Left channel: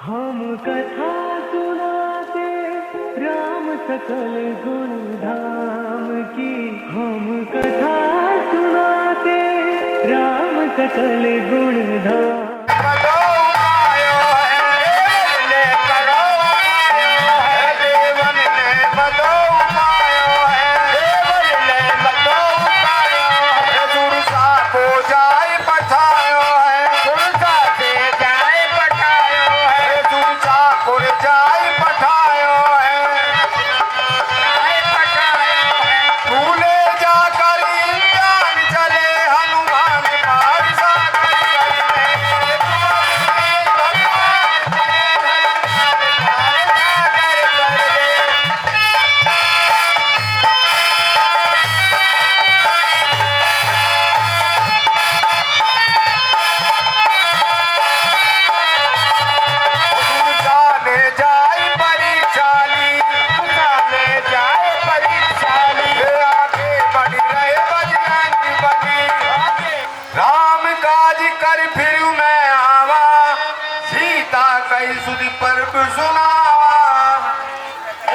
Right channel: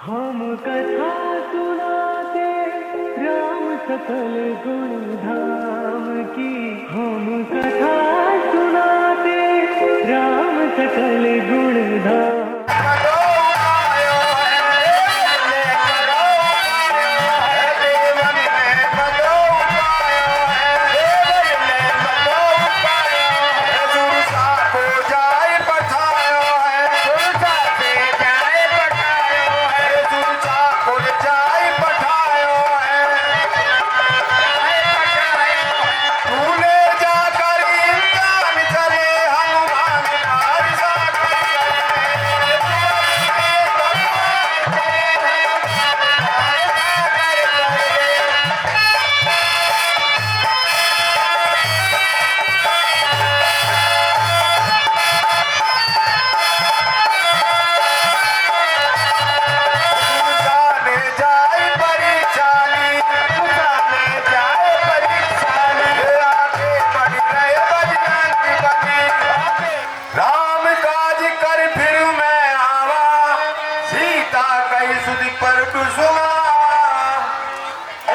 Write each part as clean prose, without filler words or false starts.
हम कथा सुनाते राम सकल गुण धाम की। हम कथा सुनाते राम सकल गुण धाम।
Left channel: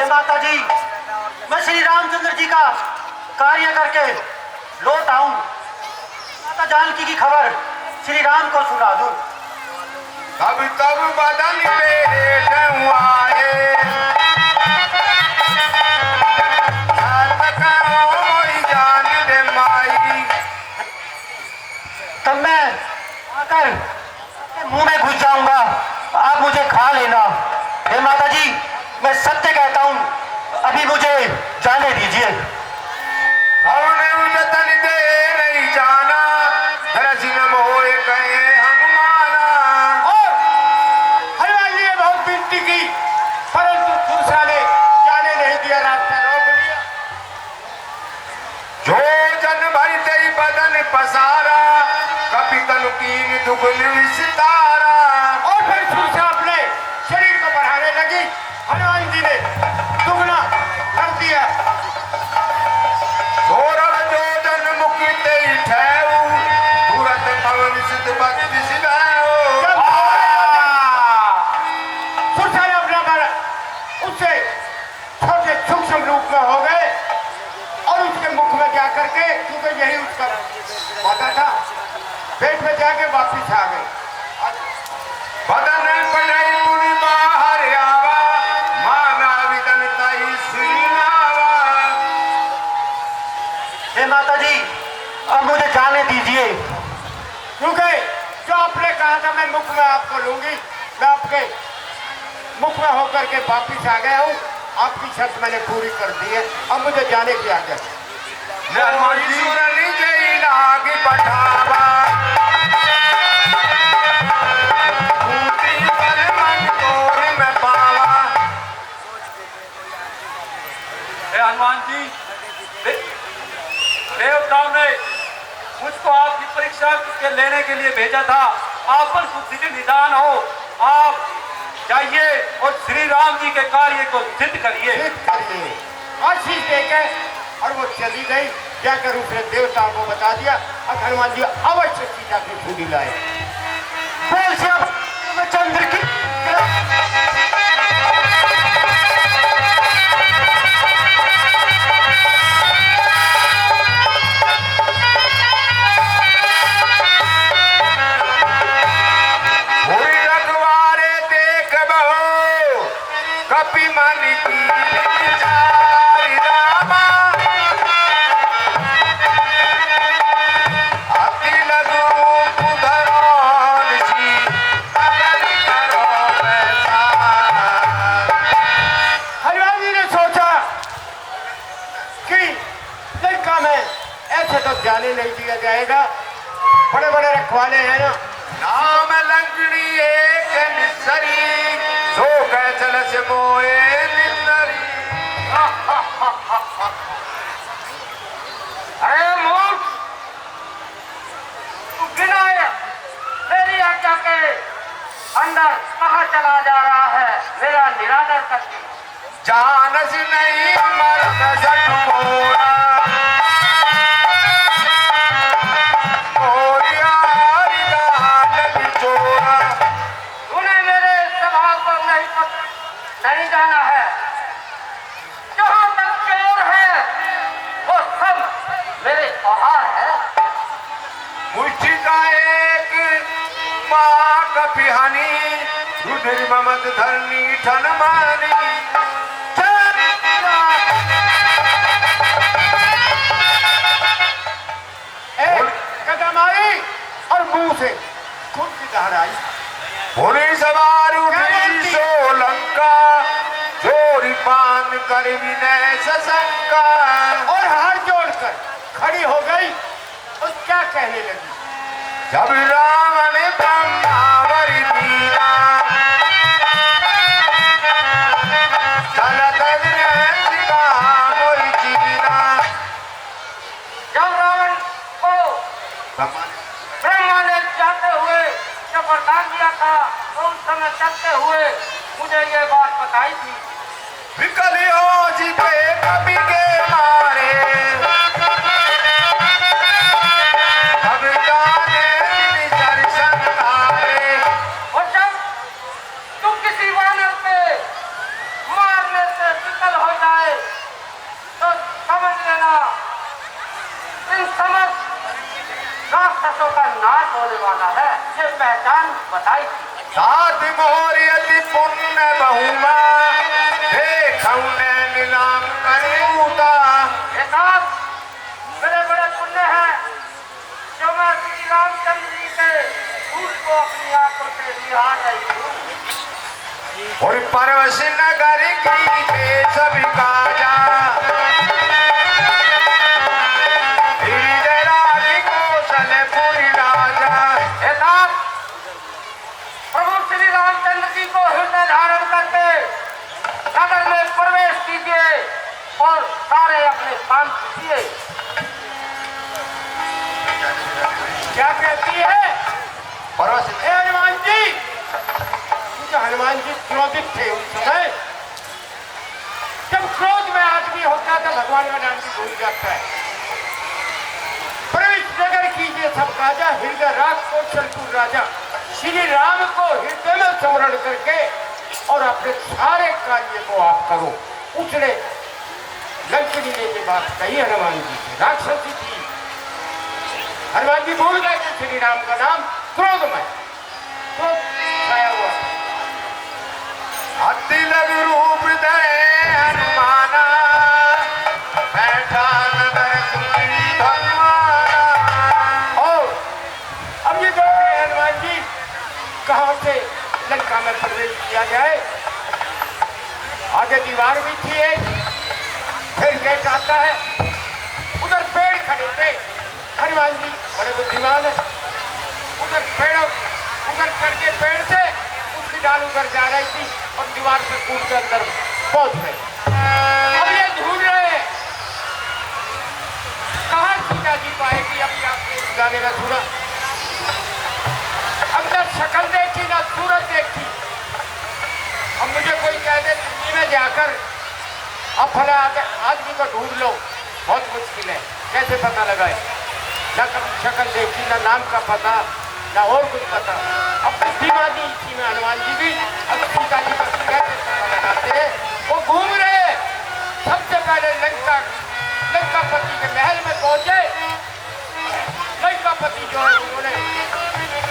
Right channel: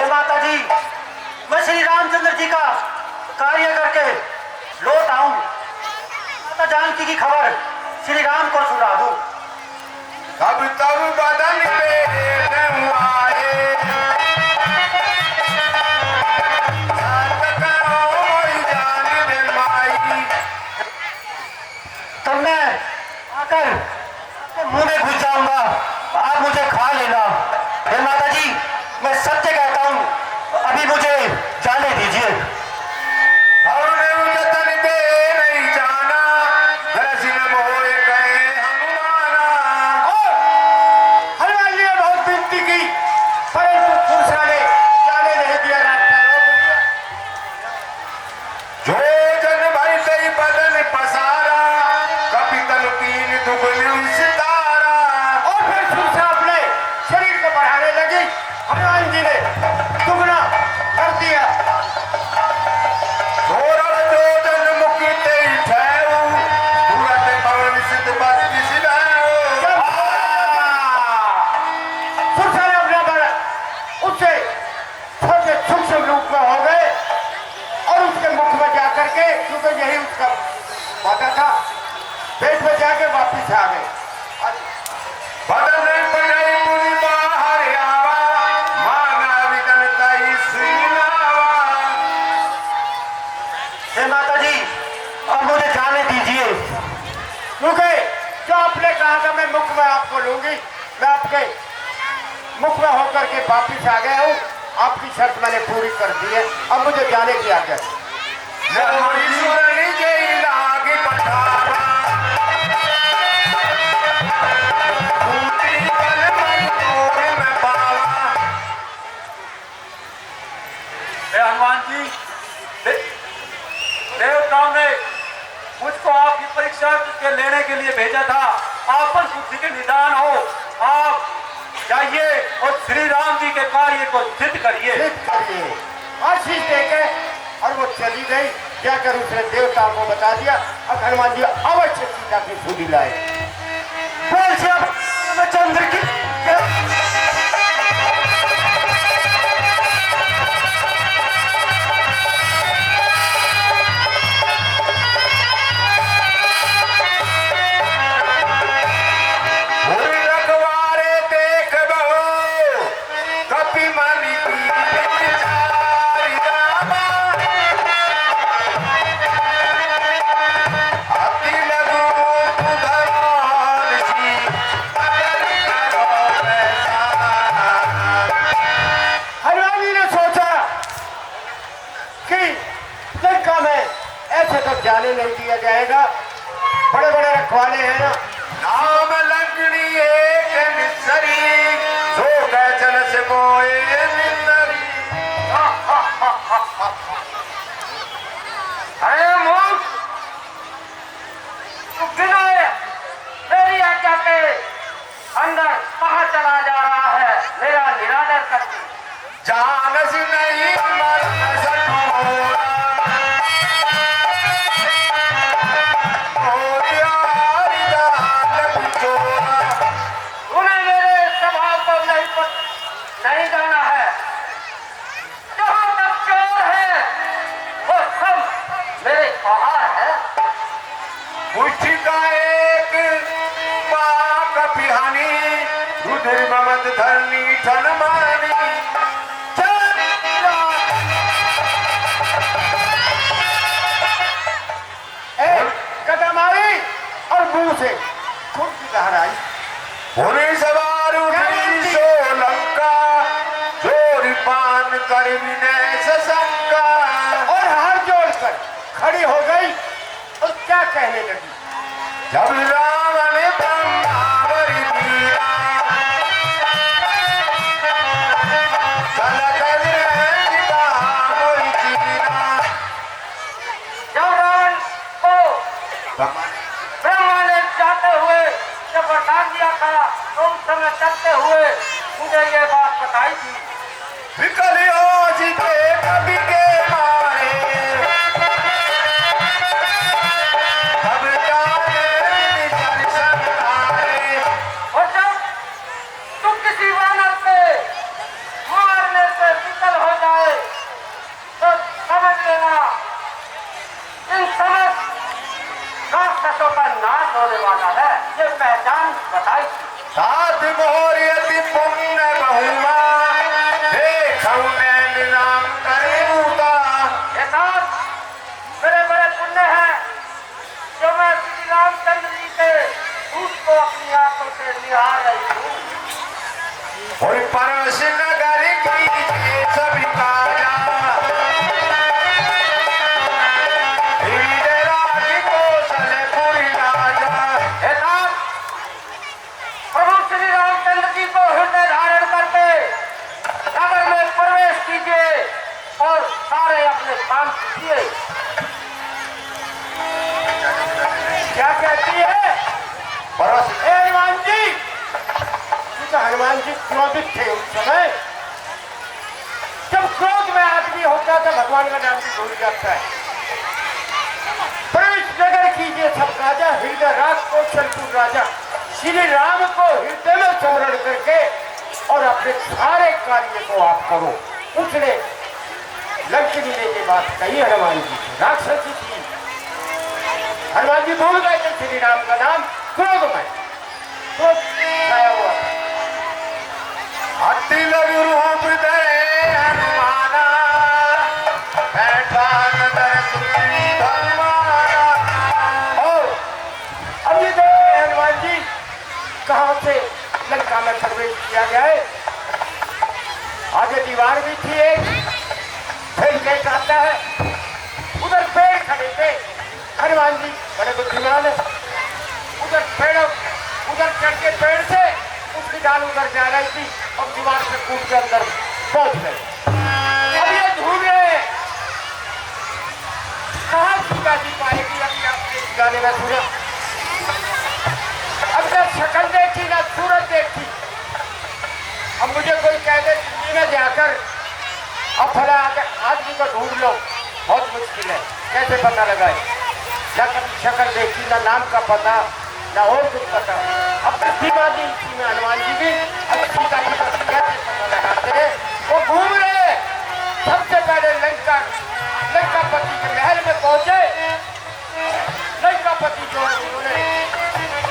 माता जी, मैं श्री रामचंद्र जी का कार्य करके लौट आऊं, माता जानकी की खबर श्री राम को सुना दूं। तब तब बदन पे आए तब मैं आकर मुंह में घुस जाऊंगा, आप मुझे खा लेना। हे माता जी, मैं सत्य कहता हूँ, अभी मुझे जाने दीजिए। हमने उजतन दे नहीं जाना, दरसिन मोए कहे हनुमाना। हनुमान जी ने बहुत विनती की, परंतु मूसा ने जाने नहीं दिया, रास्ता रोक दिया। जो जन भर से बदन पसारा, कभी तलकीन दुगुल सितारा। और फिर मूसा अपने शरीर को बढ़ाने लगी, हनुमान जी ने दुगना कर दिया। सोरभ जो जन मुखी तेई ठहू, तुरंत पवन सिद्ध बत्तीस भैऊ। मूसा ने अपना बल उससे छोटे सूक्ष्म रूप में हो गए और उसके मुख में जाकर के, क्योंकि यही उसका वादा था, पेट में जाके वापिस आ गए। बदन पड़ई पुरी बाहर आवा, माना विदन तई श्रीनावा। हे माता जी, अब मुझे जाने दीजिए, क्योंकि जो आपने कहा था मैं मुख में आपको लूंगी, मैं आपके मुख में होकर के वापिस आ गया हूँ। आपकी शर्त मैंने पूरी कर दी है, अब मुझे जाने की आज्ञा। मुरली जय नाग पठावा, हनुमान जी, देवताओं ने मुझको आपकी परीक्षा के लेने के लिए भेजा था। आपस बुद्धि के निदान हो, आप जाइए और श्री राम जी के कार्य को सिद्ध करिए। आशीष देके और वो चली गई, जाकर उसने देवताओं को बता दिया। अब हनुमान जी अवश्य सीता की सूली लाए। बोल से अब चंद्र की कपि मन की लारी रामा, अति लगो उधरान जी, अगर करो ऐसा। हनुमान जी ने सोचा कि लंका में ऐसे तो जाने नहीं दिया जाएगा, बड़े बड़े रखवाले हैं ना। नाम लंकड़ी एक निसरी, सो कह चल से मोए निसरी। अरे मूर्ख, तू बिना मेरी आज्ञा के अंदर कहाँ चला जा रहा है? मेरा निरादर करके जानस नहीं मर्द सट मोरा, मोरिया हरि दान बिचोरा। तूने मेरे स्वभाव कहीं पर नहीं जाना है। जहाँ तक चोर है वो सब मेरे पहाड़ है। मुष्टि का एक माँ का पिहानी रुधिर ममत धरनी ठन मानी कदम आई और मुंह से खून की धार आई। होने सवार उठी सोलंका जोरी पान कर विनय सशंका और हाथ जोड़कर खड़ी हो गई और क्या कहने लगी। जब रावण ब्रह्मावरी दीना जब रावण को ब्रह्मा ने जाते हुए जब बता दिया था तो उस समय चलते हुए मुझे ये बात बताई थी। विकलियों जी के कवि के मारे अब जाने दर्शन तारे। और जब तुम किसी वानर से मारने से विकल हो जाए तो समझ लेना इन समस्त राक्षसों का नाश होने वाला है। ये पहचान बताई थी। सात मोहर अति पुण्य बहुमा देखौने नाम करेऊता। ये साथ मेरे बड़े पुण्य हैं जो मैं श्री रामचंद्र जी के दूध को अपनी आंखों से निहार रही हूँ। और परवश नगर की के सभी काजा हृदय राखी कौशलपुरी राजा। हे साथ प्रभु श्री रामचंद्र जी को हृदय धारण करके नगर में प्रवेश कीजिए और सारे अपने काम कीजिए। क्या कहती है परवश? हनुमान जी तो हनुमान जी क्रोधित थे उस समय। जब क्रोध में आदमी होता है तो भगवान का नाम भी भूल जाता है। प्रवेश नगर कीजिए सब राजा हृदय राज कौशलपुर राजा। श्री राम को हृदय में स्मरण करके और अपने सारे कार्य को आप करो। उसने लंकनी ने ये बात कही हनुमान जी से। राक्षसी थी, हनुमान जी भूल गए थे श्री राम का नाम क्रोध में। क्रोध छाया हुआ था। अति लघु रूप दे हनुमाना बैठा नगर की भगवाना। और अब ये देखिए हनुमान जी कहाँ से लंका में प्रवेश किया जाए। आगे दीवार भी थी एक, फिर गेट आता है। उधर पेड़ खड़े थे। हनुमान जी बड़े बुद्धिमान है। उधर पेड़ उधर चढ़ के पेड़ से उसकी डाल उधर जा रही थी और दीवार से कूद के अंदर पहुंच गए। अब ये ढूंढ रहे हैं कहाँ सीता जी पाएगी अपने आप के गाने का सुना। अब मैं शक्ल देखी ना सूरत देखी। अब मुझे कोई कह दे दिल्ली में जाकर अब फला आदमी को ढूंढ लो, बहुत मुश्किल है। कैसे पता लगाए? ना कभी शक्ल देखी, ना नाम का पता, ना और कुछ पता। अब बुद्धिमानी थी में हनुमान जी भी अब सीता जी का कैसे पता लगाते हैं। वो घूम रहे। सबसे पहले लंकापति के महल में पहुंचे। लंकापति जो है उन्होंने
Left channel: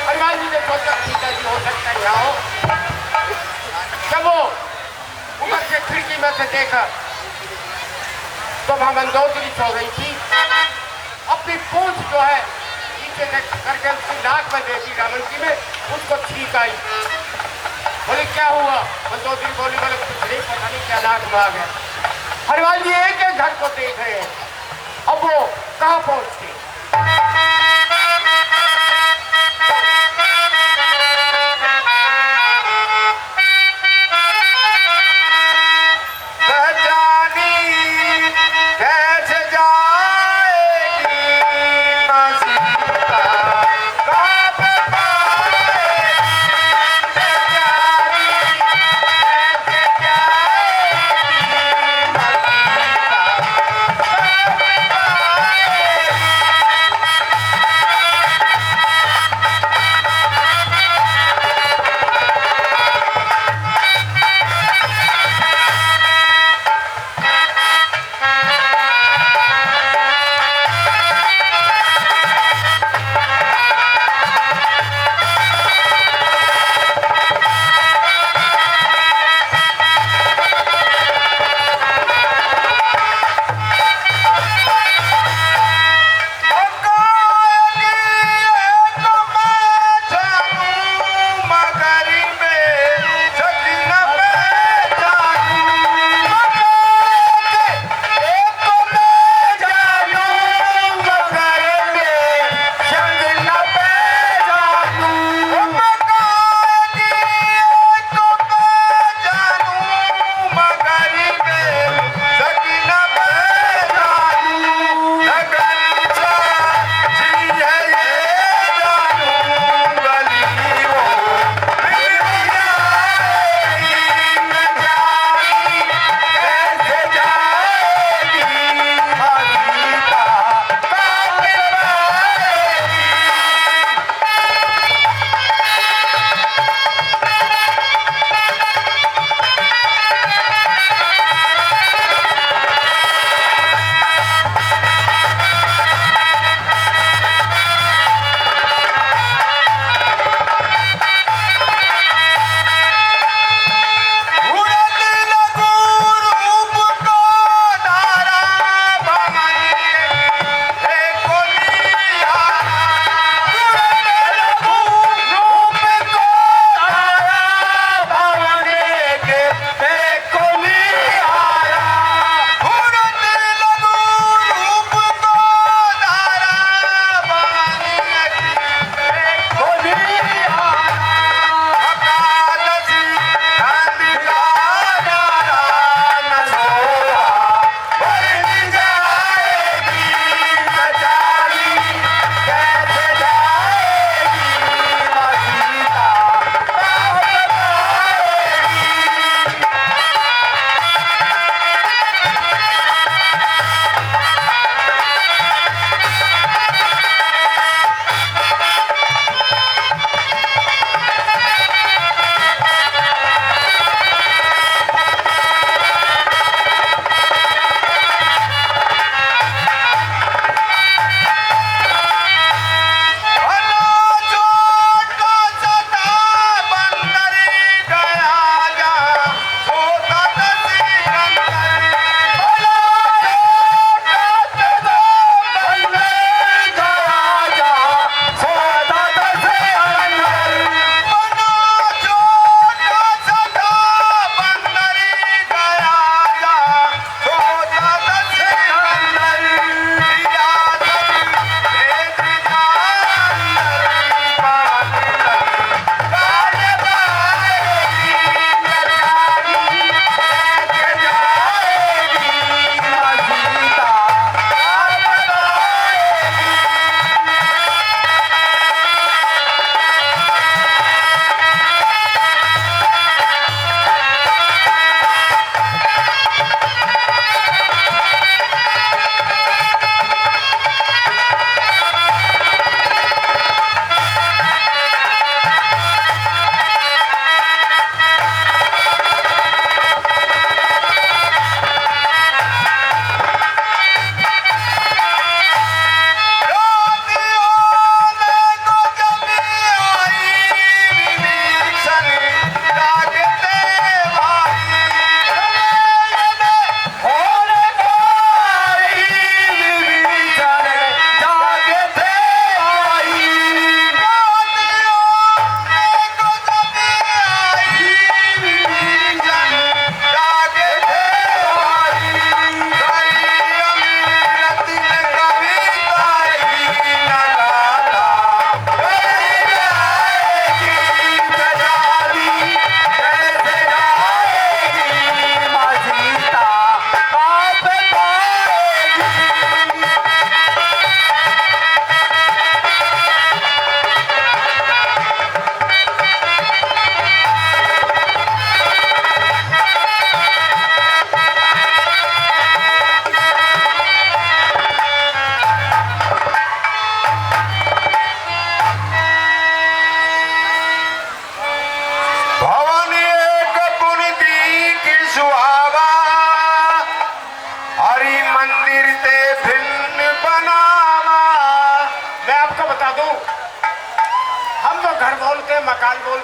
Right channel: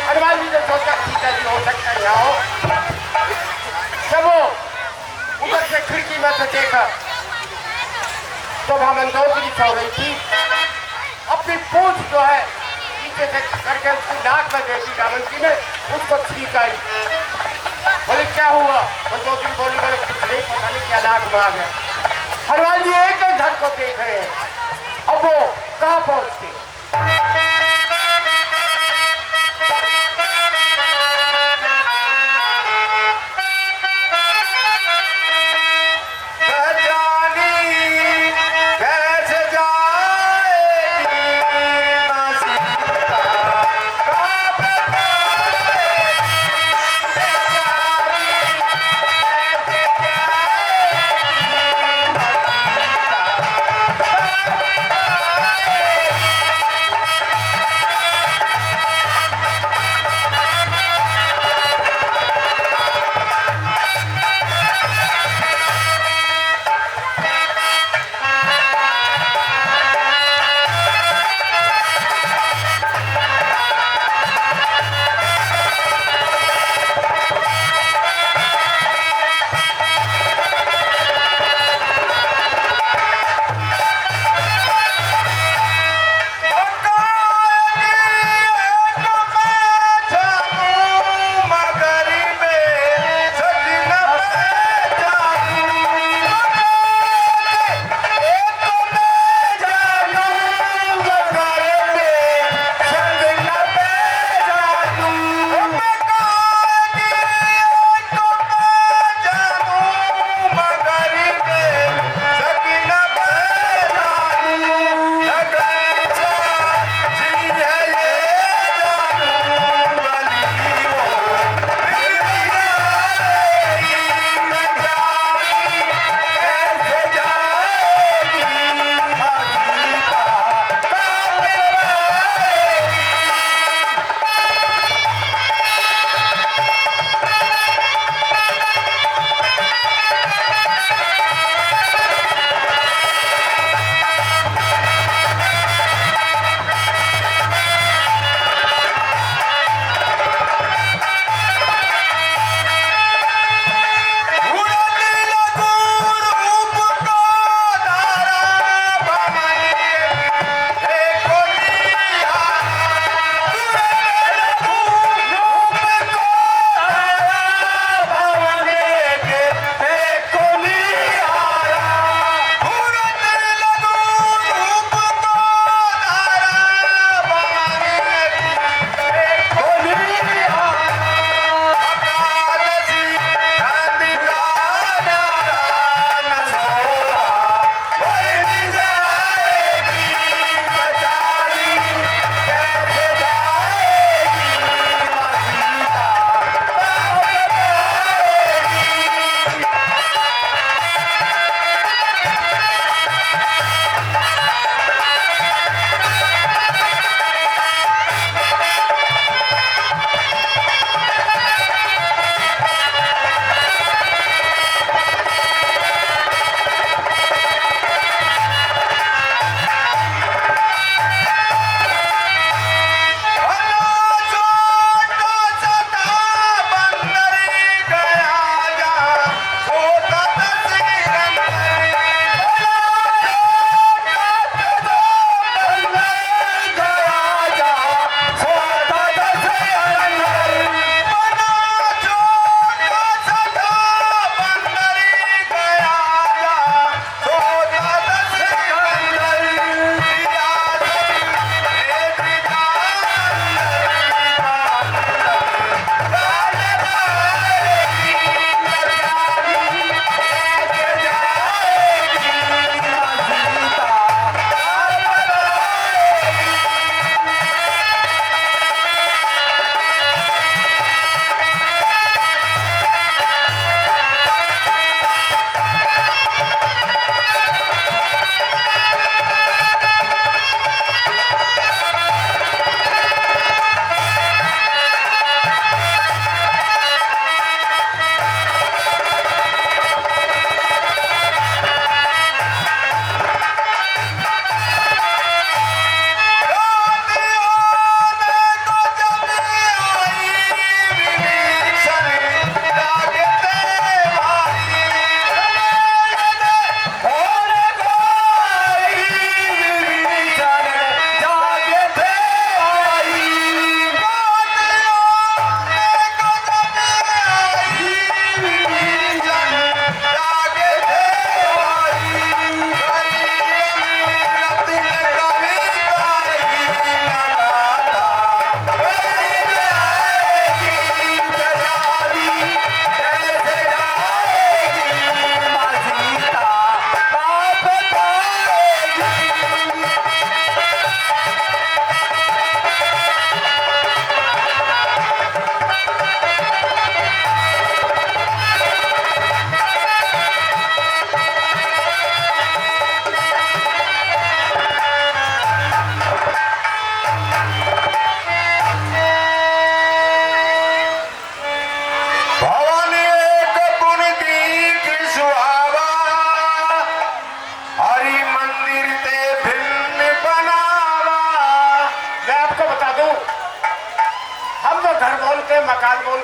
हनुमान जी ने सोचा सीता जी हो सकता है यहाँ हो। जब वो ऊपर से खिड़की में से देखा तो वहां मंदोदरी सो रही थी। अपनी पूंछ जो है नीचे से करके उसकी नाक में देखी रावण जी में, उसको छींक आई। बोले क्या हुआ? मंदोदरी बोली बोले कुछ नहीं, पता नहीं क्या नाक में आ गया। हनुमान जी एक एक घर को देख रहे हैं। अब वो कहाँ पहुंचते?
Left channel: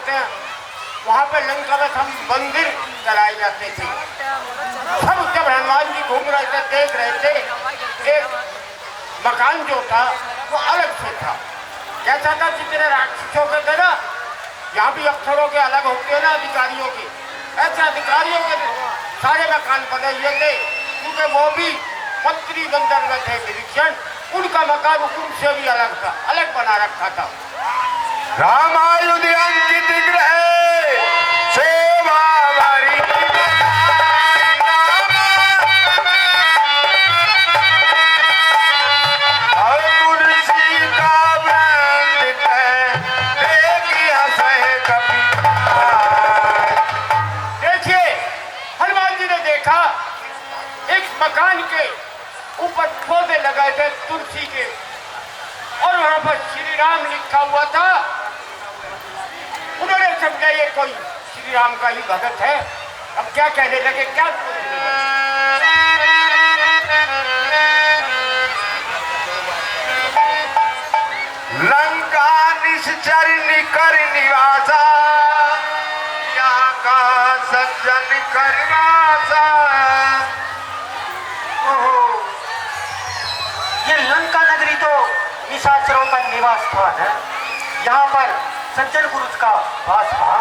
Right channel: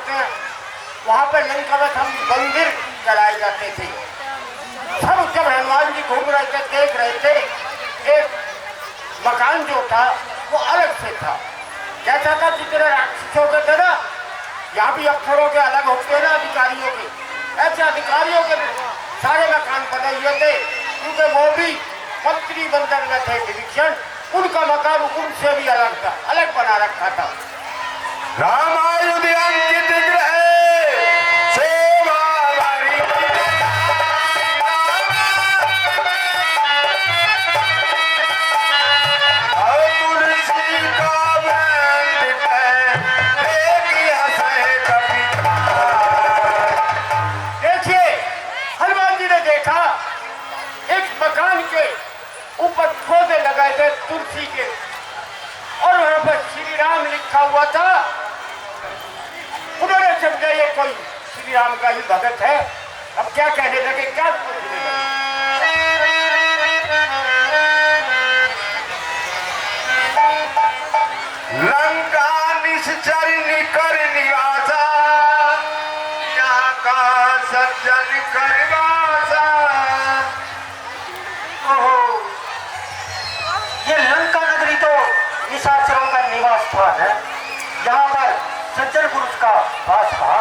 करके वहाँ पे लंका में हम मंदिर चलाए जाते थे। सब जब हनुमान जी घूम रहे थे देख रहे थे, एक मकान जो था वो अलग से था। जैसा था जितने राक्षसों के थे ना, यहाँ भी अफसरों के अलग होते हैं ना अधिकारियों के, ऐसे अधिकारियों के सारे मकान बने हुए थे, क्योंकि वो भी मंत्री मंडल में थे विभीषण, उनका मकान उनसे भी अलग था, अलग बना रखा था। रामायुध अंकित ग्रह सेवा मकान के ऊपर पौधे लगाए गए तुलसी के, और वहां पर श्री राम लिखा हुआ था। उन्होंने समझा ये कोई श्री राम का ही भगत है। अब क्या कहने लगे, क्या सोचने लगे? लंका निश्चर निकर निवासा, यहाँ का सज्जन करवासा। ये लंका नगरी तो निशाचरों का निवास स्थान है, यहाँ पर सज्जन पुरुष का वास था।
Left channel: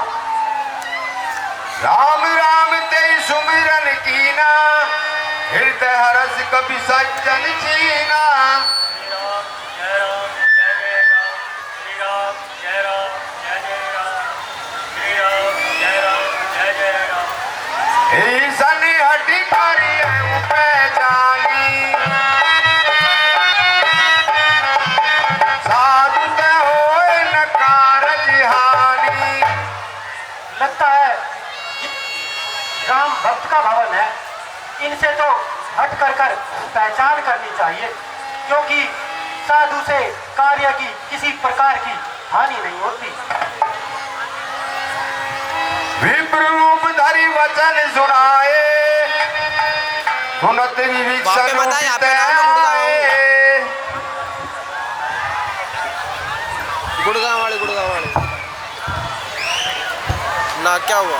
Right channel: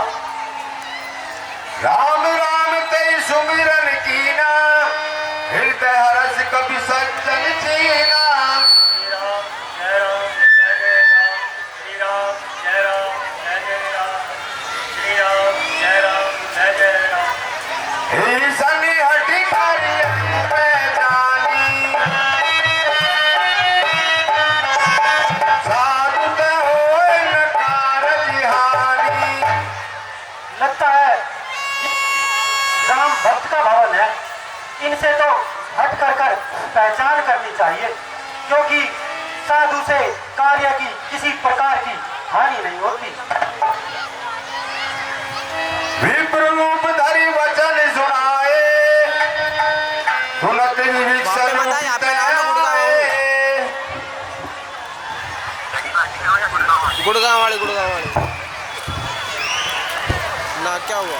राम राम ते सुमिरन कीना, हृदय हर्ष कभी सज्जन सीना। भक्त का भवन है, इनसे तो हट कर पहचान करनी चाहिए, क्योंकि साधु से कार्य की किसी प्रकार की हानि नहीं होती। विप्र रूप धरि वचन सुनाए, सुनत विभीषण गुड़गांव वाले ना क्या हुआ?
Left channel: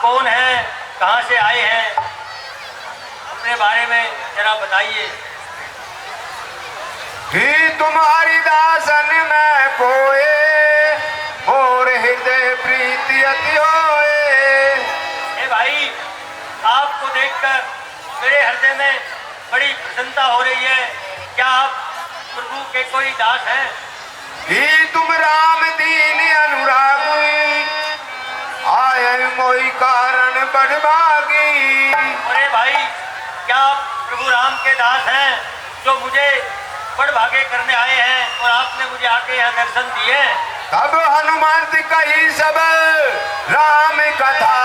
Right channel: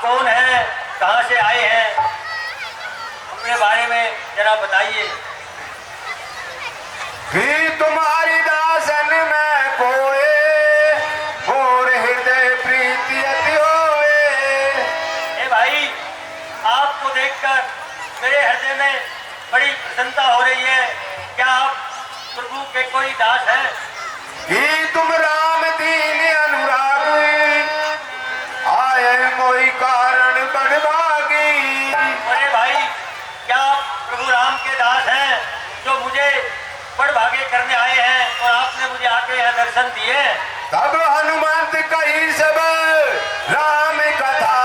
कौन है, कहां से आए हैं, अपने बारे में जरा बताइए। कि तुम्हारी दासन में कोए, और हृदय प्रीति अति होए। ए भाई, आपको देखकर मेरे हृदय में बड़ी प्रसन्नता हो रही है। क्या आप प्रभु के कोई दास हैं? कि तुम राम दीन अनुरागी, आए कोई कारण बड़भागी। अरे भाई, क्या आप प्रभु राम के दास हैं जो मुझे बड़भागे करने आए हैं और आपने मुझे आके यहाँ दर्शन दिए? तब हनुमंत कही सब राम कथा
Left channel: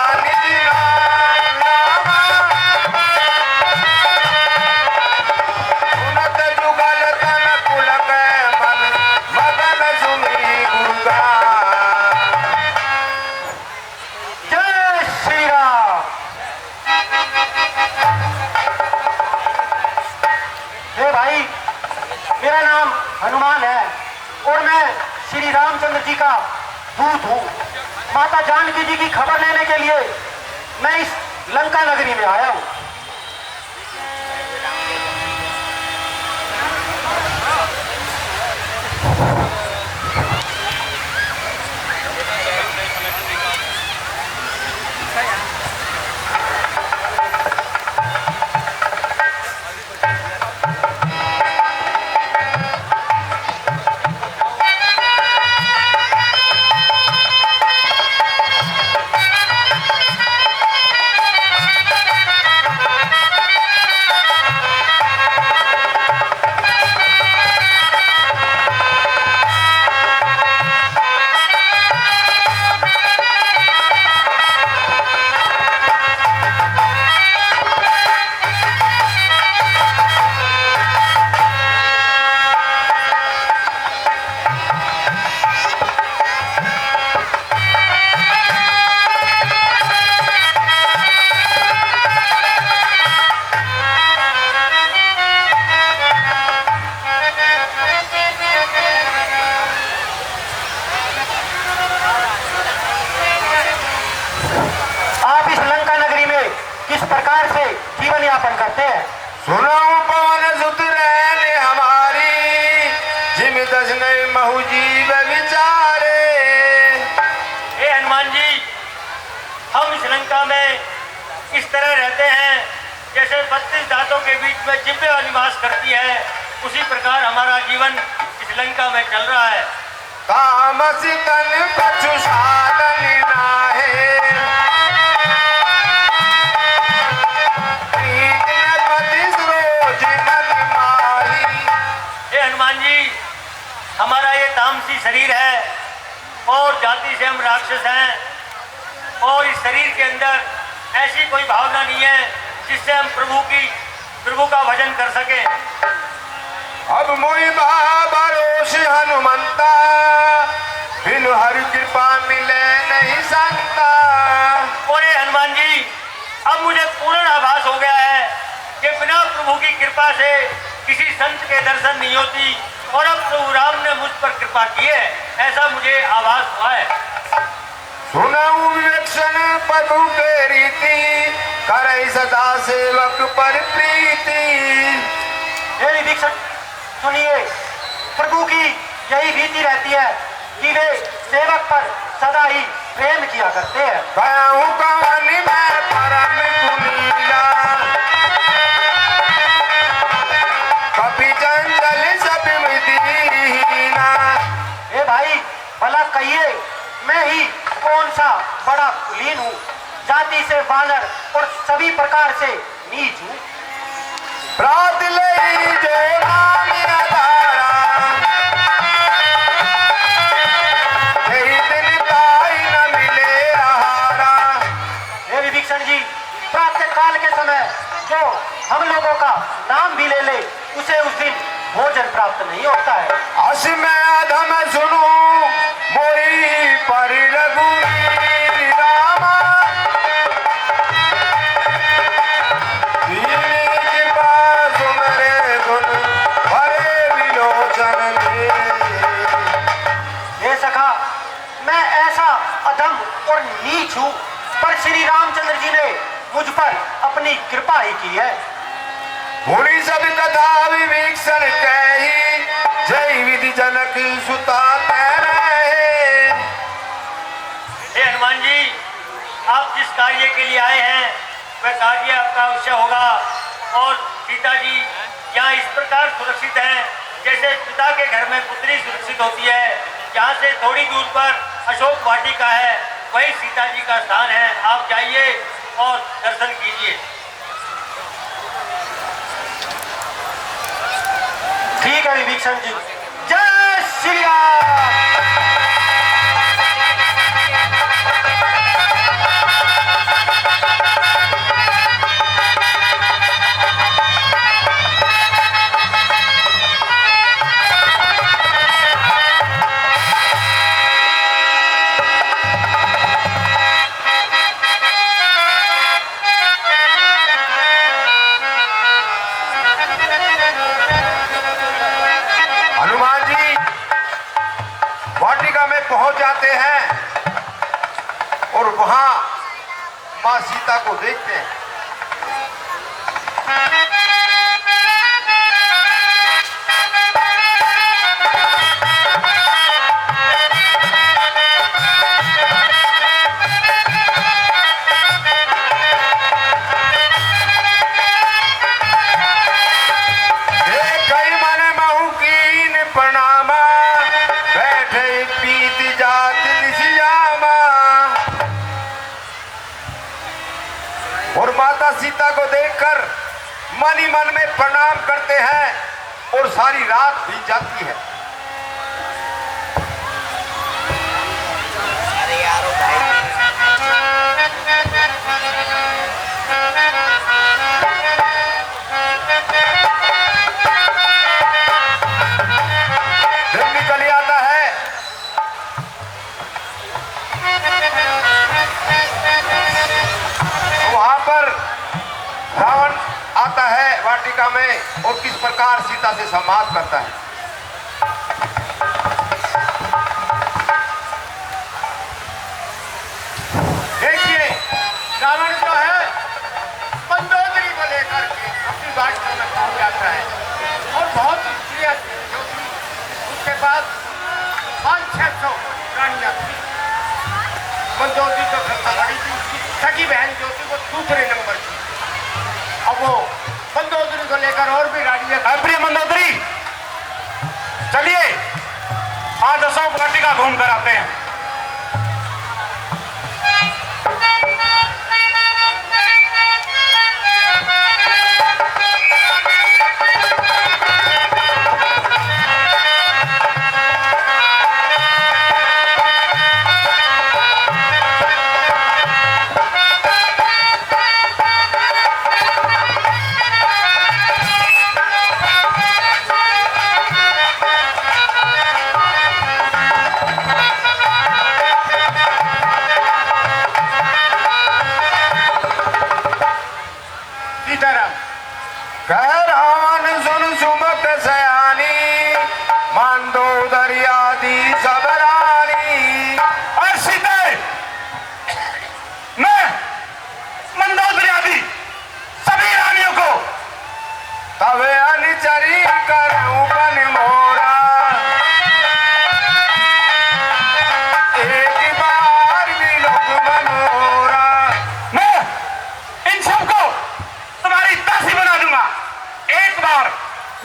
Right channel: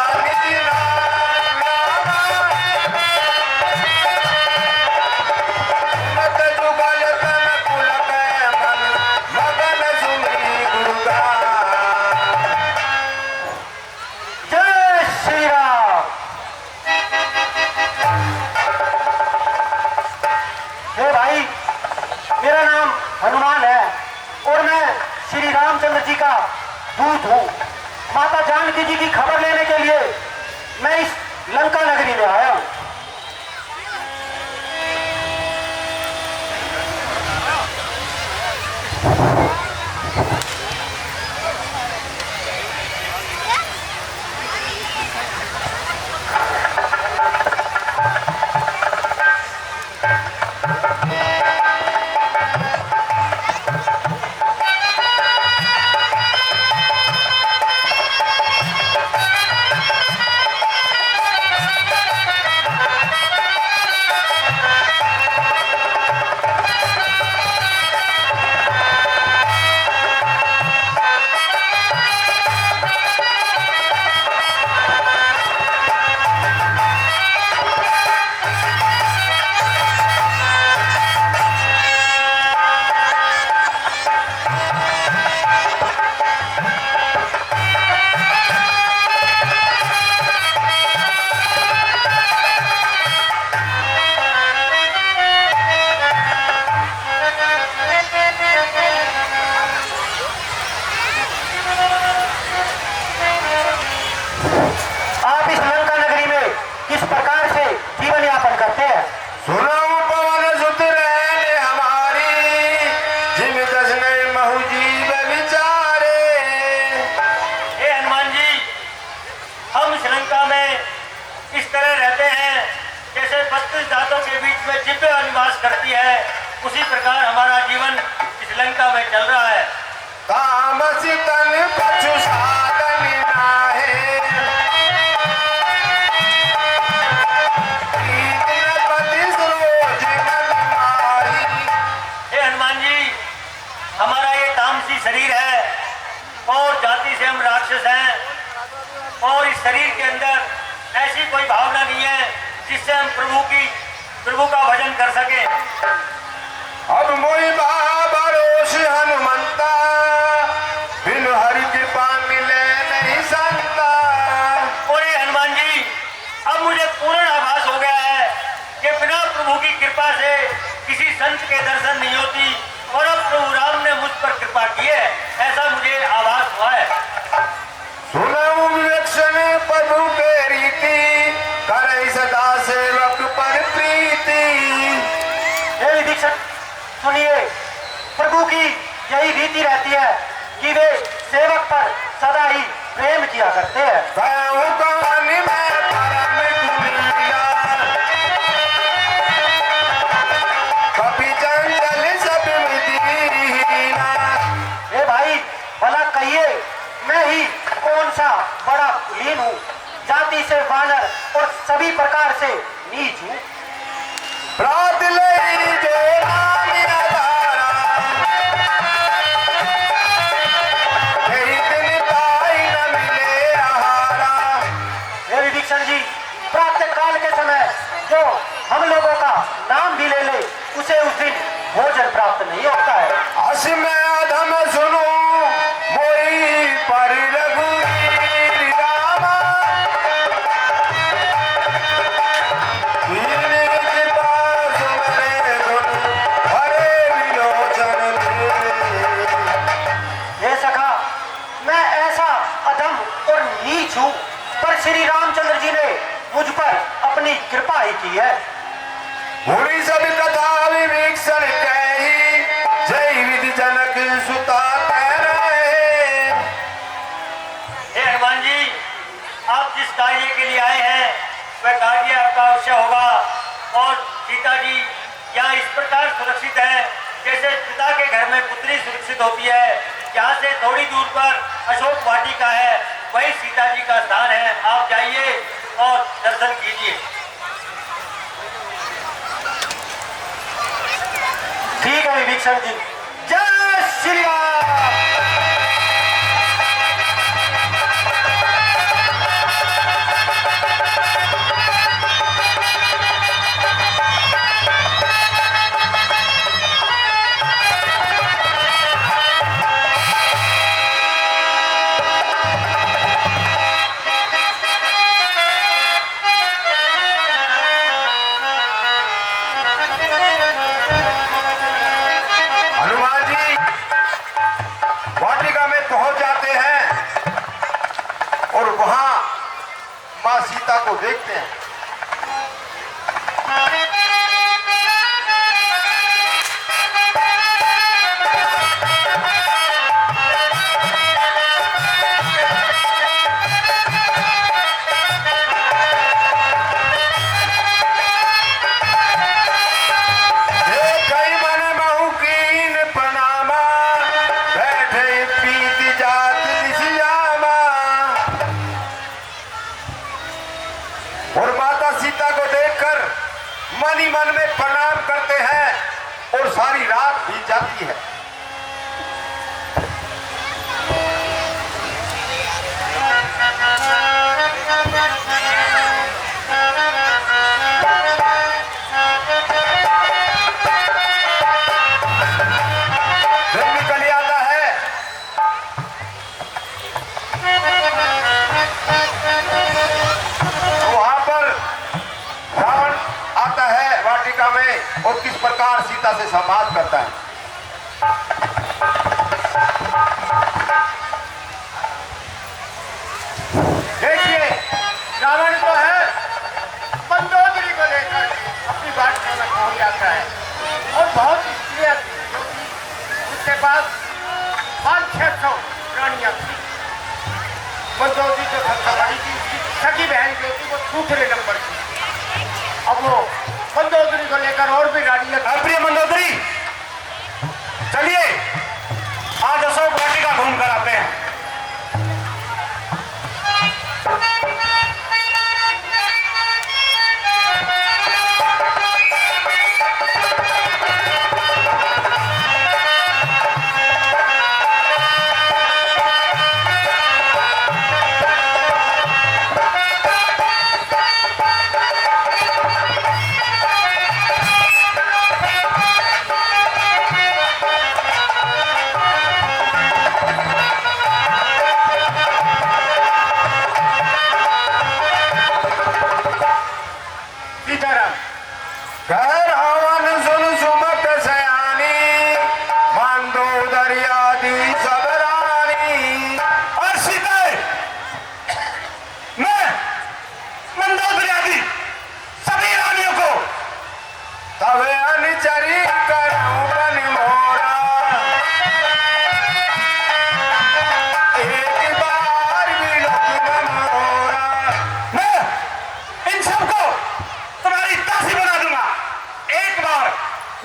हनुमान है और मैं श्री रामचंद्र जी का दूत हूँ। माता जानकी जी की खबर लेने के लिए मैं इस लंका नगरी में आया हूँ। इस तरह रहते हैं जैसे 32 दांतों के बीच में जिब्बे निवास करती है, उसी प्रकार हमारा जीवन इस लंका में चल रहा है। तामस तन कछु साधन नाहे, हनुमान जी, हमारा ये तामसी शरीर है और जाति से हम राक्षस हैं और इस शरीर के अंदर ऐसी कोई भावना नहीं है जिससे हम प्रभु का भजन कर सके। अब मोहि भरोस हनुमंता, बिन हरि कृपा मिले नहीं संता। और ये हनुमान जी, अब मुझे पूर्ण आभास हो गया है कि बिना प्रभु की कृपा से किसी संत के दर्शन नहीं होती और अब प्रभु राम ने मुझ पर कृपा की है, ऐसा मुझे आभास हुआ है। सुनऊ विवेक्षण प्रभु के रीति, करई सदा सेवक पर प्रीति। हे विवेक्षण, सुनिए, प्रभु की यही रीति रहती है कि वे सेवक पर सदा ही प्रेम किया करते हैं। कहूँ कहानी में परम कुलीला, कपि जंगल सब दीना। हे भाई, भला कहिए, मैं ही कौन सा बड़ा कुलीन हूँ, जाति से वानर और सभी प्रकार से नीच हूँ। प्रात ले जो राम आधारा, यही दिन पाई न मिले आहारा। हे विभीषण जी, प्रातः काल के समय जो हम लोगों का नाम भी ले ले, उसे उस दिन भोजन प्राप्त नहीं होता है। अस में अधम सुनो मोरी पर रघुवीर रामा, दीन कृपा सुमरे धुन भरे विलोचन दे। हे सखा, मैं ऐसा अधम और नीच हूँ, पर श्री रामचंद्र जी ने मुझ पर अपनी कृपा ही की है। मुनि सब कथा विभीषण कही, जय विधि जनक सुता रहे। हे हनुमान जी, आप जिस कार्य के लिए आए हैं वह कार्य आपका अवश्य होगा और सीता जी यहाँ इस प्रकार सुरक्षित है जैसे पिता के घर में पुत्री सुरक्षित होती है। यहाँ से थोड़ी दूर पर अशोक वाटिका है, वही सीता जी का स्थान है। आप जाइए और दर्शन कीजिए। ठीक है विभीषण जी, जय श्री राम। हनुमान जी वाटिका में पहुंच जाते हैं और वहां मां सीता को देखते हैं। देखई मन महु कीन प्रणामा, बैठे प्रीति जात निशियामा। और माता सीता को देखकर मन ही मन में प्रणाम करते हैं और सारी रात बीत जाती है। दिन निकल आता है, वहां पर रावण आता है वाटिका में और किस प्रकार सीता से संवाद करता है। देखिए, रावण तो है मंदोदरी को लेकर के अपनी वाटिका में पहुंच जाता है और बहुत स्त्रियां थी, उसके बाद 500-600 रानियां थी। मंदोदरी तो सबसे बड़ी थी, उसकी सगी बहन जो थी वो दूसरे नंबर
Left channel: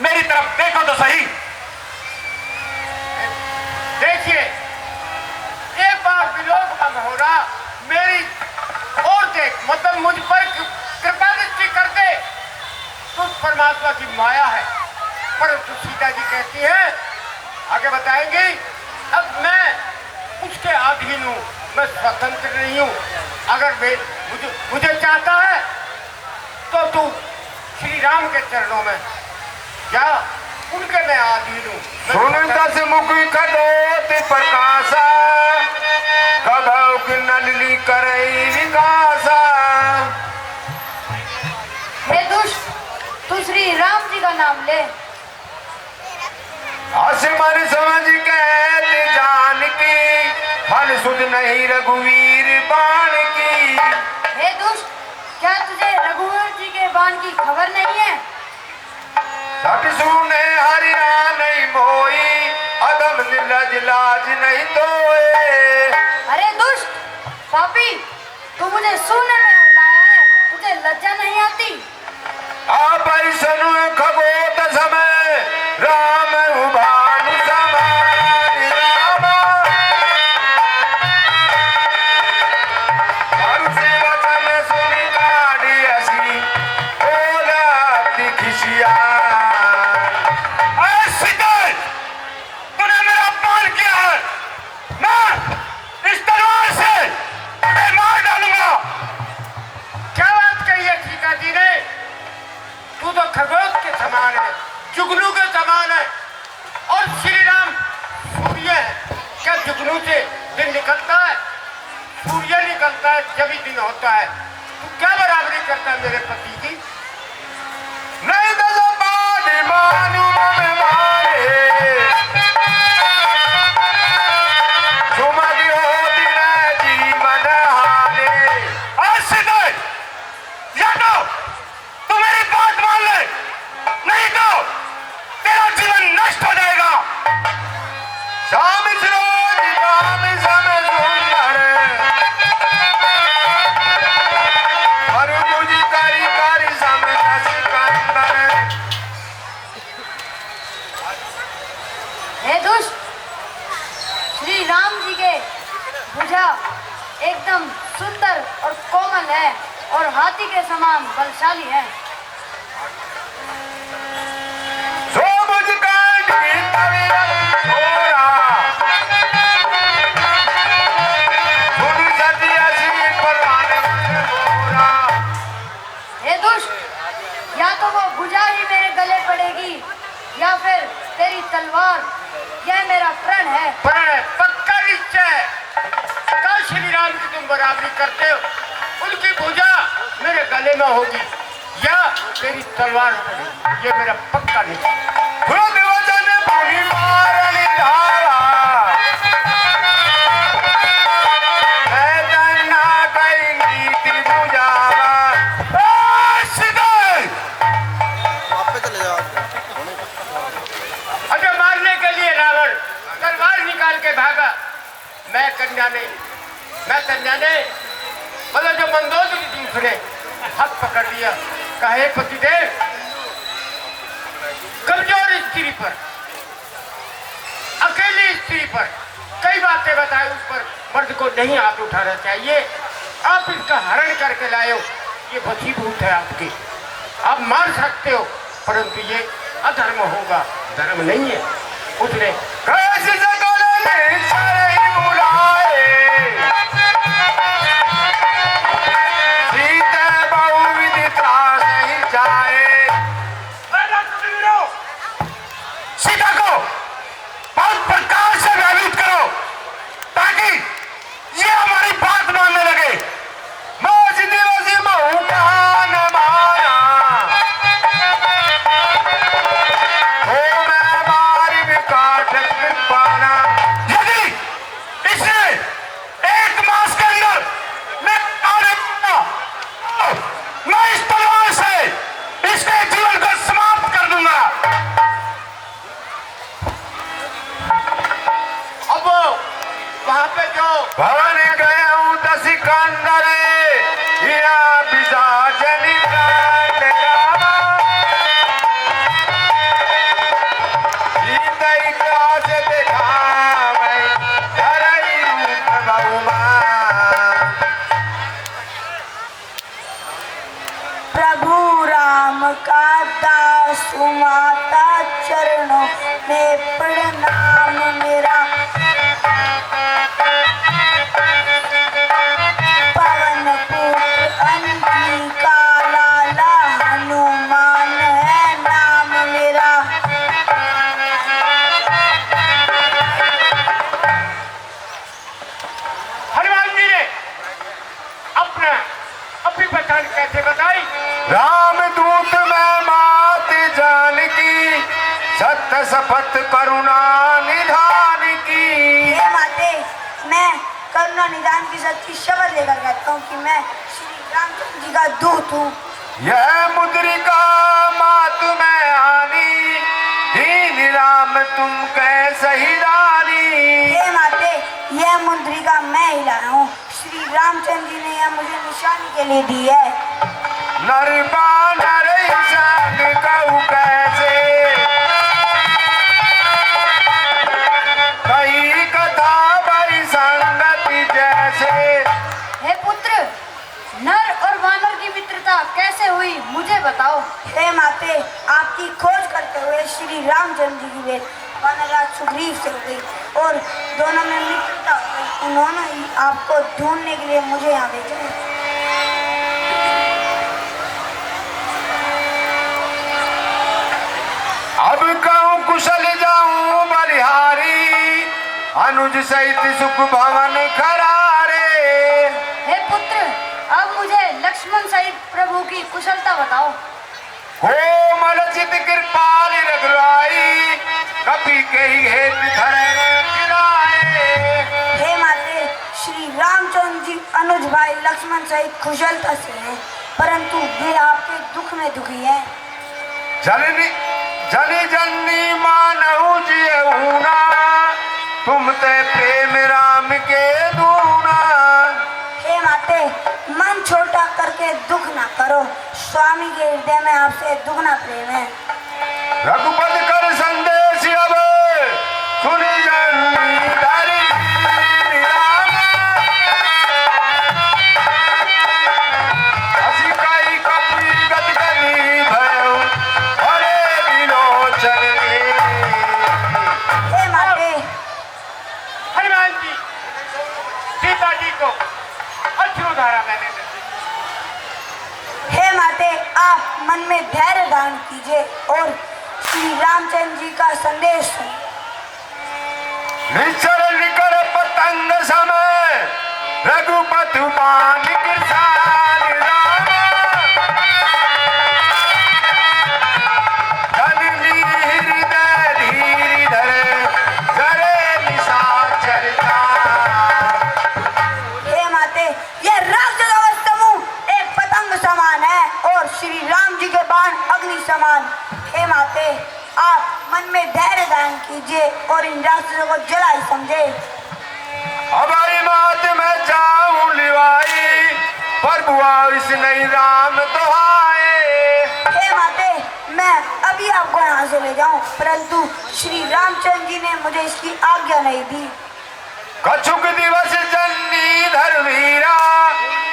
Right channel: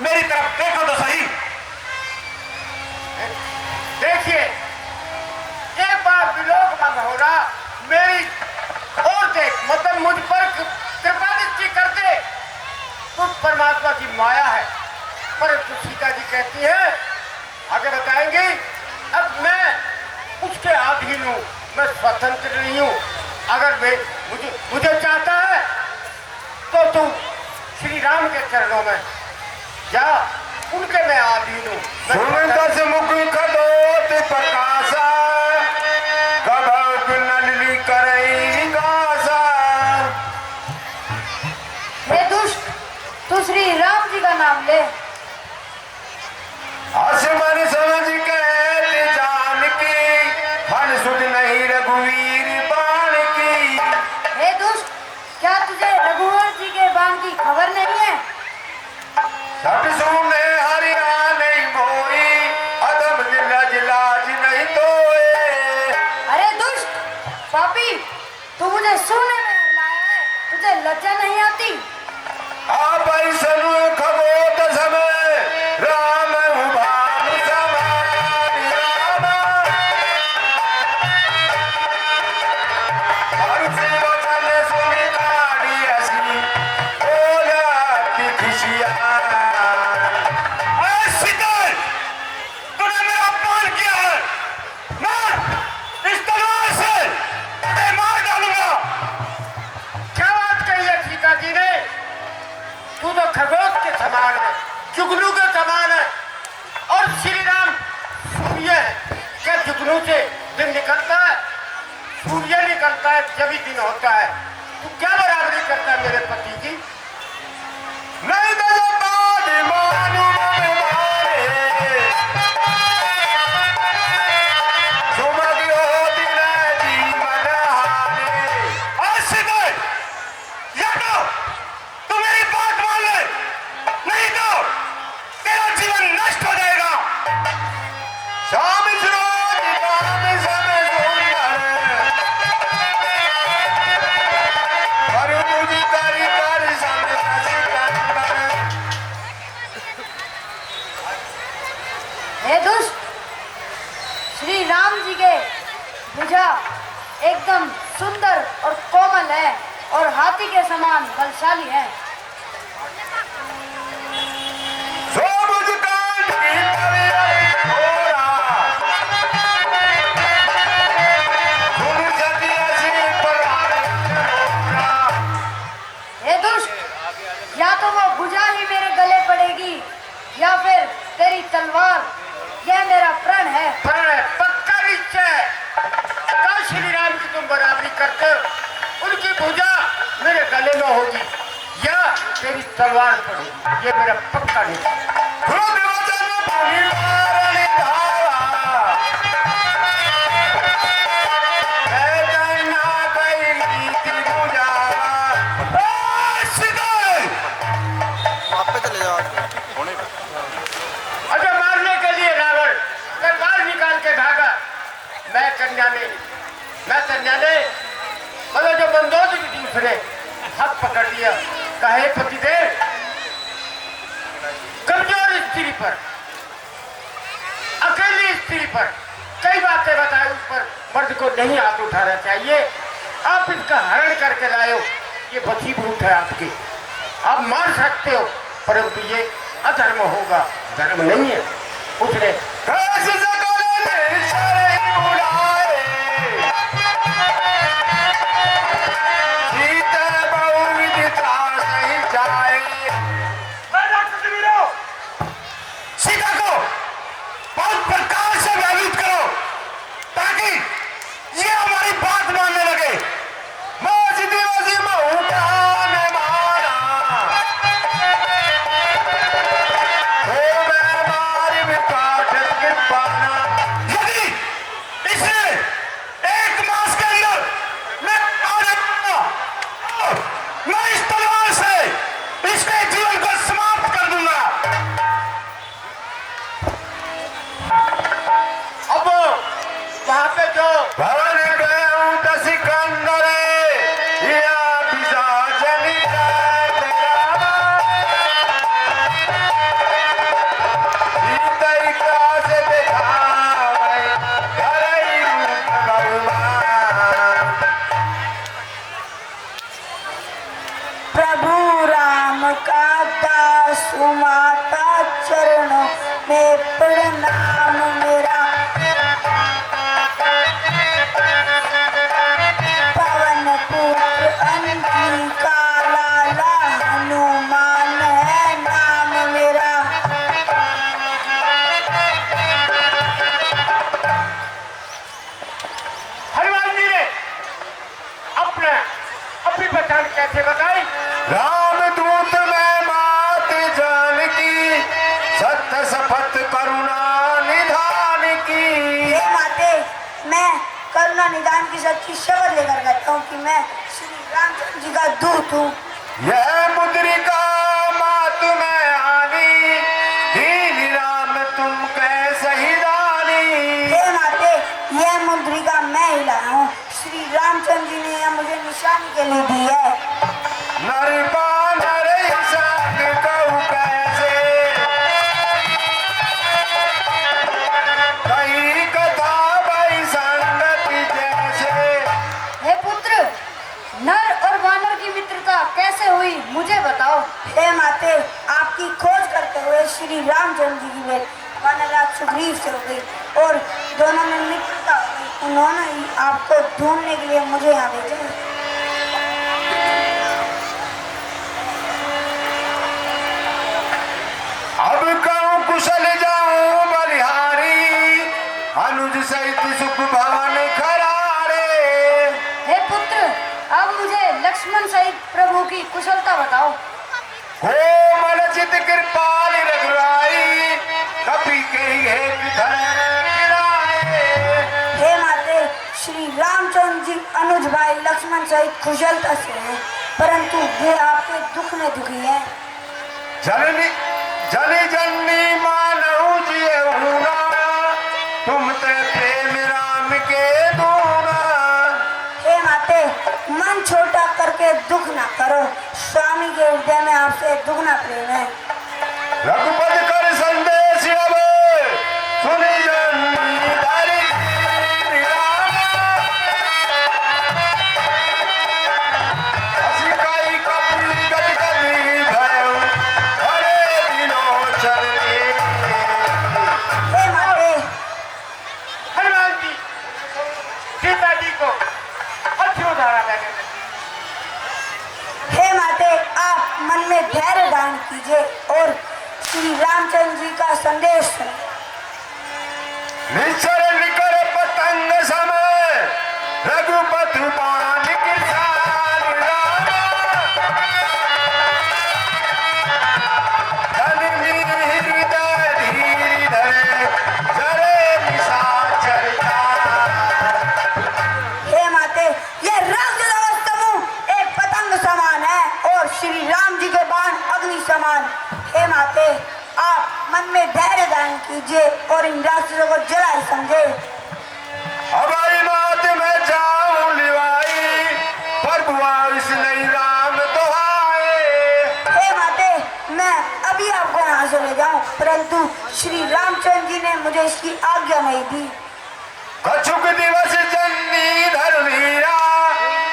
मेरी तरफ देखो तो सही। देखिए, एक बार विलोक बंद हो रहा, मेरी और देख, मतलब मुझ पर कृपा दृष्टि कर दे। तो परमात्मा की माया है, परंतु सीता जी कहती है, आगे बताएंगे, अब मैं उसके अधीन हूं, मैं स्वतंत्र नहीं हूं। अगर मुझे चाहता है तो तू श्री राम के चरणों में जा, उनके मैं अधीन हूं। सुन दस मुख कदोत प्रकाशा, कदौ नलिनी करई विकासा। हे दुष्ट, तू श्री राम जी का नाम ले। आसमान समझ के जान की, फल सुध नहीं रघुवीर बाण की। हे दुष्ट, क्या तुझे रघुवर जी के बाण की खबर नहीं है? सत सुने हरिया नहीं मोई, अदम निर्लज लाज नहीं तोए। अरे दुष्ट पापी, तू मुझे सुनने में लाया है, तुझे लज्जा नहीं आती? आप सनु खगोत समय, राम भानु समान राम। हर्षि वचन सुन काढ़ी हसी, ओलाती खुशियाँ। अरे शीतल, तूने मेरा अपमान किया है। मैं इस तलवार से तुझे मार डालूंगा। क्या बात कही है सीता जी ने? तू तो खगोश के समान है, जुगनू के समान है, और श्री राम सूर्य है। क्या जुगनू से दिन निकलता है? सूर्य निकलता है जब ही दिन होता है। तू क्या बराबरी करता है मेरे पति की? नहीं तो बात मानू में मारे, सुमति होती न जीवन हारे। और शीतल, या तो तू मेरी बात मान ले, नहीं तो तेरा जीवन नष्ट हो जाएगा। शाम रोज काम समय सुंदर, पर मुझ करी करी समय सिकंदर। हे दुष्ट, श्री राम जी के भुजा एकदम सुंदर और कोमल है और हाथी के समान बलशाली है। सो मुझ कांड की तलवार घोरा, सुन सतिया सी परान मोरा। हे दुष्ट, या तो वो भुजा ही मेरे गले पड़ेगी या फिर तेरी तलवार। यह मेरा प्रण है। पर पक्का निश्चय, कल श्री राम की तुम बराबरी करते हो, उनकी भुजा मेरे गले में होगी या तेरी तलवार पड़ेगी। ये मेरा पक्का निश्चय। क्रोध वचन भूमि मारन धारा, मैं जाना कई नीति बुझावा। शीतल, वहाँ पे चले जाओ। अगर मारने के लिए रावण तलवार निकाल के भागा, मैं कन्या ने मतलब जो मंदोदरी थी उसने हाथ पकड़ लिया, कहे पतिदेव, कमजोर स्त्री पर, अकेली स्त्री पर कई बातें बताए, उस पर मर्द को नहीं हाथ उठाना चाहिए। आप इसका हरण करके लाए हो, ये वशीभूत है आपकी, आप मार सकते हो, परंतु ये अधर्म होगा, धर्म नहीं है। उसने कैसे सकल निश्चय बुलाए, सीता बहुविध त्रास ही जाए। सीता को बहुत प्रकार से भयभीत करो ताकि ये हमारी बात मानने लगे। मोस दिवस महु कहा न माना, हो मैं मारी विकाट पाना। सत्य शपथ करुणा निधान की। हे माते, मैं करुणा निदान की सच्ची शपथ लेकर कहता हूँ कि मैं श्री रामचंद्र जी का दूत हूँ। यह मुद्रिका मात में आनी, दीन राम तुम कैसे ही रानी। हे माते, यह मुद्रिका मैं ही लाया हूँ। श्री रामचंद्र जी ने यह मुझे निशानी के लिए दी है। नर इंसान कहूँ कैसे, कई कथा बड़ी संगति जैसे। हे पुत्र, नर और वानर की मित्रता कैसे हुई मुझे बताओ। हे माते, आपकी खोज करते हुए श्री रामचंद्र जी की भेंट वानरराज सुग्रीव से हो गई और दोनों में मित्रता हो गई। उन्होंने ही आपको ढूंढने के लिए मुझे यहाँ भेजा। अब कहूँ कुशल जाऊं बलिहारी, अनुज सहित सुख भवन खरारे। हे पुत्र, अब मुझे लक्ष्मण सहित प्रभु की कुशलता बताओ। कोमल चित कृपाल रघुराई, कपि के ही हेत धरे चिराए। हे माते, श्री रामचंद्र जी अनुज भाई लक्ष्मण सहित कुशलता से हैं, परंतु वे आपके दुख में दुखी हैं। जन जननी मानऊ जियऊना, तुम ते प्रेम राम के दूना। हे माते, मन छोटा करके दुख ना करो। स्वामी के हृदय में आपसे दुगना प्रेम है। रघुपति कर संदेश अब सुनि जननी धरि राम। हसी काई कपि गति करी धरऊ, हरे विलोचन के। हे माते, हनुमान जी सीता जी को अश्रुधारा मैंने दी। हे माते, आप मन में धैर्य धारण कीजिए और श्री रामचंद्र जी का संदेश सुनिए। निश्चर निकर पतंग समय, रघुपति बाण किरसान राम। जननी हृदय धीर धरे, जरे निशाचर जान। हे माते, यह राक्षस समूह एक पतंग समान है और श्री राम जी के बाण अग्नि समान। हे माते, आप मन में धैर्य धारण कीजिए और इन राक्षसों को जलाई समझे। हमारी मात में जाऊं लिवाई, प्रभु आविश नहीं राम दुहाए। हे माते, मैं अभी आपको यहाँ से ले जाऊं, परंतु श्री रामचंद्र जी ने मुझे इसकी आज्ञा नहीं दी। कछुक दिवस जननी धर्मीरा,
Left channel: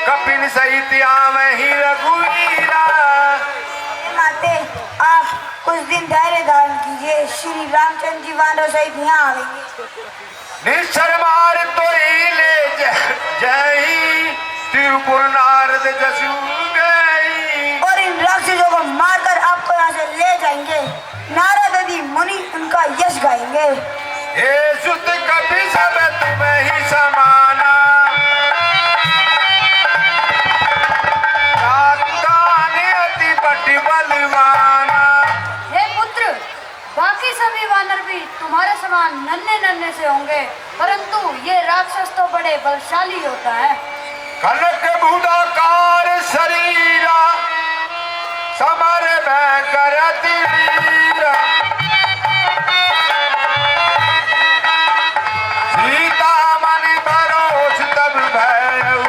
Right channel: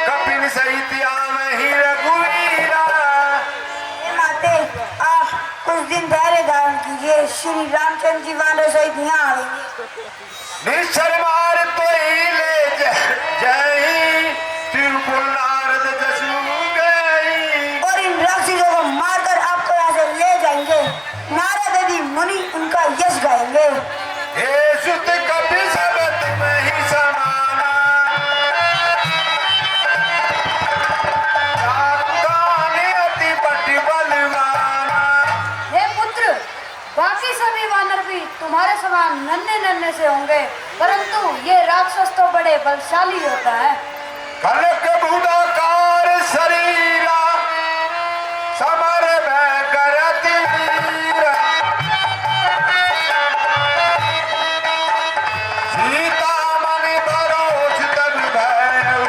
कपिन सहित आम ही रघुवीरा। हे माते, आप कुछ दिन धैर्य धारण कीजिए। श्री रामचंद्र जी वानर सहित यहाँ आएंगे। निश्चर मार तो ही ले जय, त्रिपुर नारद जसु गई। और इन राक्षसों को मारकर आपको यहाँ से ले जाएंगे। नारद आदि मुनि उनका यश गाएंगे। हे सुत कपि सब तुम्हें ही समाना, काकाने अति बटी बलवाना। हे पुत्र, बाकी सभी वानर भी तुम्हारे समान नन्हे नन्हे से होंगे, परंतु ये राक्षस तो बड़े बलशाली होता है। कनक बुधाकार शरीरा, समर में करत वीरा। सीता मन भरोस तब भयउ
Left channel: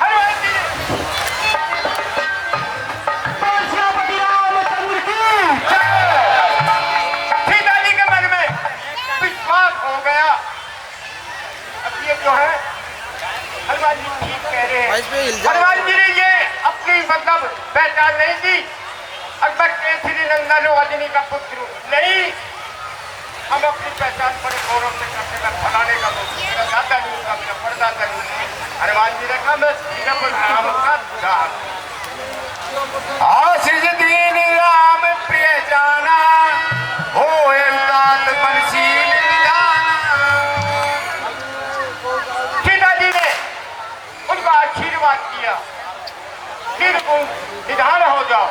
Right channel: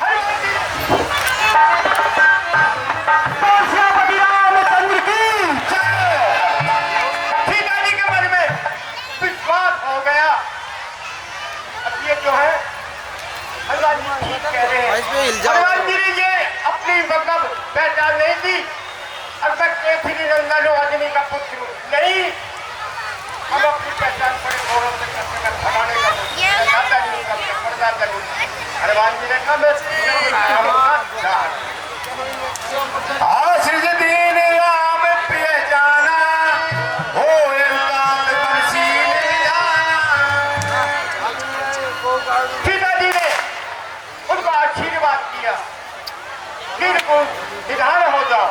हनुमान जी श्यामपति रामचंद्र की जय। सीता जी के मन में विश्वास हो गया। अब ये जो है हनुमान जी ठीक कह रहे भाई इस पे हिल हैं। जाओ। हनुमान जी ने ये अपनी मतलब पहचान नहीं दी। अब मैं केसरी नंदन अजनी का पुत्र हूँ। नहीं, अब अपनी पहचान पर गौरव से करने का बनाने का दाता नहीं उनका परदाता नहीं। हनुमान जी ने कहा मैं सीधा बनाया हूँ। आशीष दीन राम प्रिय जाना, हो तात बंशील जाना। सीता जी ने उनका आशीर्वाद किया। फिर निधान हो जाओ।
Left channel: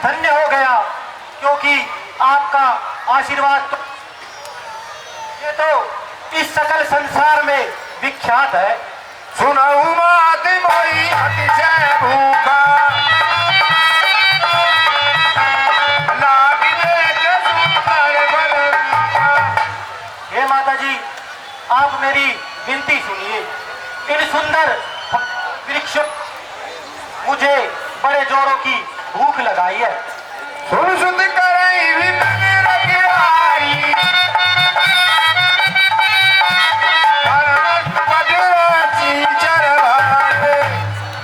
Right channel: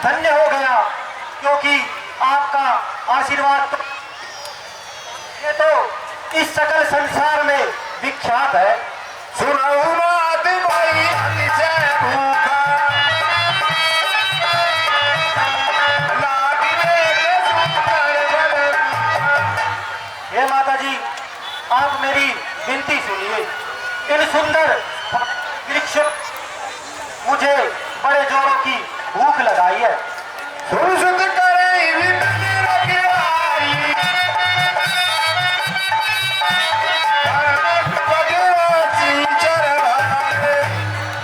धन्य हो गया, क्योंकि आपका आशीर्वाद तो ये तो इस सकल संसार में विख्यात है। सुनाऊ बात मोई अतिशय भूखा लागी देख सुंदर बलरूपा। हे माता जी, आप मेरी विनती सुनिए। इन सुंदर वृक्षों मुझे बड़े जोरों की भूख लगाई है। सुन सुध करे भी मैंने रखवाई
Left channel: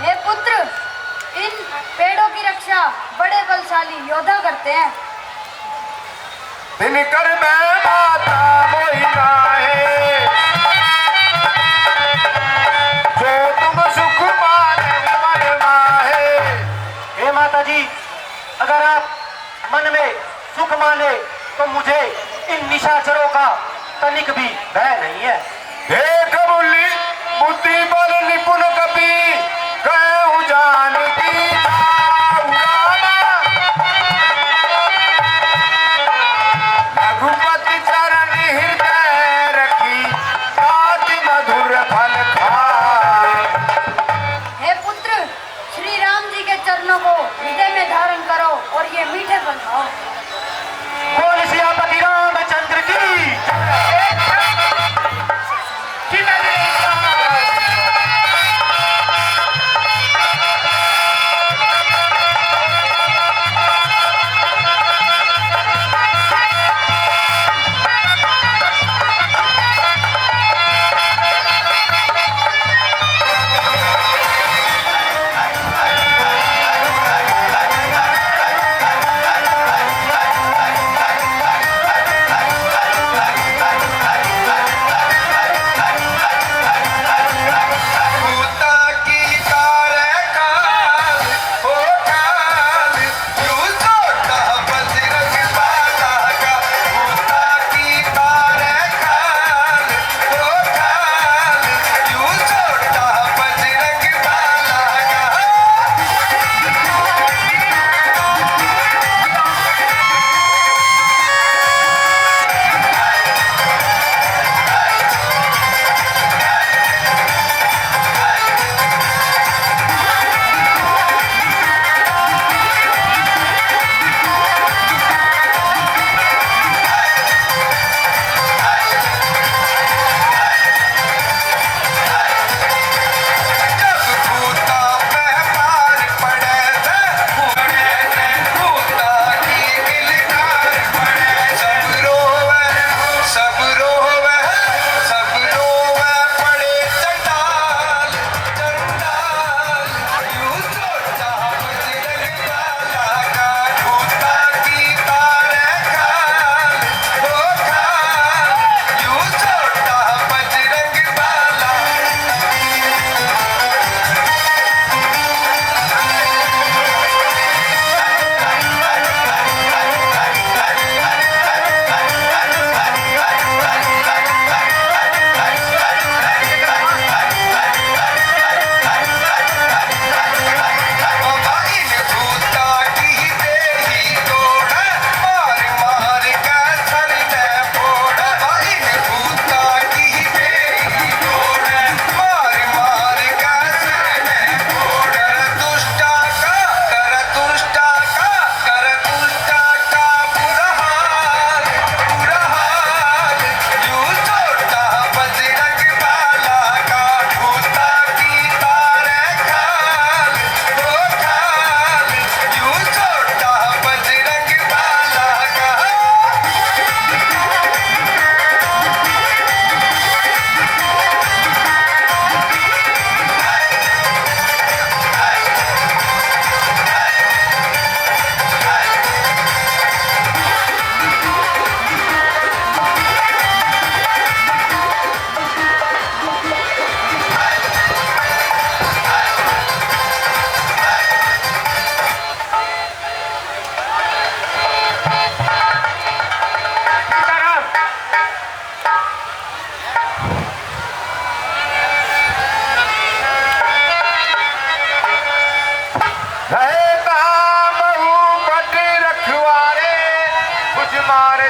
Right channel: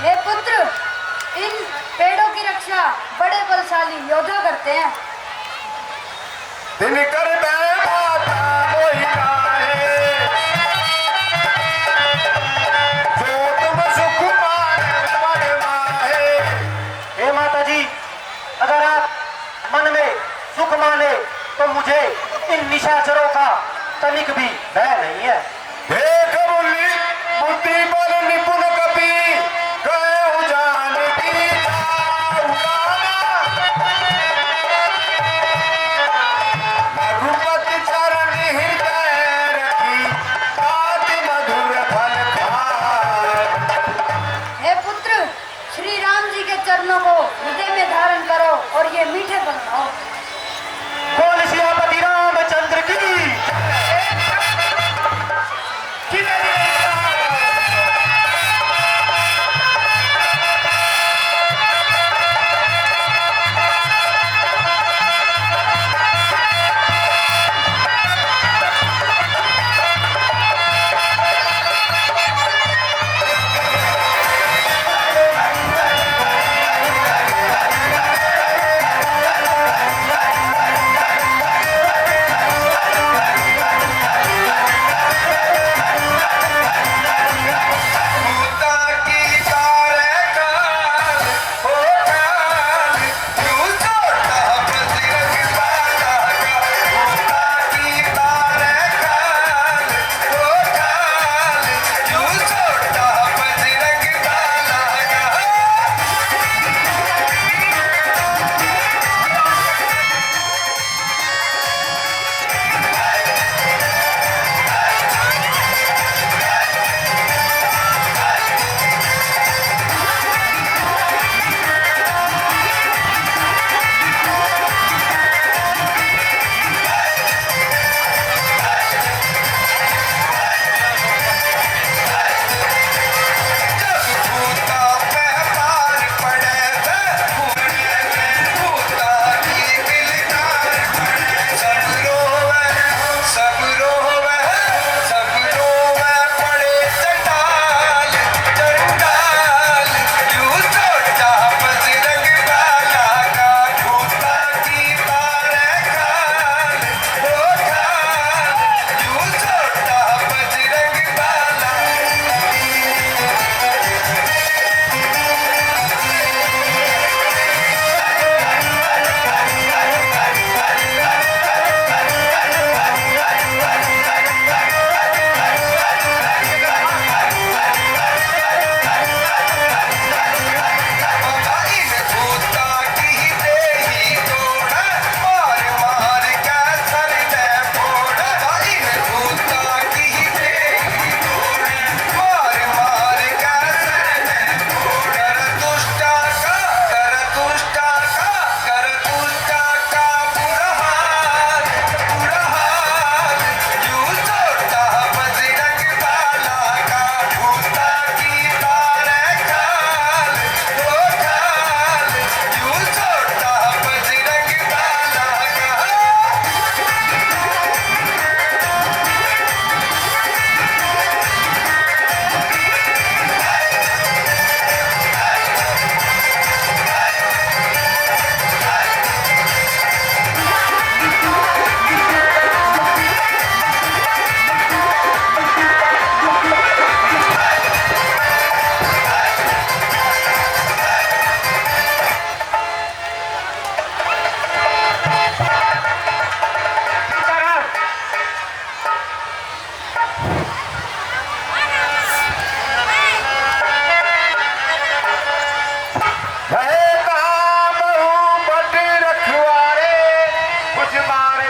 हे पुत्र, इन पेड़ों की रक्षा बड़े बलशाली योद्धा करते हैं। दिन कर मैं माता मोई नाहे जो तुम सुख पाने बनना है। हे माता जी, अगर आप मन में सुख माने तो मुझे इन निशाचरों का तनिक भी भय नहीं है। देख बुल्ली बुद्धि पर निपुण कपि कहूँ जान की रघुपति चरण हृदय रखी अति मधुर फल खाए। हे पुत्र, श्री राम जी के चरणों को हृदय में धारण करो और ये मीठे फल खाओ। बोल सियापति रामचंद्र की।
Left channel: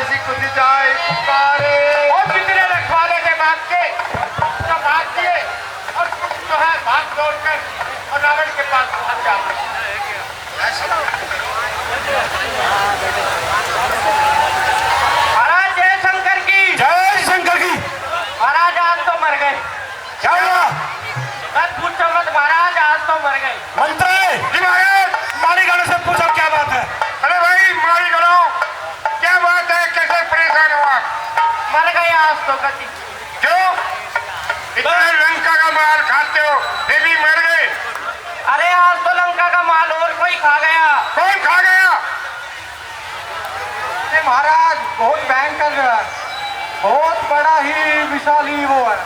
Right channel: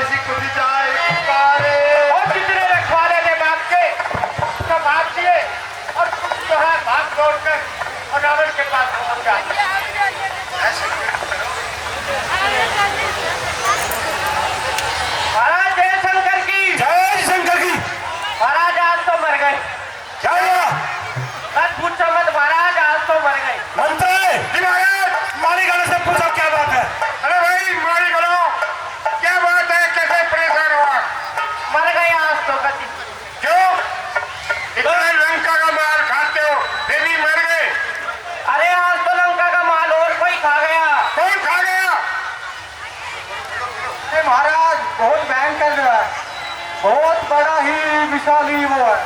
ऐसी कुछ जाए पुकारे। और जितने रखवाले थे भाग के सब भाग दिए और कुछ जो है भाग दौड़ कर और रावण के पास पहुंच जाते। महाराज जय शंकर की। महाराज आज तो मर गए। क्या हुआ? मत पूछो मत महाराज, आज तो मर गए। मंत्री मालीगढ़ से पूछो क्या बात है। अरे भाई मालीगढ़ क्या बात है, कैसे परेशान हुआ? मर गए आज तो गति। क्यों इतना लंका का माल खाते हो फिर भी मर गए? अरे आज तो लंका का माल और कोई खा गया। कौन खा गया? अरे महाराज बहुत भयंकर है, बहुत बड़ा ही विशाली वो है।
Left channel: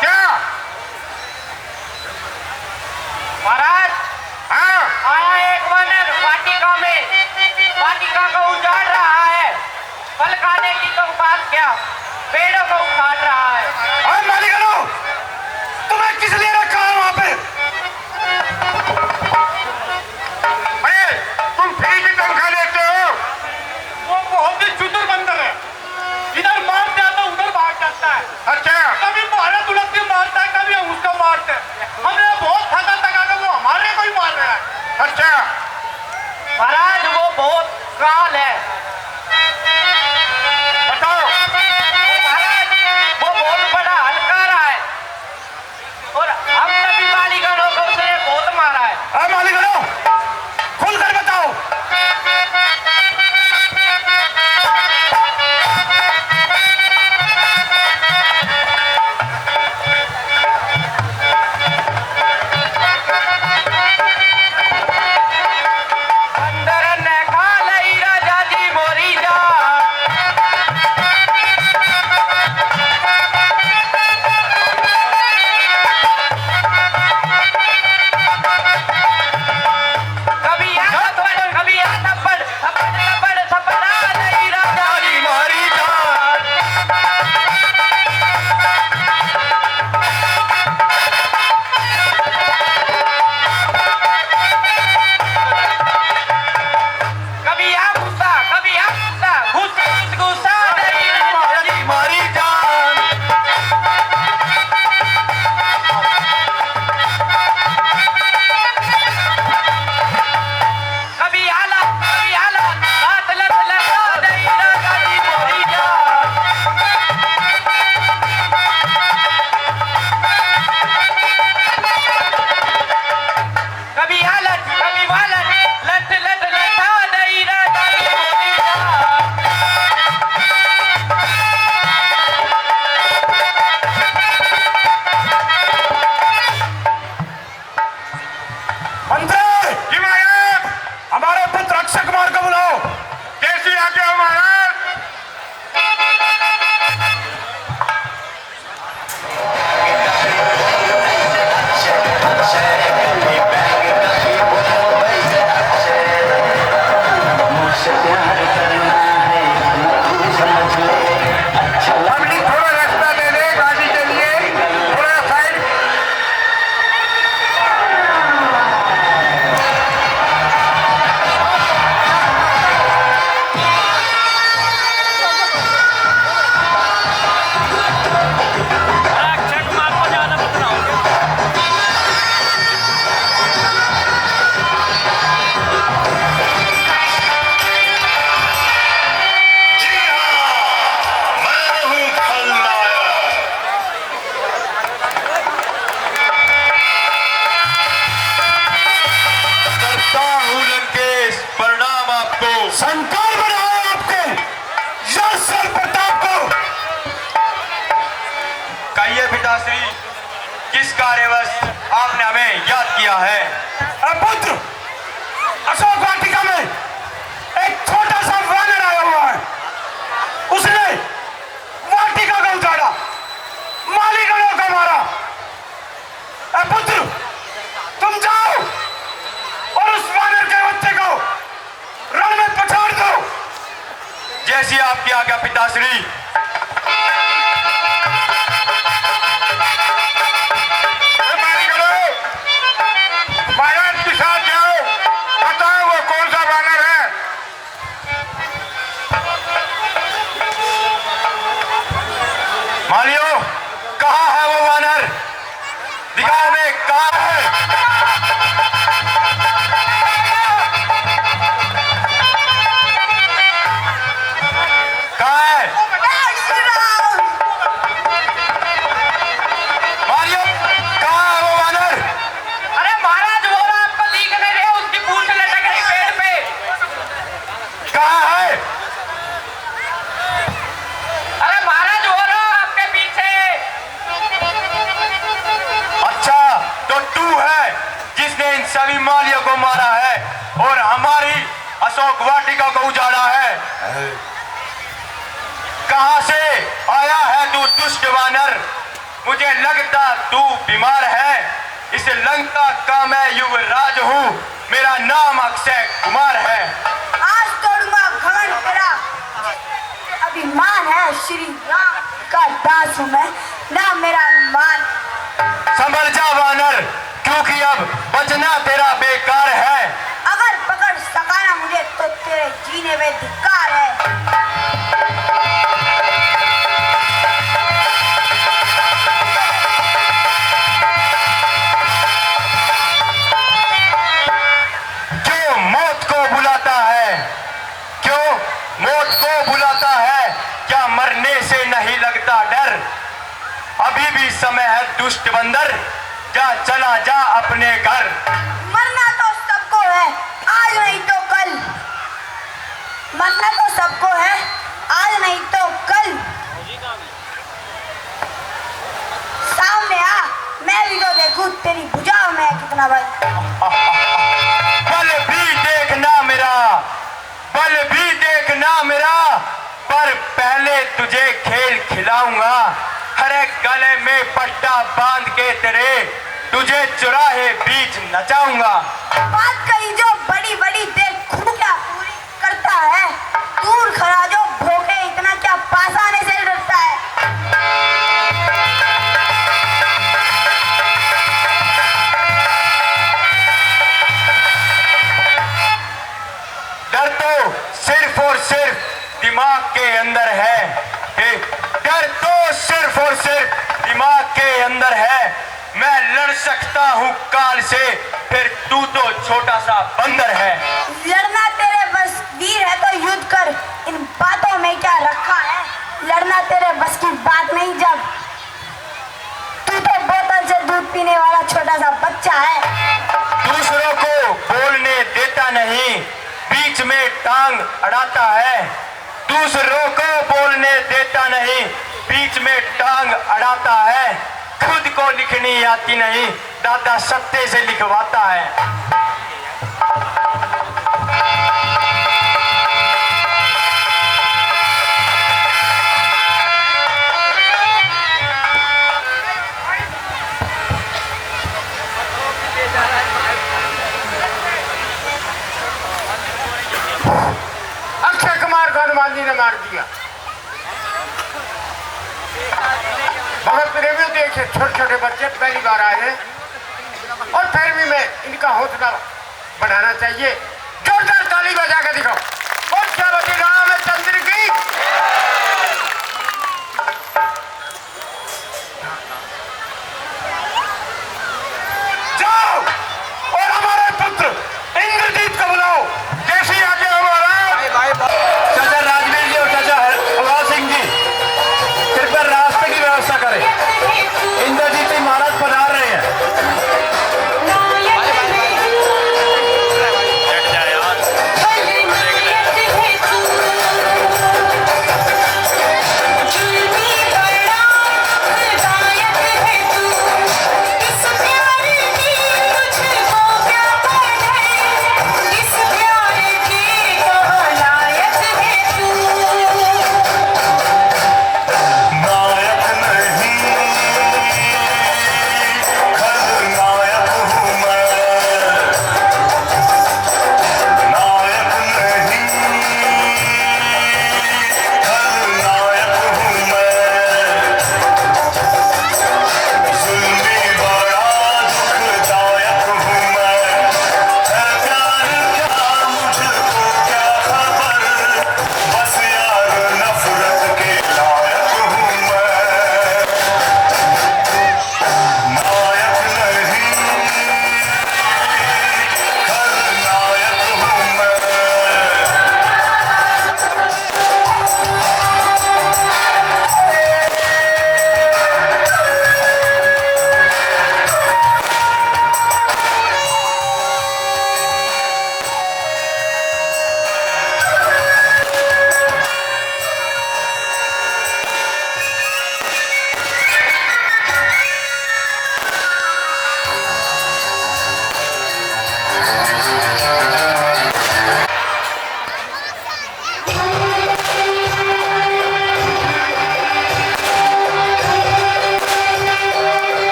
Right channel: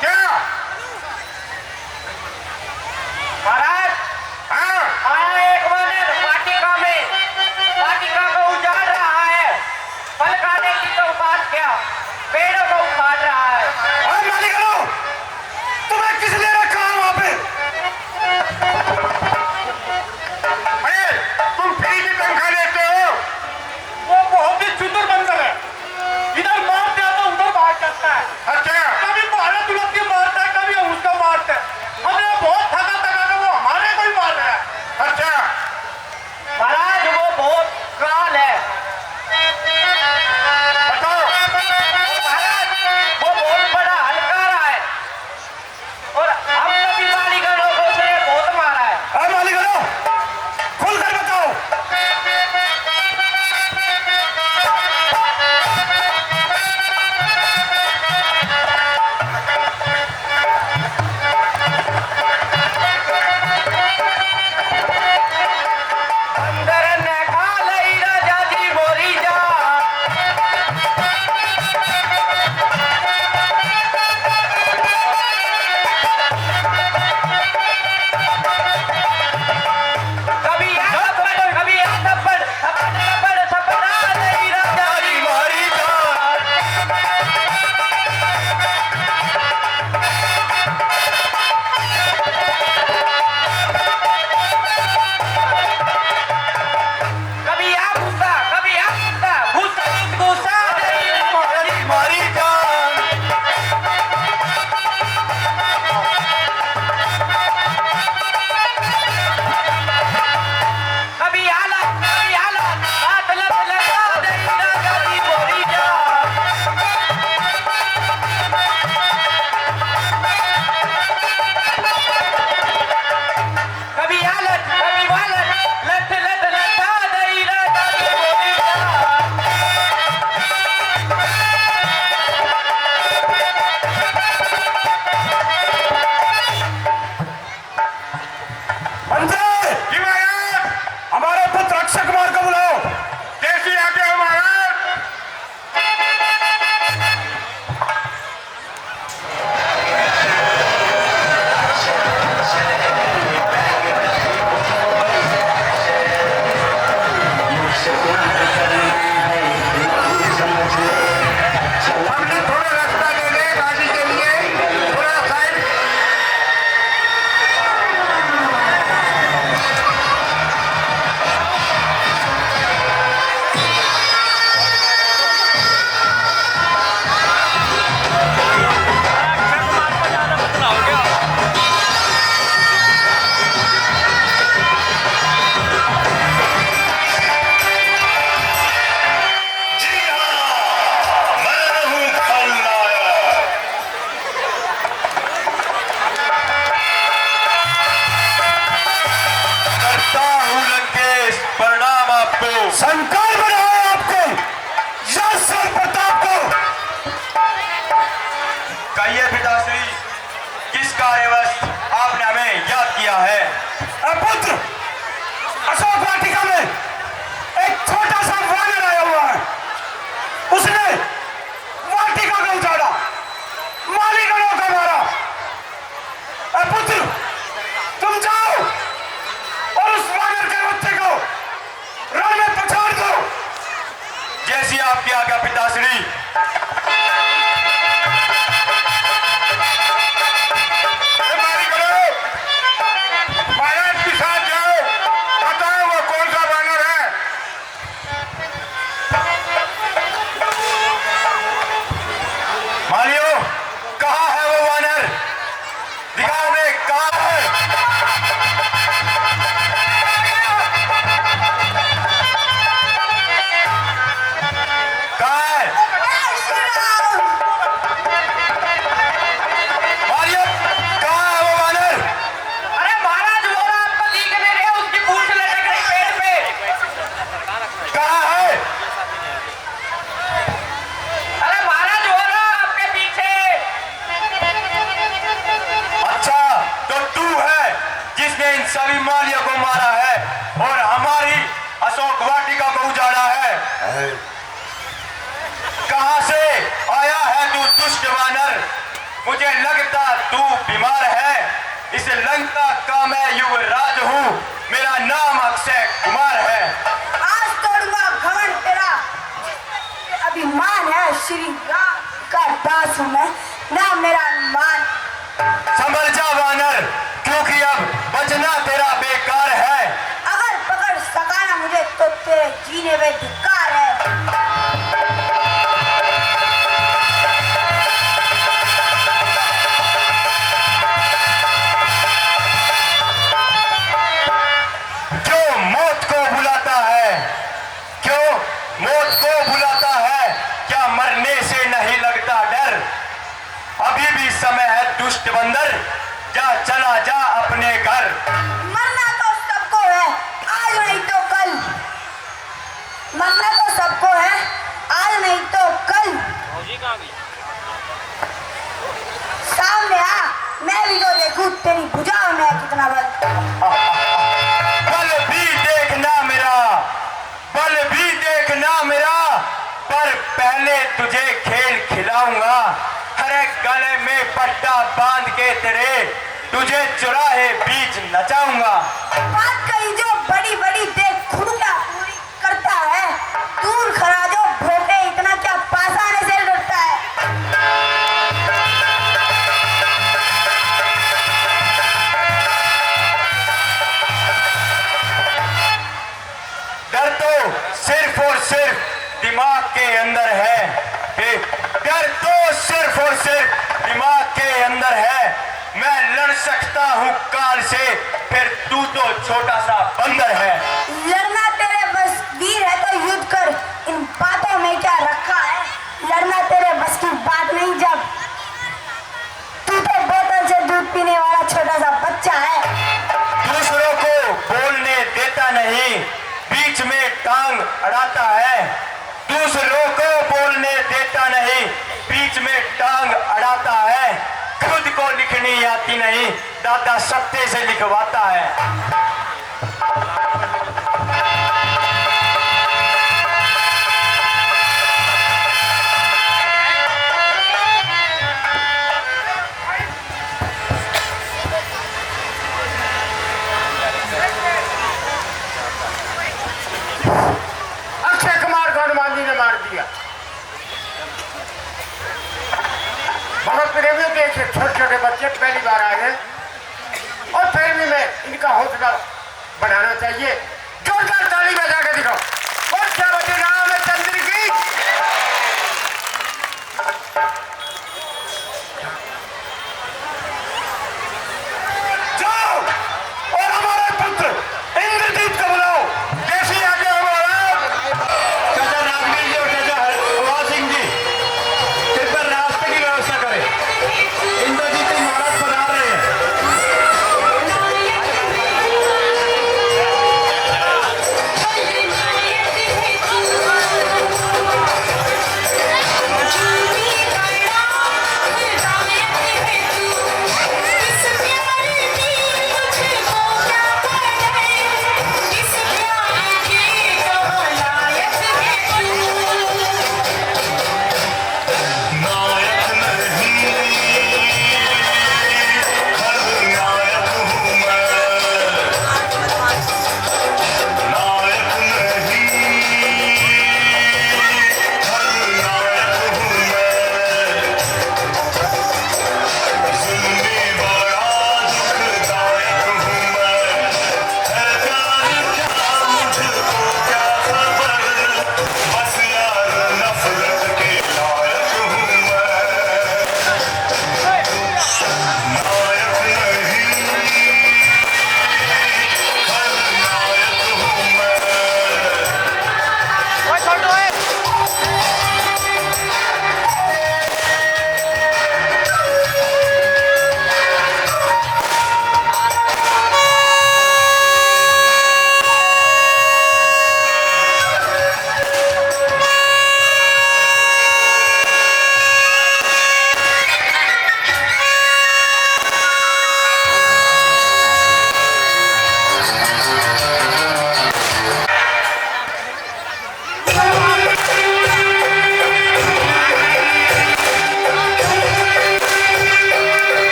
क्या? महाराज हाँ आया एक वानर वाटिका में, वाटिका को उजाड़ रहा है। फल खाने की तो बात क्या, पेड़ों को उखाड़ रहा है। अरे मालीगढ़ तुम्हें किस लिए रखा है वहां पे? अरे तुम फ्री की तनख्वाह लेते हो? वो बहुत ही चुतुर बंदर है, इधर मार जाता उधर भाग जाता है। अच्छा कभी भारत उलट के मारता है, कभी उसको मारता है। हमने बहुत थका थका के वो हमारे को ही मार रहा है। अच्छा महाराज वो बहुत काल है। बताओ। महाराज वो बहुत बड़ा हलकारा है और हम सभी मालीगढ़ों को उसने बहुत मारा है। अरे मालीगढ़ खुलकर बताओ। अंदर ने खा लई राजा जी बोरी जा। कभी यहाँ थप्पड़, कभी यहाँ थप्पड़, थप्पड़ थप्पड़ थप्पड़ा लई राजा जी बोरी जा। कभी यहाँ घुसा, कभी यहाँ घुसा, घुसा घुसा लई राजा जी बोरी जा। कभी आला, हाथ लग लगा नहीं लगा जी बोली जा। कभी हालत, कभी वालत, लट लट लटा नहीं लगा जी बोली जा। मंत्री हिमायत हमारे पुत्र अक्षय कुमार को बुलाओ। कैसी आज्ञा हो महाराज? पब्लिक थोड़ा रास्ता दे दे गाड़ी के लिए, थोड़ा साइड। अक्षय कुमार को ज्यादा बदलाव क्या? करता हूँ लंकेश प्रणाम आपको। संकार बनाओ आपको, यश और प्रताप को। कहिए पिताश्री, किस कार्यवश आपने हमें याद किया है? पुत्र अशोक वाटिका में एक छोटा सा वानर आया हुआ है। उसने वाटिका को उजाड़ा, मालीगढ़ों को मारा। पुत्र तुम जाओ और उस वानर के बच्चे को रण में पछाड़ दो। जैसी आपकी आज्ञा पिताश्री। महाराज के साथ जाओ, बताओ वो कौन सा वानर है। दिखाओ में कहाँ है? कहाँ है? मालिक, कहाँ है वो वानर? अरे महाराज वो आपको दिख नहीं रहे, उसकी पूंछ लटक रही पेट पे। कहाँ है? अरे महाराज वो रहा आपके पीछे। अच्छा, तो तू है जिसने इन सभी मालियों को मारा है और हमारी अशोक वाटिका को उजाड़ा है। कहां से आया है तू दुष्ट वानर? मुझे लगता तू बीमार है। इस लंका का मैं युवराज हूँ, मेरा नाम अक्षय कुमार है। आज तोड़ूंगा घमंड तेरा। अभिमान है श्री राम का दास हूँ मैं, ना मेरा अनुमान। संभल जा वानर, क्योंकि अब बचना तेरा बेकार है। अगर पकड़ सका ना मुझे तो तेरे जीने में धिक्कार है। क्यों मौत को बुलाता है? क्यों मौत को बुलाता है? क्या मरने से नहीं लगता डर? अभी भी समय है दुष्ट बंदर, जा चला जा अपने घर। मरना तो सबको है, आज नहीं तो कल। मरना तो सबको है, आज नहीं तो कल। सामने आ, मैं भी तो देखूं तेरी भुजाओं में है कितना बल। बल भी देखना मेरा, बल भी देखना मेरा, पर पहले तुझे खेल खिलाऊंगा। हर एक गले में पट्टा बांध के तेरे तुझे चुराहे बीच नचाऊंगा। बात कही जो बड़ी बड़ी देख खूंटा पूरी करता है, दूर खड़ा जो भोटे इतना क्या पास आने से डरता है। डर तो सिर्फ और सिर्फ दिमाग के अंदर है। डर तो सिर्फ और सिर्फ दिमाग के अंदर है। मैं लड़ सकता हूँ काल से, फिर तू तो छोटा सा बंदर है। लड़ना तेरे बस वीर है तो युद्ध कर, इन बातों में क्या रखा है। लड़ना तेरे बस की बात नहीं, जब तू तो बोतल से दूध पीने वाला छोटा सा बच्चा है। दूसरों को बोलने देता नहीं, बीच में टांग अड़ाता है। दूसरों को बोलने देता नहीं, बीच में टांग अड़ाता है। खुद को लिखनी आती नहीं, दादा सत्ते से लिखवाता है। अक्षय कुमार को हनुमान जी ने मार दिया। भगत प्रेमियों देखे छोटे छोटे बच्चे पहली बार आए हैं और फिर भी मैं इनका हौसला बढ़ाना चाहिए। जोरदार ताली बजा के दिखाओ। और क्या बचे रामचंद्र की। जाओ और हमारे पुत्र इंद्रजीत को बुलाओ। जैसी आगे हमारा चाचा राजवीर जी और चाचा अवाज सिंह जी कृपया रास्ते की व्यवस्था करें। इंद्रजीत जी महाराज पधार रहे हैं।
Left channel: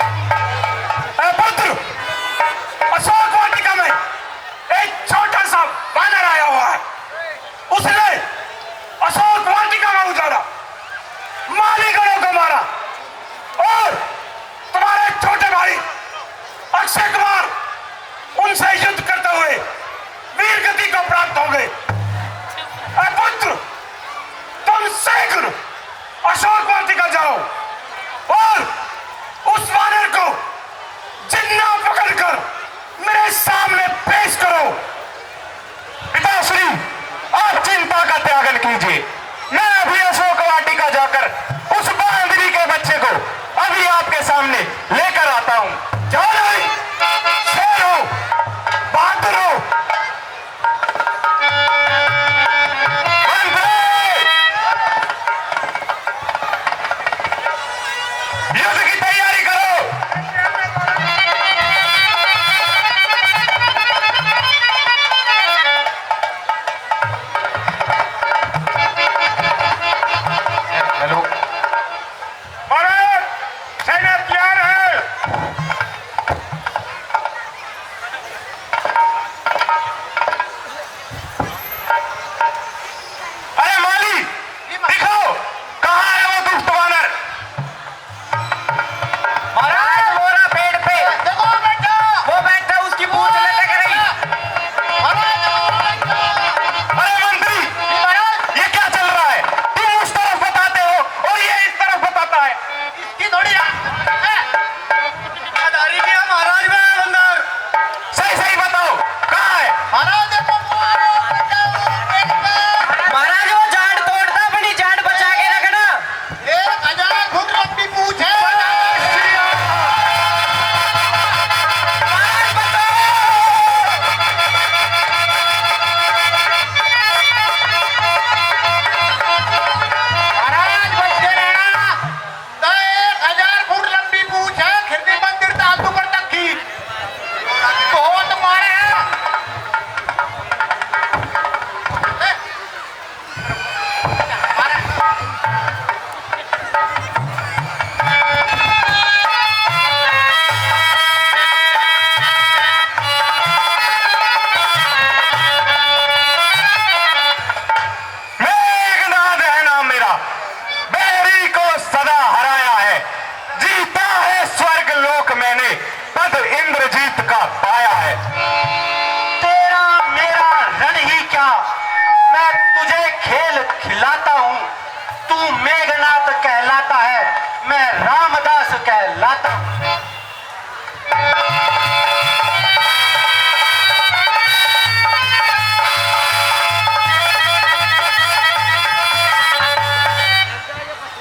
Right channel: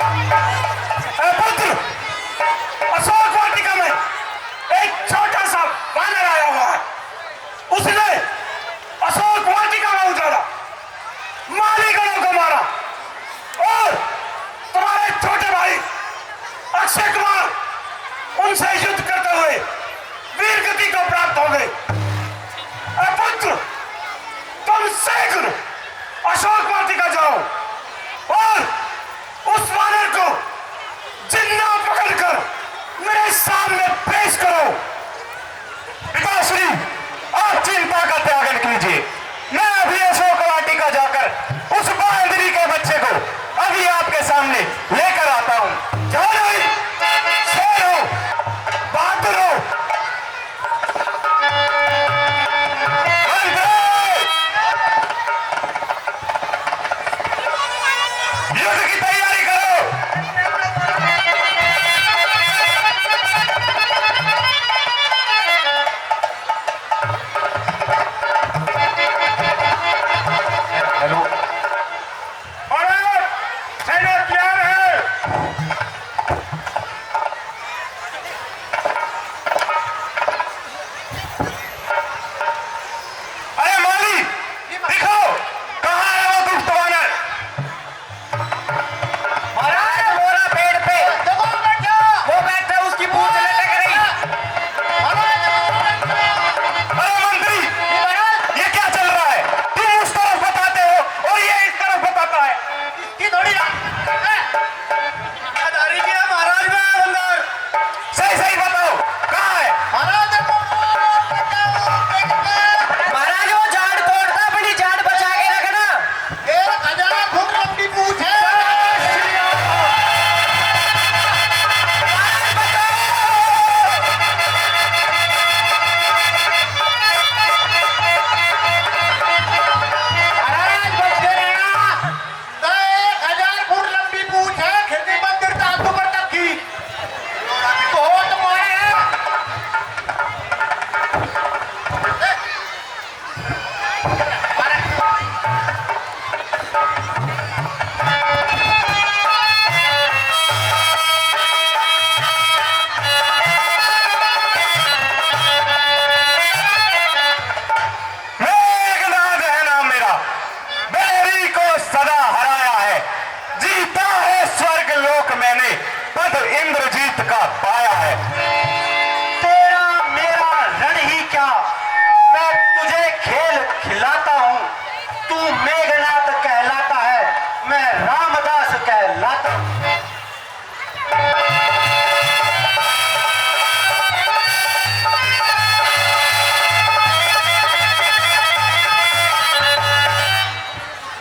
ए पुत्र, अशोक वाटिका में एक छोटा सा वानर आया हुआ है। उसने अशोक वाटिका में उजाड़ा, मालीगणों को मारा और तुम्हारे छोटे भाई अक्षय कुमार उनसे युद्ध करते हुए वीर गति को प्राप्त हो गए। ए पुत्र, तुम शीघ्र अशोक वाटिका जाओ और उस वानर को जिन्ना पकड़कर मेरे सामने पेश करो। पिताश्री, आप चिंता का त्यागन कीजिए। मैं अभी अशोक वाटिका जाकर उस बांदरी के बच्चे को अभी आपके सामने लेकर आता हूं। जाओ नहीं, शेर हो, बहादुर हो। युद्ध की तैयारी करो। हेलो, भारत सेना तैयार है। अरे माली, दिखाओ कहाँ है वो दुष्ट वानर। महाराज मोरा पेड़ पे वो बैठा, उसकी पूंछ लटक रही। अरे मंत्री, ये क्या चल रहा है? तुम उस तरफ बताते हो और ये इस तरफ बताता है। थोड़ी महाराज में अंदर सही सही बताओ कहाँ है? महाराज वो झाड़ तोड़ता, बड़ी झाड़ बचा के रखना। मेघनाद है नाम मेरा, बैरी को सदा हराया है। जीता है स्वर्ग लोक मैंने, पद इंद्रजीत का पाया है। तेरा मेरा रण ही क्या, मैं तुझे खेल खिलाता हूँ। तू मेघनाद कहलाता है, मैं रामदास कहलाता हूँ।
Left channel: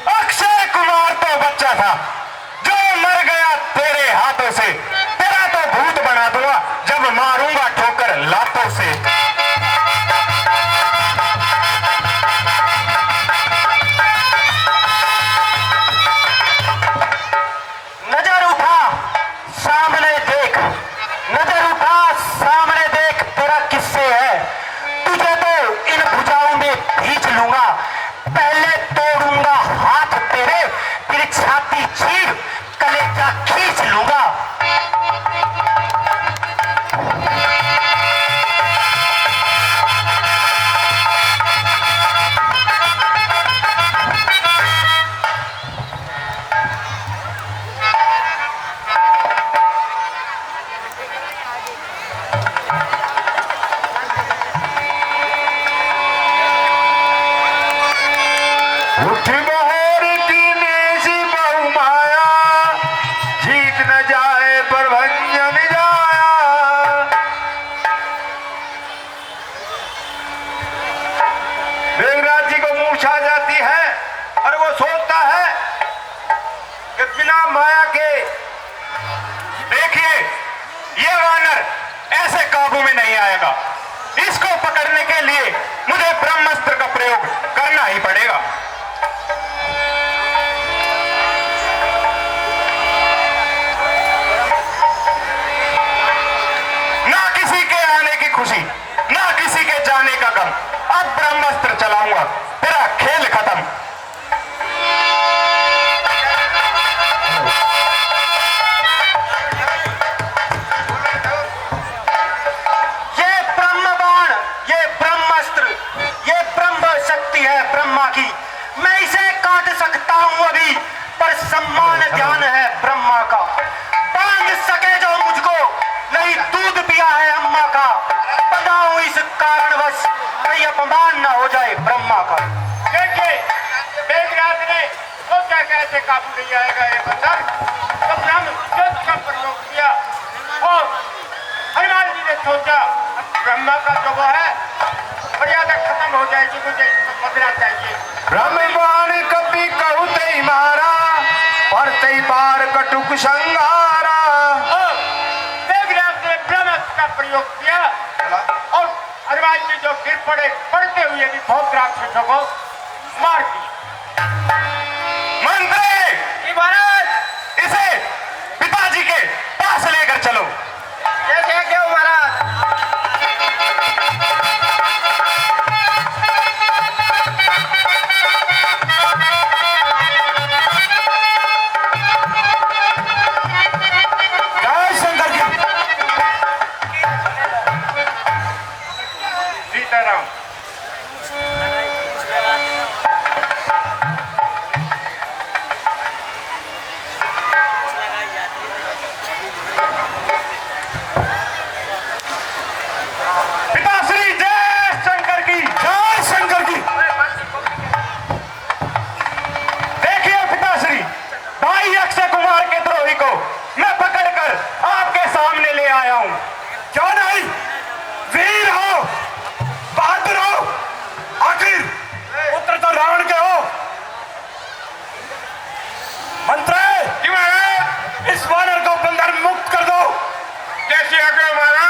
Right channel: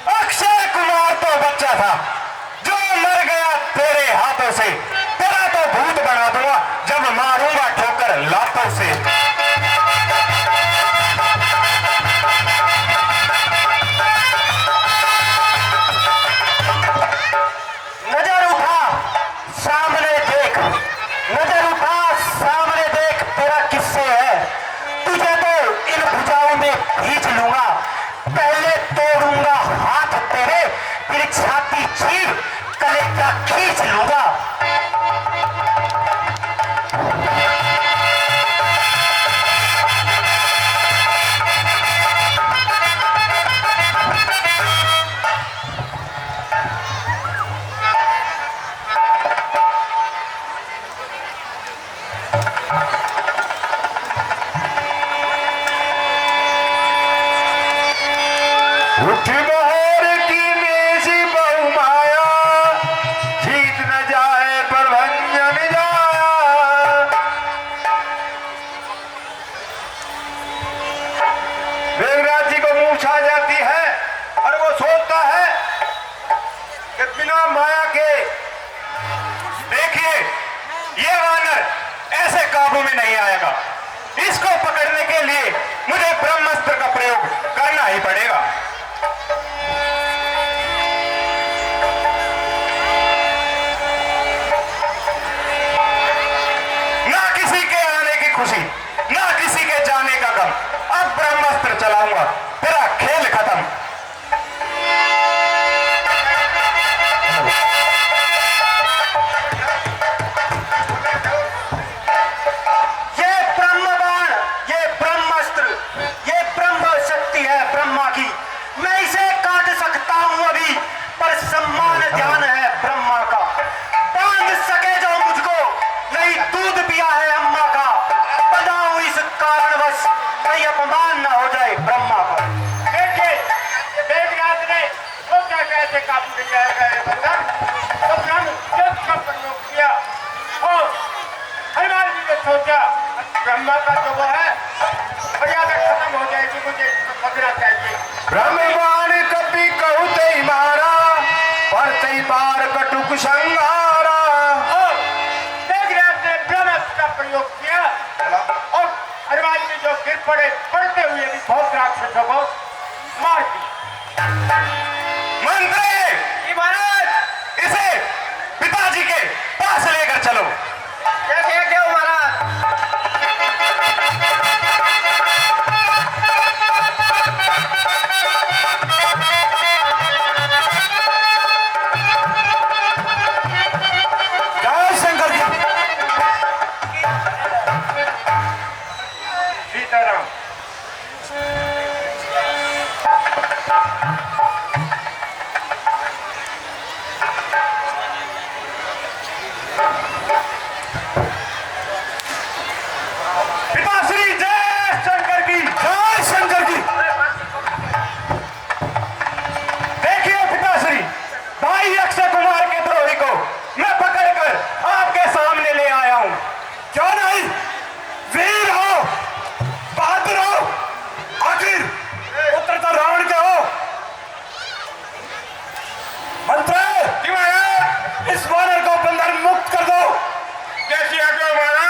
अक्षय कुमार तो बच्चा था जो मर गया तेरे हाथों से। तेरा तो भूत बना दूंगा जब मारूंगा ठोकर लातों से। नजर उठा सामने देख, नजर उठा सामने देख, तेरा किससे है? तुझे तो इन भुजाओं में खींच लूंगा। पहले तोड़ूंगा हाथ तेरे, फिर छाती चीर कलेजा खींच लूंगा। उठी मोहर की नेसी बहुमाया, जीत न जाए पर भंजन जाया। मेघराज जी को मूर्छा जाती है और वो सोचता है कि बिना माया के, देखिए ये वानर ऐसे काबू में नहीं आएगा। इसको पकड़ने के लिए मुझे ब्रह्मास्त्र का प्रयोग करना ही पड़ेगा। ना किसी के आने की खुशी, ना किसी के जाने का गम। अब ब्रह्मास्त्र चलाऊंगा, तेरा खेल खत्म। सम्मान न हो जाए ब्रह्मा का। देखिए वेदव्यास ने सोचा कैसे काबू नहीं आएगा ये बंदर, तो ब्रह्म जब का प्रयोग किया और हनुमान जी ने सोचा ब्रह्मा का जो वो है मर्यादा खत्म हो जाएगी, मुझे बदला चाहिए। ब्रह्मवान कपि कहु ते मारा, पर ते बार कटुक संगारा। और वेदव्यास ने ब्रह्मास्त्र का प्रयोग किया और हनुमान जी जो गिर पड़े, पड़ते हुए भी बहुत राक्षसों को मार दिया। मंत्री कि महाराज इसे पिताजी के पास लेकर चलो। कैसे क्यों महाराज? जय शंकर जी। सीताराम पिताश्री जय शंकर की, जय शंकर की। देखिए पिताश्री, भाई अक्षय कुमार के द्रोही को मैं पकड़कर आपके सामने ले आया हूं। क्यों नहीं, वीर हो, बहादुर हो, आखिर पुत्र तो रावण के हो। मंत्री जी महाराज, इस वानर को बंधन मुक्त कर दो। कैसे आगे महाराज?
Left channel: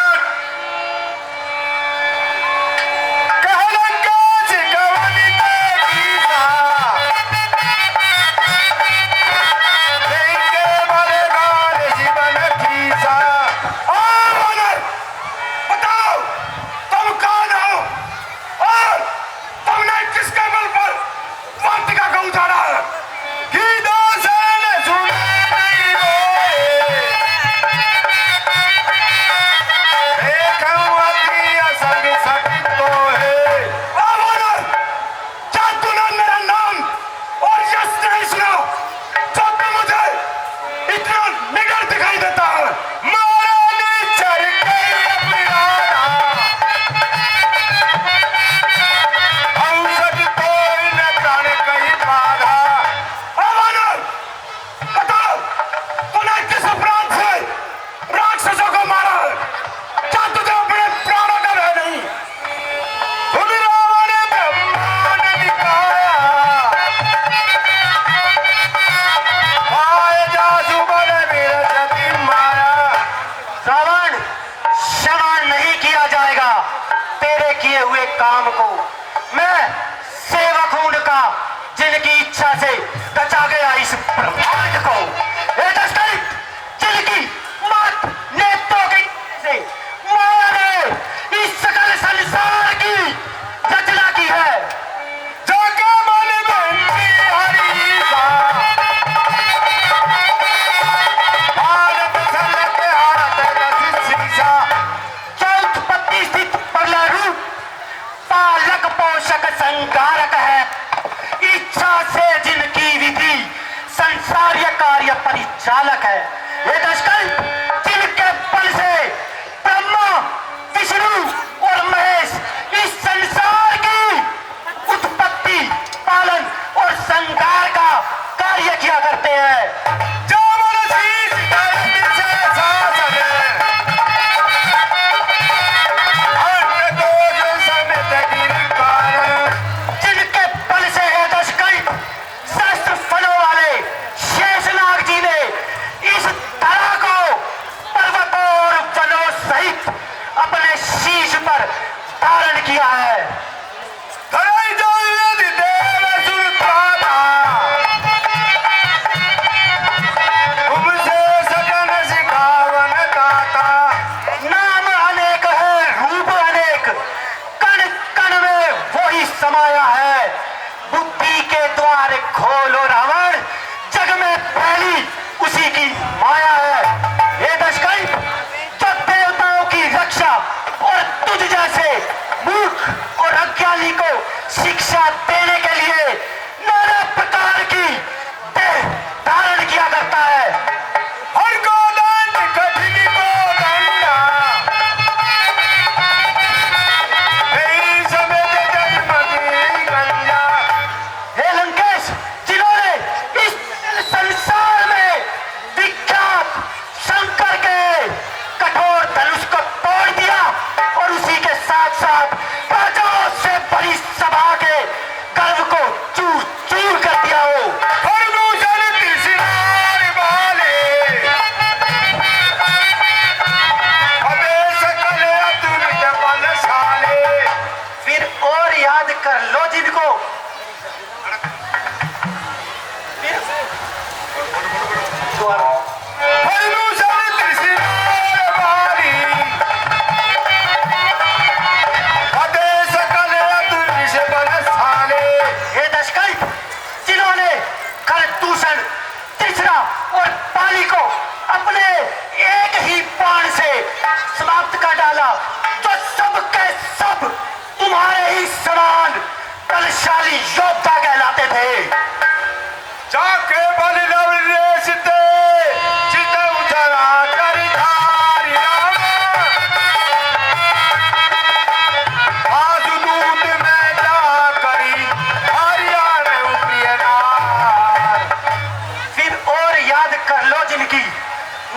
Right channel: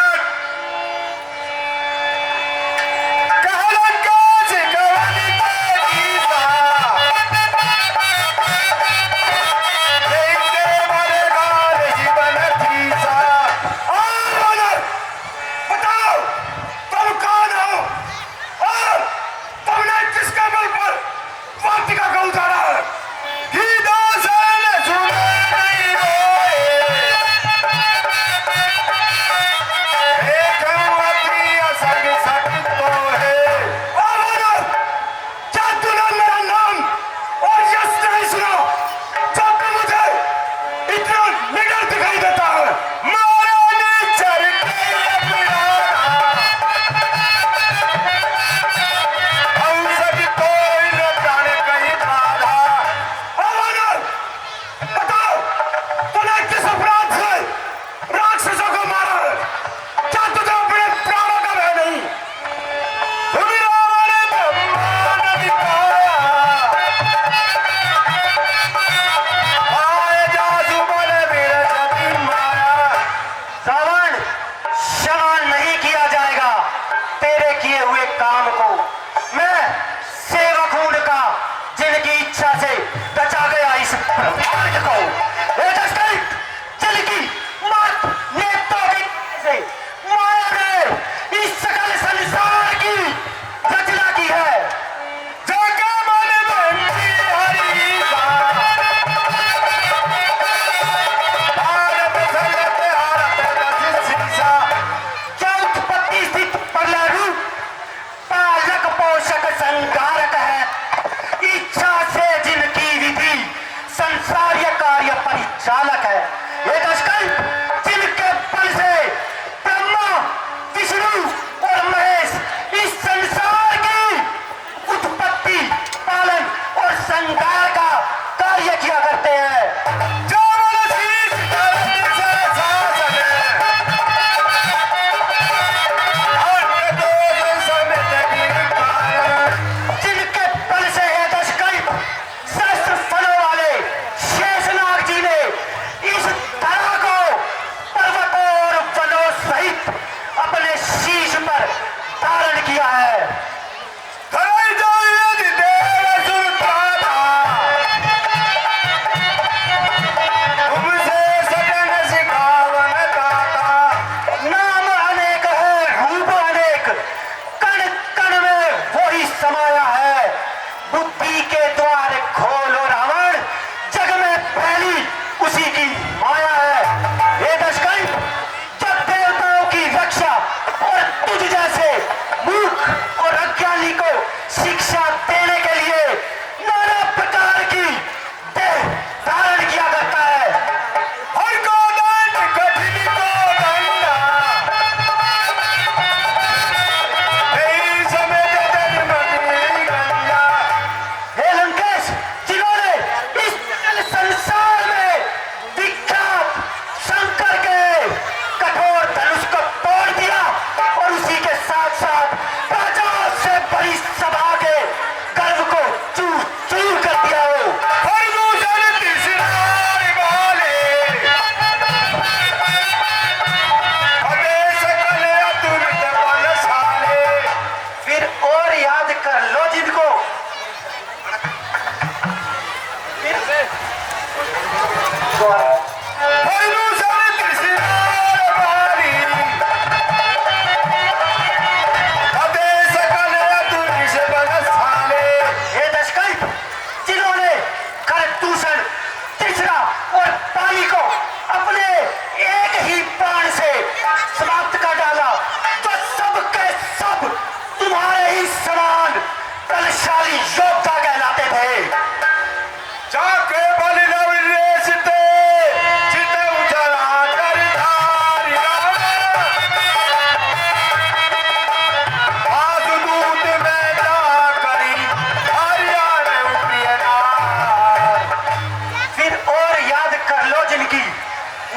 काम को मैं सेवक हूं उनका, जिनकी इच्छा से रचा गया इस ब्रह्मांड को। जिनकी मत नेत्रों की से माया ने इस सकल संसार की रचना की है। जाके मन बनती हरी सा, भारत सलत हाथ रस सीसा। चौथपत्ति स्थित पगला रूप पालक पोषक संकारक है। इच्छा से जिनकी विधि संसारीय कार्य परिचालक है। ये दशकल जिनके बल से ब्रह्मा विष्णु और महेश इस संसार की उत्पत्ति पालन और संहार का कार्य किया करते हैं। जो मन शीश धरती से शासन, अंग दोष समेत गिरफ्तार। जिनके बल से है दशकल शस्त्र फलों वाले शेषनाग जी ने इस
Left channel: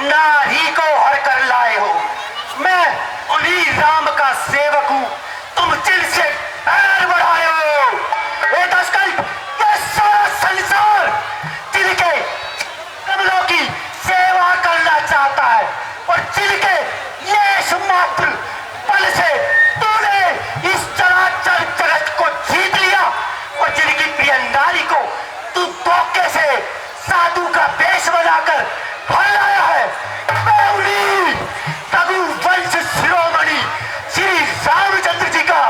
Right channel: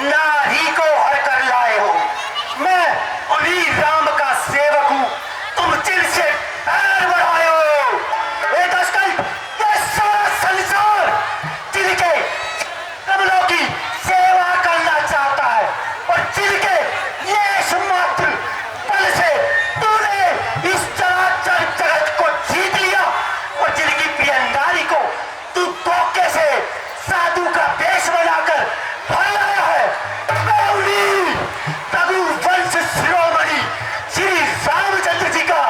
नारी को हर कर लाए हो। मैं उन्हीं राम का सेवक हूँ, तुम जिनसे पैर बढ़ाए हो। ये दशकल्प, ये सारा संसार जिनके कमलों की सेवा करना चाहता है और जिनके लेश मात्र बल से तूने इस चराचर जगत को जीत लिया और जिनकी प्रिय नारी को तू धोखे से साधु का वेश बनाकर भर लाया है। मैं उन्हीं रघुवंश शिरोमणि श्री रामचंद्र जी का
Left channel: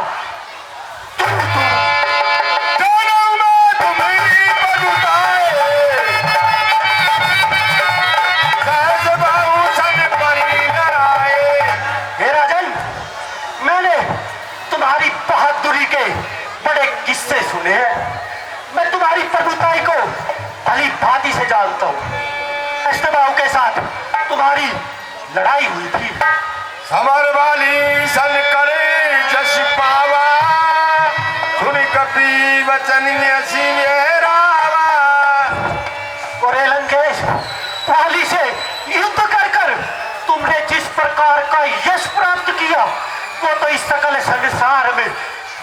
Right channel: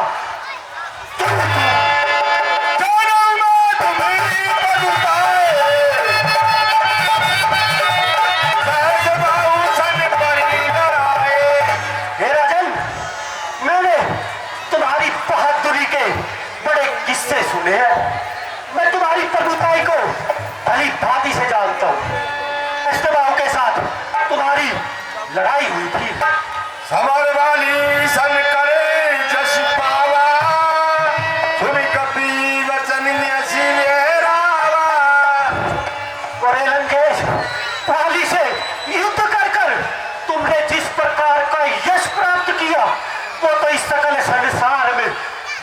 तुम्हारी बहादुरी के बड़े किस्से सुने हैं। मैं तुम्हारी प्रभुताई को भली भांति से जानता हूँ। अष्टबाहु के साथ तुम्हारी लड़ाई हुई थी। समर वाली सन करे जस पावा, सुन कपी वचन रावा। और हे लंकेश, पाली से युद्ध कर कर तुमने जिस प्रकार का यश प्राप्त किया वो तो इस सकल संसार में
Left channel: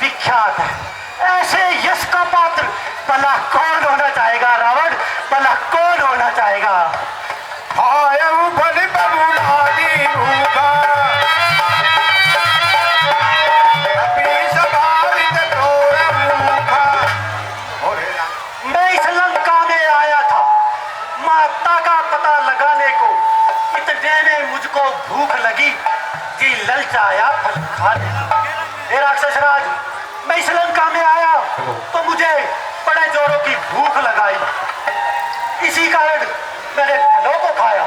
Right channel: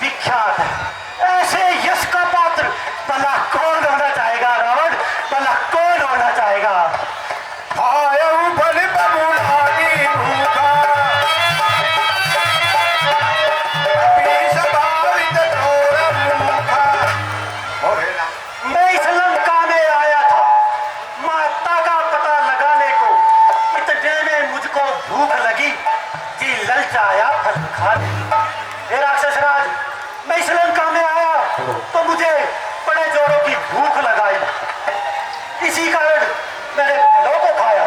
विख्यात है। ऐसे यश का पात्र भला कौन होना चाहेगा रावण, भला कौन होना चाहेगा। आयु बल बबुलानी भूखा, मैं इस लंका में आया था माता का पता लगाने को, इतने में मुझको भूख लगी जी ललचाया फल खा ले। हे राक्षसराज, मैं इस लंका में आया तो मुझे बड़े जोरों की भूख लगाई। इसी कारण मैंने फलों को खाया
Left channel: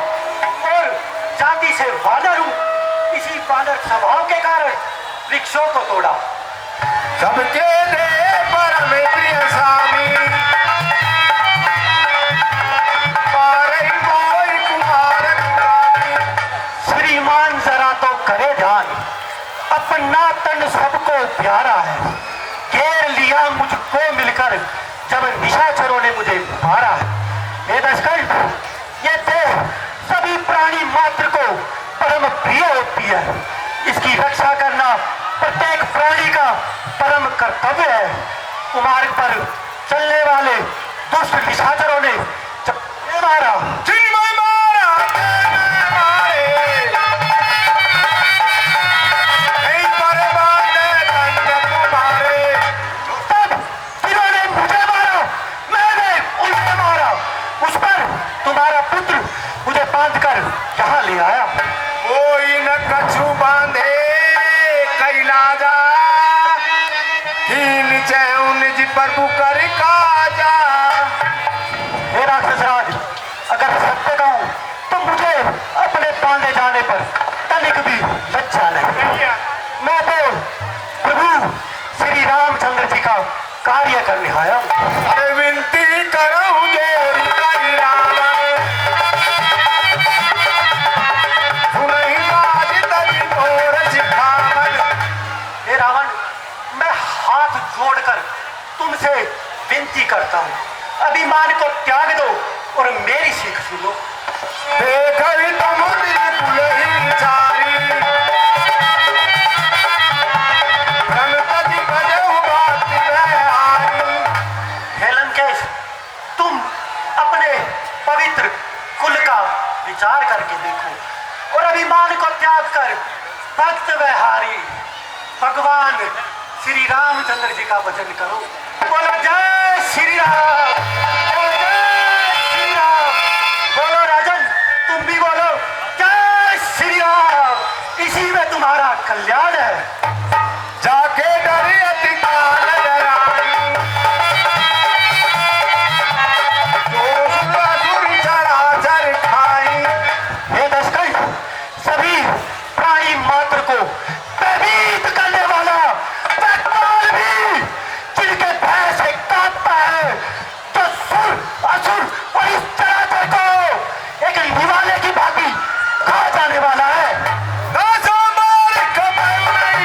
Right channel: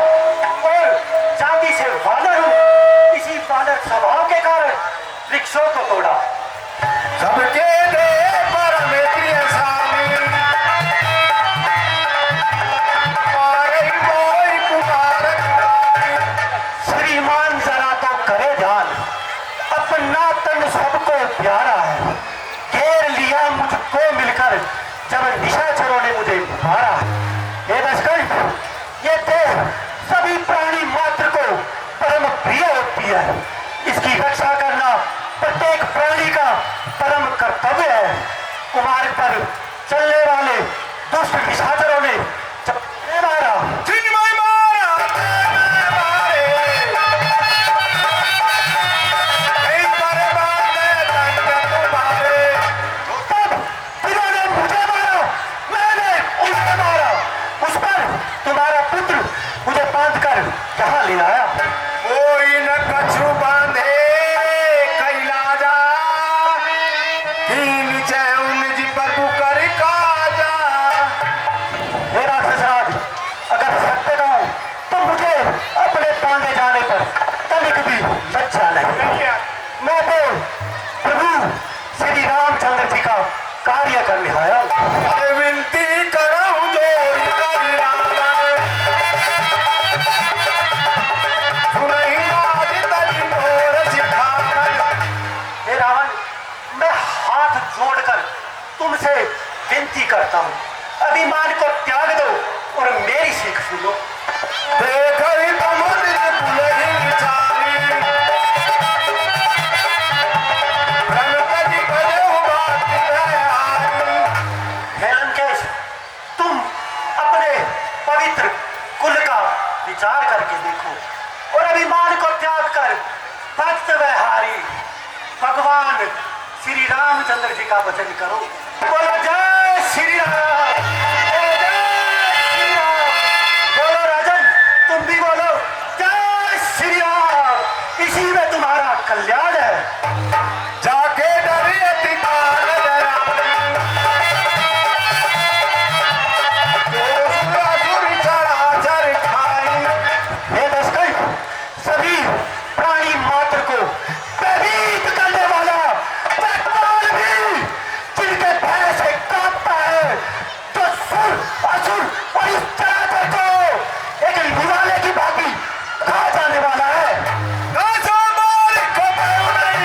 और जाति से वानर हूं। इसी वानर स्वभाव के कारण वृक्षों को तोड़ा। सबके दे परम प्रिय स्वामी, मारे मोई कुमार कुमारी। श्रीमान जरा तो करे ध्यान, अपना तन सबको प्यारा है। घेर लिया मुझको मिलकर जब निशाचरों ने मुझे मारा। हे दशकल्प, ये देह सभी प्राणी मात्र को परम प्रिय होती है। इसकी रक्षा करना प्रत्येक प्राणी का परम कर्तव्य है। कुमार पर चलने वाले दुष्ट निशाचरों ने जब मारा तुम्हारा पुत्र मुझे बांधकर यहाँ ले आया। कोई न कछु बांधे कैलाजा, हीन चैन जी प्रभु कर काजा। हे राक्षसराज, अगर सत्य कहूं तो मुझे अपने बांधे जाने पर तनिक भी लज्जा नहीं। मैं तो प्रभु श्री रामचंद्र जी का कार्य करने आया हूँ। विनती करूं जोरी करी रावण, सुनहि बाज तरी मोर सिखावन। हे रावण, मैं हाथ जोड़कर तुमसे विनती करता हूँ, अभिमान को त्याग दो और मेरी सीख सुनो। देखहि तुम पुलहि चारी, रंगति बजहु बात बिहारी। हे लंकेश, तुम अपने पवित्र कुल का विचार करके देखो और अभिमान को त्याग कर भक्त व्यवहारी भगवान श्री रामचंद्र जी का वचन करो। बोलो जय श्री राम, बोलो जय श्री राम। बोलो राजन, तुम भी बोलो जय श्री राम। इसी में तुम्हारा कल्याण है। जाके डरे अति काल डराई, तो असुर चराचर खाई। हे दशकल्प, सभी प्राणी मात्र को भयभीत करने वाला भगवान भी जिनके भय से कांपता है, तो सुर असुर और इस चराचर को एक निवाले की भांति खा जाने वाला है। दासा मार कपड़े उड़ाई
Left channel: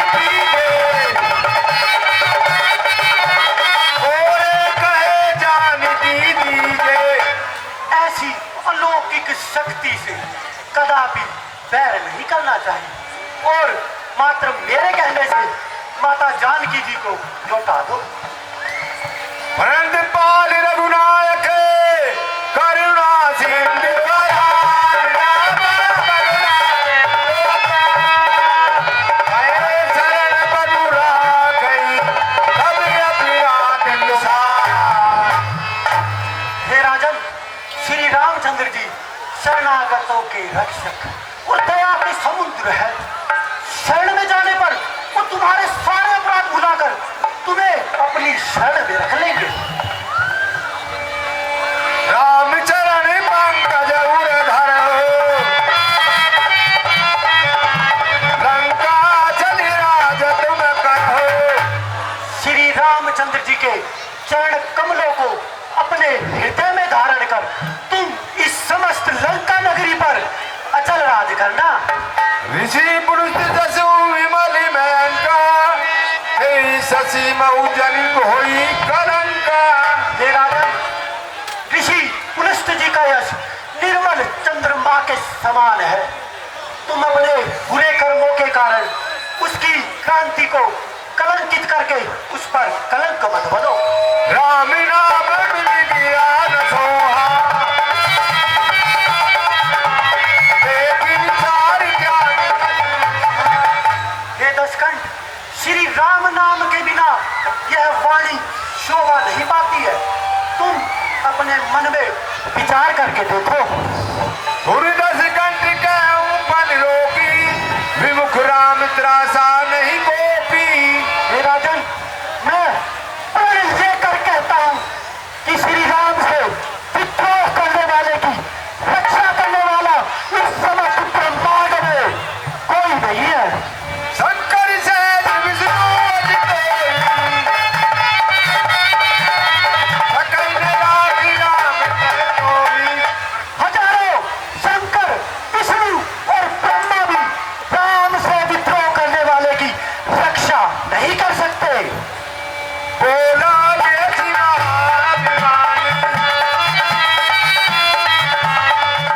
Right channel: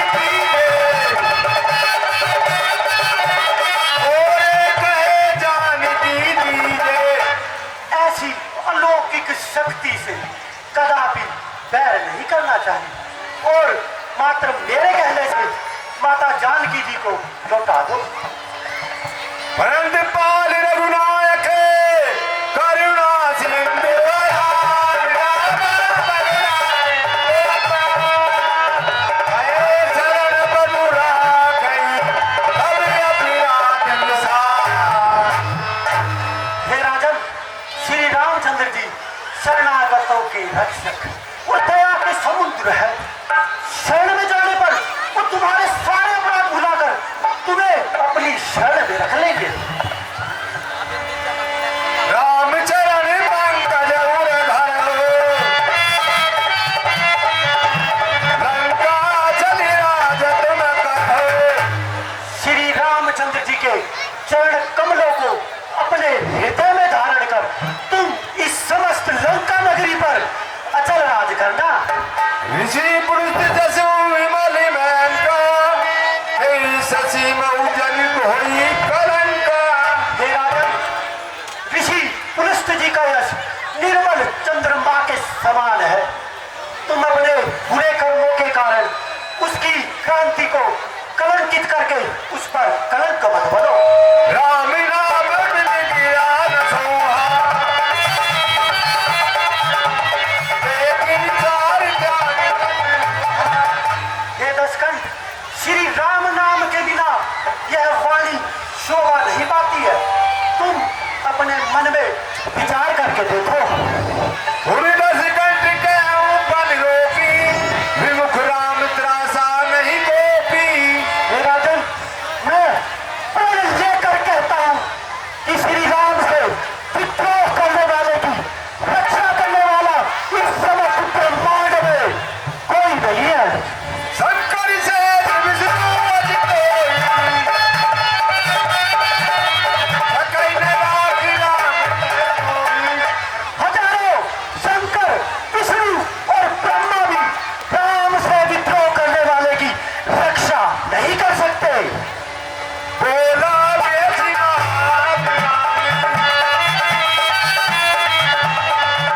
बैर नहीं करना चाहिए और मात्र मेरे कहने से माता जानकी जी को लौटा दो। परंतु पाल रघुनायक करुणा सिंधु दयाल राम बलिराम गए शरण बबुरा गई अब अपनी रात अनुसार। हे राजन, श्री रामचंद्र जी शरणागतों के रक्षक और दया के समुद्र है। शरण में जाने पर वो तुम्हारे सारे अपराध भुलाकर तुम्हें अपनी शरण में रख लेंगे। रामचरण पंकज उर धरो लंका चली राज तुम कहो। श्री रामचंद्र जी के चरण कमलों को अपने हृदय में धारण कर तुम इस समस्त लंका नगरी पर अचल राज करना। ऋषि पुरुष दसु विमल मैंका शशि मऊ जनित होई कलंका। हे राजन, ऋषि पुलस्त जी का यश निर्मल चंद्रमा के समान है। तुम अपने बुरे कर्मों के कारण उसकी क्रांति को कलंकित करके उस पर कलंक मत बनो। राम नाम ज्ञान सोहा लेकिन सार त्याग। हे दशकंठ, श्री राम नाम के बिना यह वाणी शोभा नहीं पाती है। तुम अपने मन में विचार करके देखो। दस कंठ के ऊपर रोपी विमुख राम त्रासा नहीं गोपी। हे राजन, मैं प्रण लेकर कहता हूँ कि श्री राम से विद्रोह करने वाले की रक्षा करने वाला इस समय ब्रह्मांड में कोई नहीं है। शंकर से विष्णु कोई सकल राखी राम कर कोई। हजारों शंकर, विष्णु और ब्रह्मा भी राम से विद्रोह करने वाले की रक्षा नहीं कर सकते। बोला ये अभिमान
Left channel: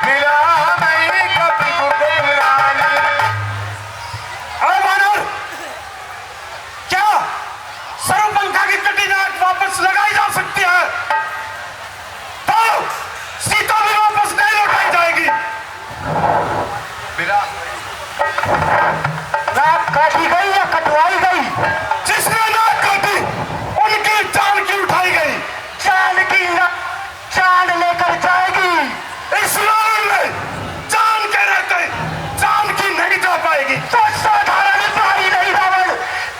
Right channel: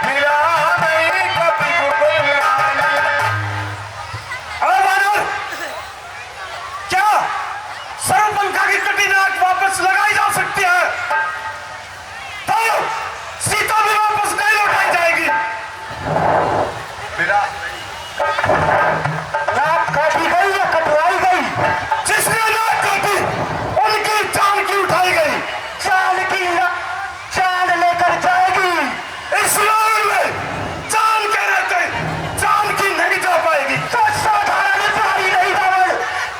मिला नहीं कभी गुरबानी। क्या सर्वपंखा की कटिनाक वापस लगाई जा सकती है तो सीता भी वापस नहीं लौटाई जाएगी। नाक काटी गई या कटवाई गई? जिसने नाक काटी उनकी जान की उठाई गई। चांद की चांद लेकर जाएगी। इस लड़ाई में जान के रहते जान की नहीं जा पाएगी। तो साधारण प्राणी नहीं रावण,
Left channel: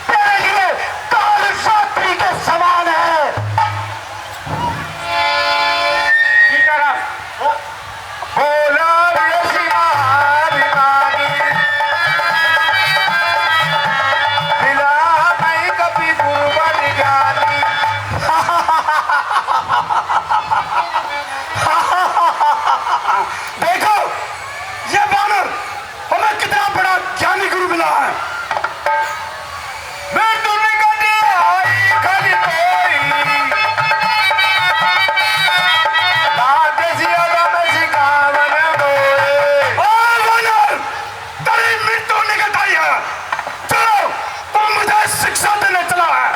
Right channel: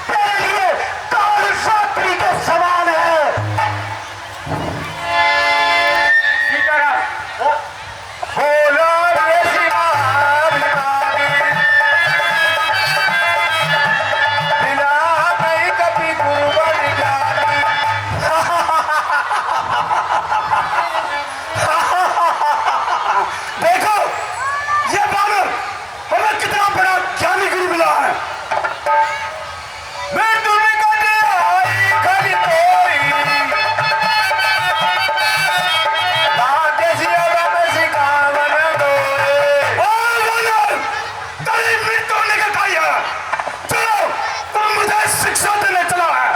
तेरे लिए काल रात्रि के समान है। सीताराम, बोला ये शिवाभिमानी मिला नहीं कभी गुरुवन ज्ञानी। देखो ये बानर हमें कितना बड़ा ज्ञानी गुरु मिला है। मैं तुम्हें कभी आई कभी कोई राधेसी अगम सिखावन डोरे। और बानर तेरी मृत्यु निकल आई है। चलो तुम मुझे शिक्षा देने चला है।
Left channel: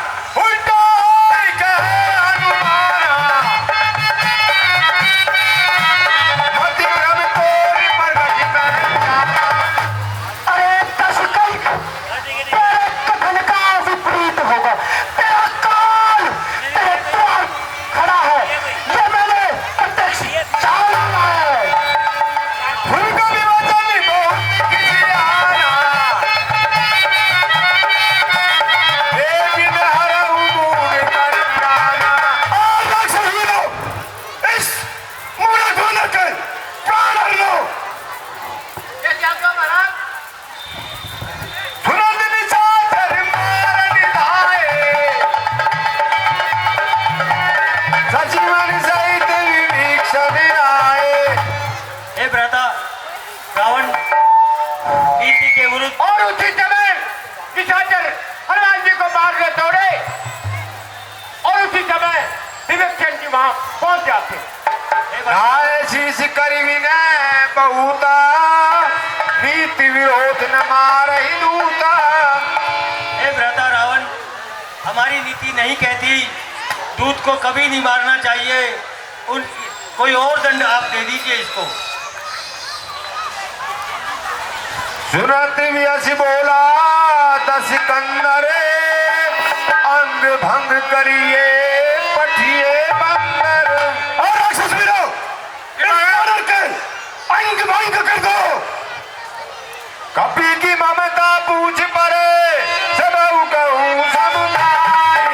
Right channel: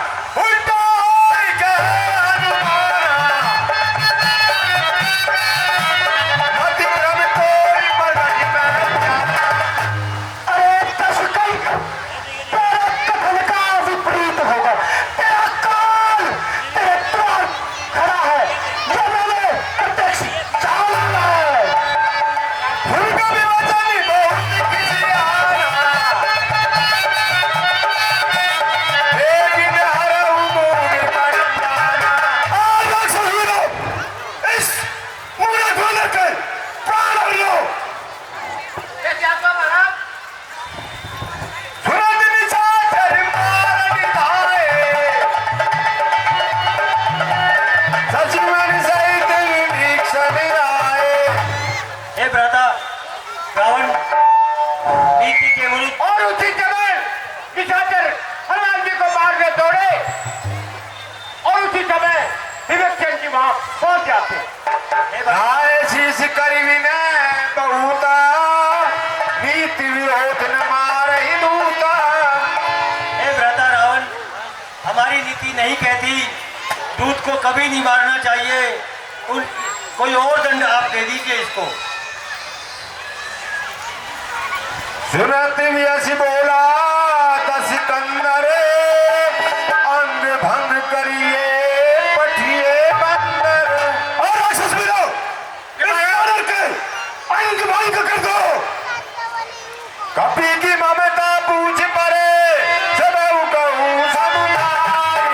उल्टा ही कहे हनुमाना मति भ्रम तोरी मरघट में जाना। अरे दशकंठ, तेरे कथन का विपरीत होगा। तेरा काल तेरे द्वार खड़ा है। ये मैंने प्रत्यक्ष जाना है। उनका भी वचन बहुत किसी आना लेकिन हरऊ मूड पर प्राणा। और राक्षस लो इस मूर्ख वानर के प्राण लो। तुरंत निशाचर मार निधाए सचिवन सहित विभीषण आए। हे भ्राता, रावण नीति के विरुद्ध और उसी समय निशाचर हनुमान जी को मारने दौड़े और उसी समय विवेकचंद जी वहां पहुंच जाते। नाय शीश करी विनय बहुता नीत नीति विरोध न मारहि दूता। हे भ्राता रावण, हमारी नीति नहीं कहती दूत को कभी नहीं मारना चाहिए। कोई और दंड आप दे दीजिए इसको। सुनत व्यस बोला दस कंदरे, अंग भंग करिए पठिए बंदर। और राक्षस वीरों, इस वानर के अंग भंग कर दो। कपि की ममता पूछ पड़े, सबऊ कहूँ समुदाय।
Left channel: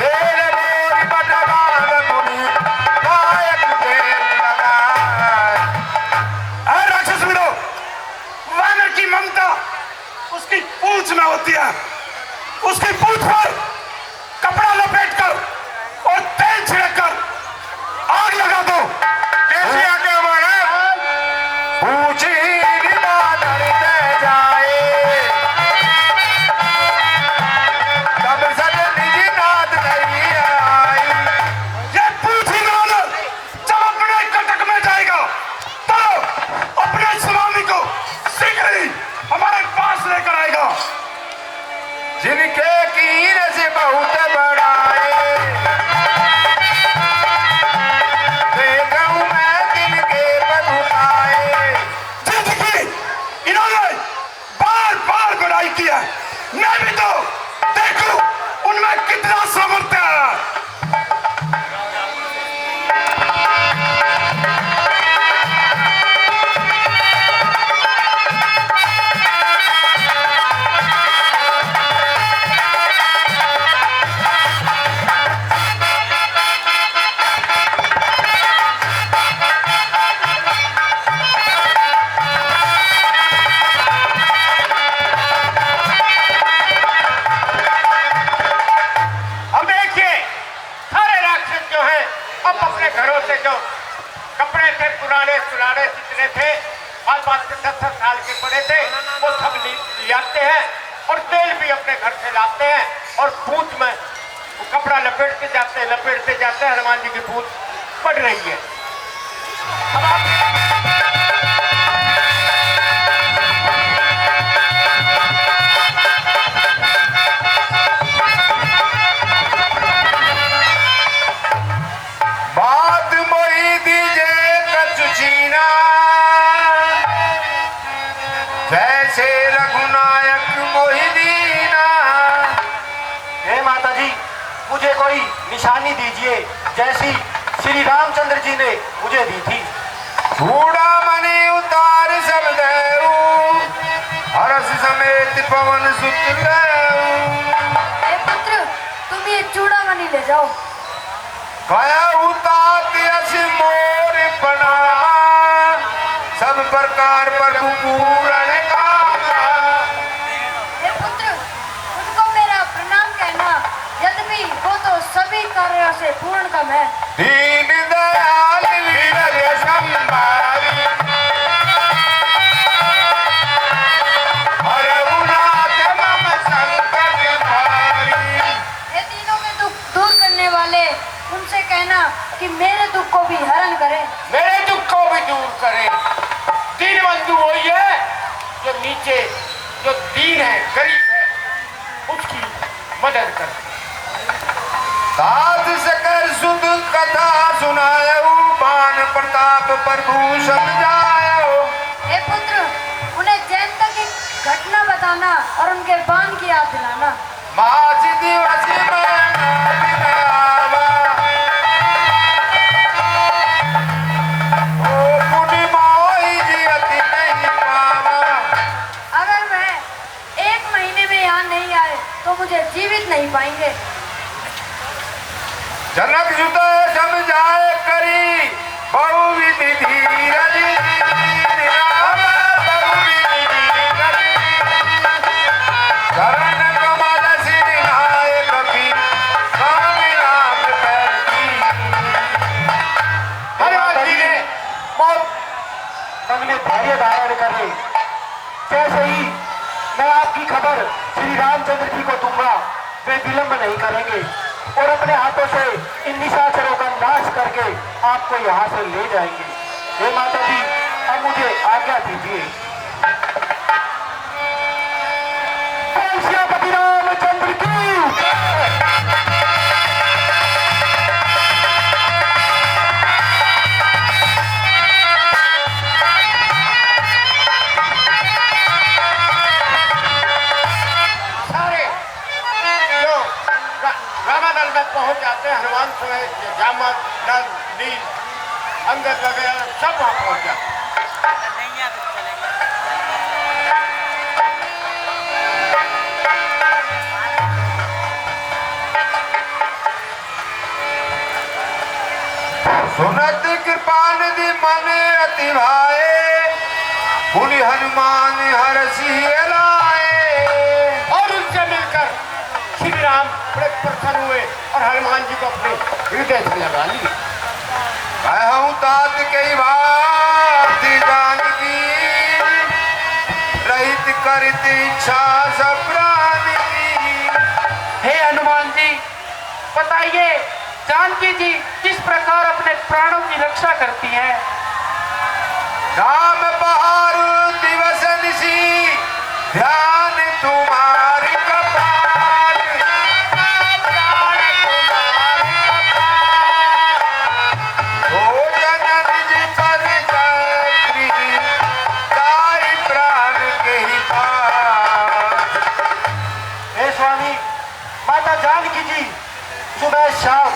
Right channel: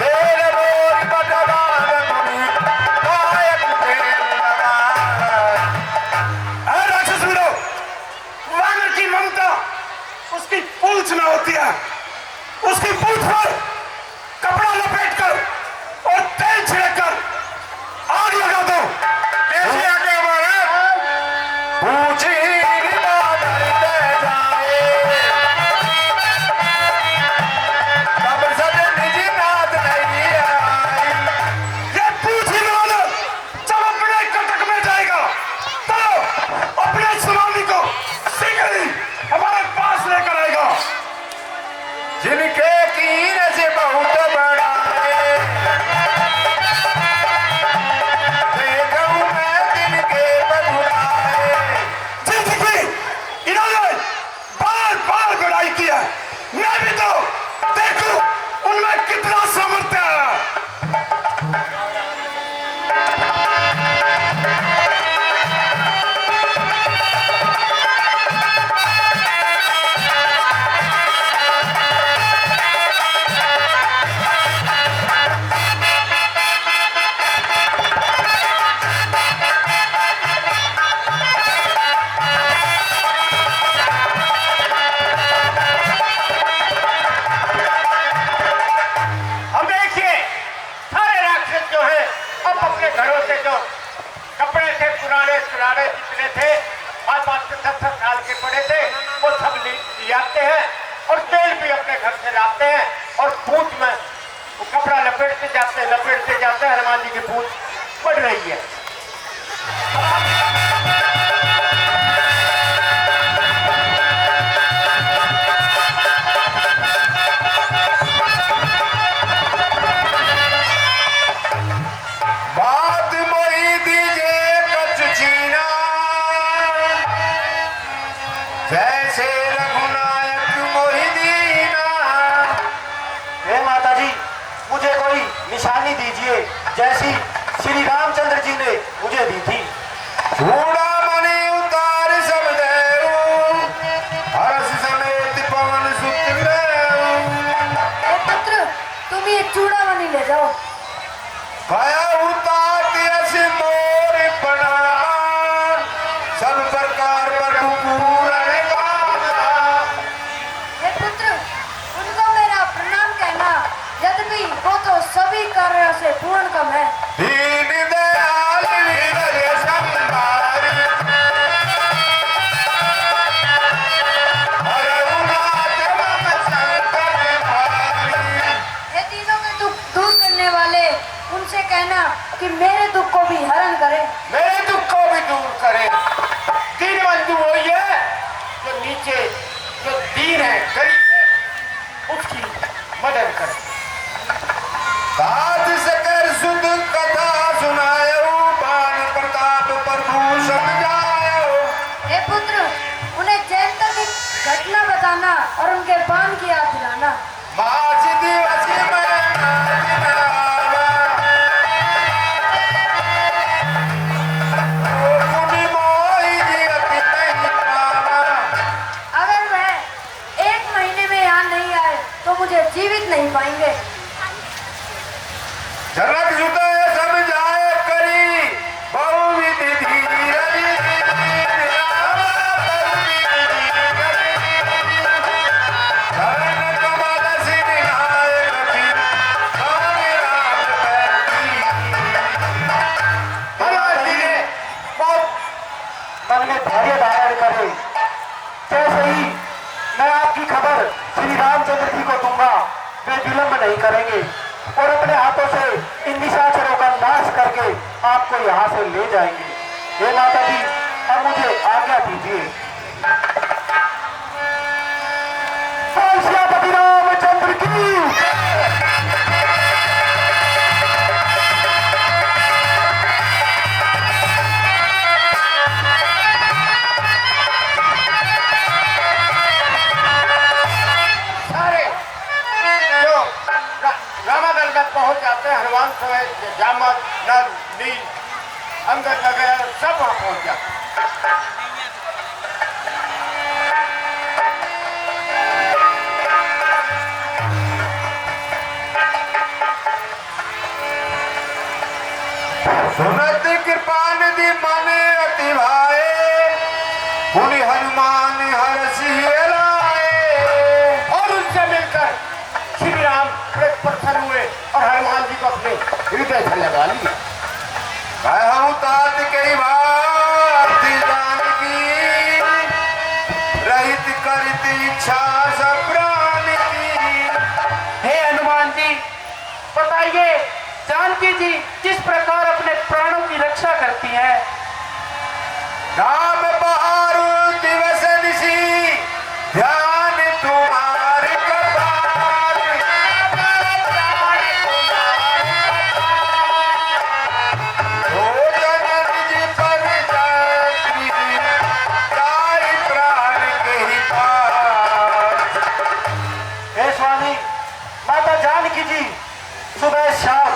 तेल बोल बटवान मुनि, कायक तेल लगाए। और राक्षस वीरों, वानर की ममता उसकी पूंछ में होती है। उसकी पूंछ पर कपड़ा लपेटकर और तेल छिड़ककर आग लगा दो। कैसे आगे हमारा पूछी बादल दे जाए, तब सद निज नाद नहीं आई। ये पूछी वाला जब अपने कटक में जाएगा तो अपने सुनामी को शीघ्र ही हमारे पास लेकर आएगा। जिनके कीन से बहुत बड़ाए, देखूं मैं तिनके बदुलाए। जिंदगी इन्होंने बार बार बुराई की है, मैं भी तो देखूं उनमें कितना सामर्थ्य है। अब देखिए, सारे राक्षस जो हैं अब अपने घरों से जो कपड़े थे पुराने सुराने जितने थे, 5-5 से 10 साल के पड़े थे, वो सब ले आते हैं और तेल भी अपने घर से लाते हैं और पूंछ में वो कपड़ा लपेटते जाते हैं। हनुमान जी की पूंछ बढ़ रही है। बात मोही दीजे कछु छीना, जैसे रघुनायक मोहि दीना। हे माता जी, मुझे कोई निशानी दीजिए जैसी श्री रामचंद्र जी ने मुझे दी थी। चूड़ामणि उतार सब देऊ, हर्ष समेत पवन सुत लेऊ। हे पुत्र, तुम ये चूड़ामणि ले जाओ। कया उतात यस मोर प्रणाम, सब प्रकार प्रभु पूरण कामा। हे पुत्र, उनको मेरा प्रणाम कहना, यद्यपि वो तो सभी कार्यों से पूर्ण कम है। दीन दयाल विरज संभारी, रघुनाथ मम संकट भारी। हे तीनों के दुख दूर करने वाले, उनसे कहना कि मेरे दुख को भी हरण करे। मेरे दुख को भी दूर करे। दीन बंधु वही है जो नीचे जो दीन है, गरीब है, उसकी मदद करे। साध सकर सुध कथा सुनायो, बाण प्रताप प्रभु समझायो। हे पुत्र, उन्हें जयंता की घटना बताना और उनके बाण की याद दिलाना। मास दिवस में दिन आवा, ओ पुनि मोहि जियति नहीं पावा। अगर मैं 1 महीने में यहाँ नहीं आए तो मुझे जीवित नहीं पाएंगे। जनक हृदय समझाए करी, बहुविधि धीरज निरावा, बहुविधि धीरज। चरण कमल सिर नाय कपि, स्वामी नाथ पैठी। हनुमान जी ने बहुत तनिए धैर्य धारण करे। जैसे ही मैं आपकी खबर श्री रामचंद्र जी को दूंगा, वे विलंब नहीं करेंगे और अपने हाथों से इन निशाचरों का नाश करके आपको यहाँ से ले जाएंगे। हे माता जी, अब मुझे आज्ञा दीजिए। सियापति रामचंद्र की। सारे जो रामानंद तक पहुंच जाते हैं, हनुमान समय जामवंत नल नील अंगद वगैरह सब वहां पहुंच जाते हैं। सुनत कृपा निधि मन अति भाए, मुनि हनुमान हर सिंह लाए। और उनसे मिलकर श्री राम बड़े प्रसन्न हुए और हनुमान जी को अपने हृदय से लगा लिए। कहूँ तात कई बात जानती, रहित करित इच्छा सब प्राणी की। हे हनुमान जी, बताइए जानकी जी किस प्रकार अपने प्राणों की रक्षा करती हैं? राम बहार दिवस निशी, ध्यान तुम्हारे कपाल। हो जनन जी पद चक्री, ताई प्राण के ही पास। हे स्वामी, माता जानकी जी सुबह शाम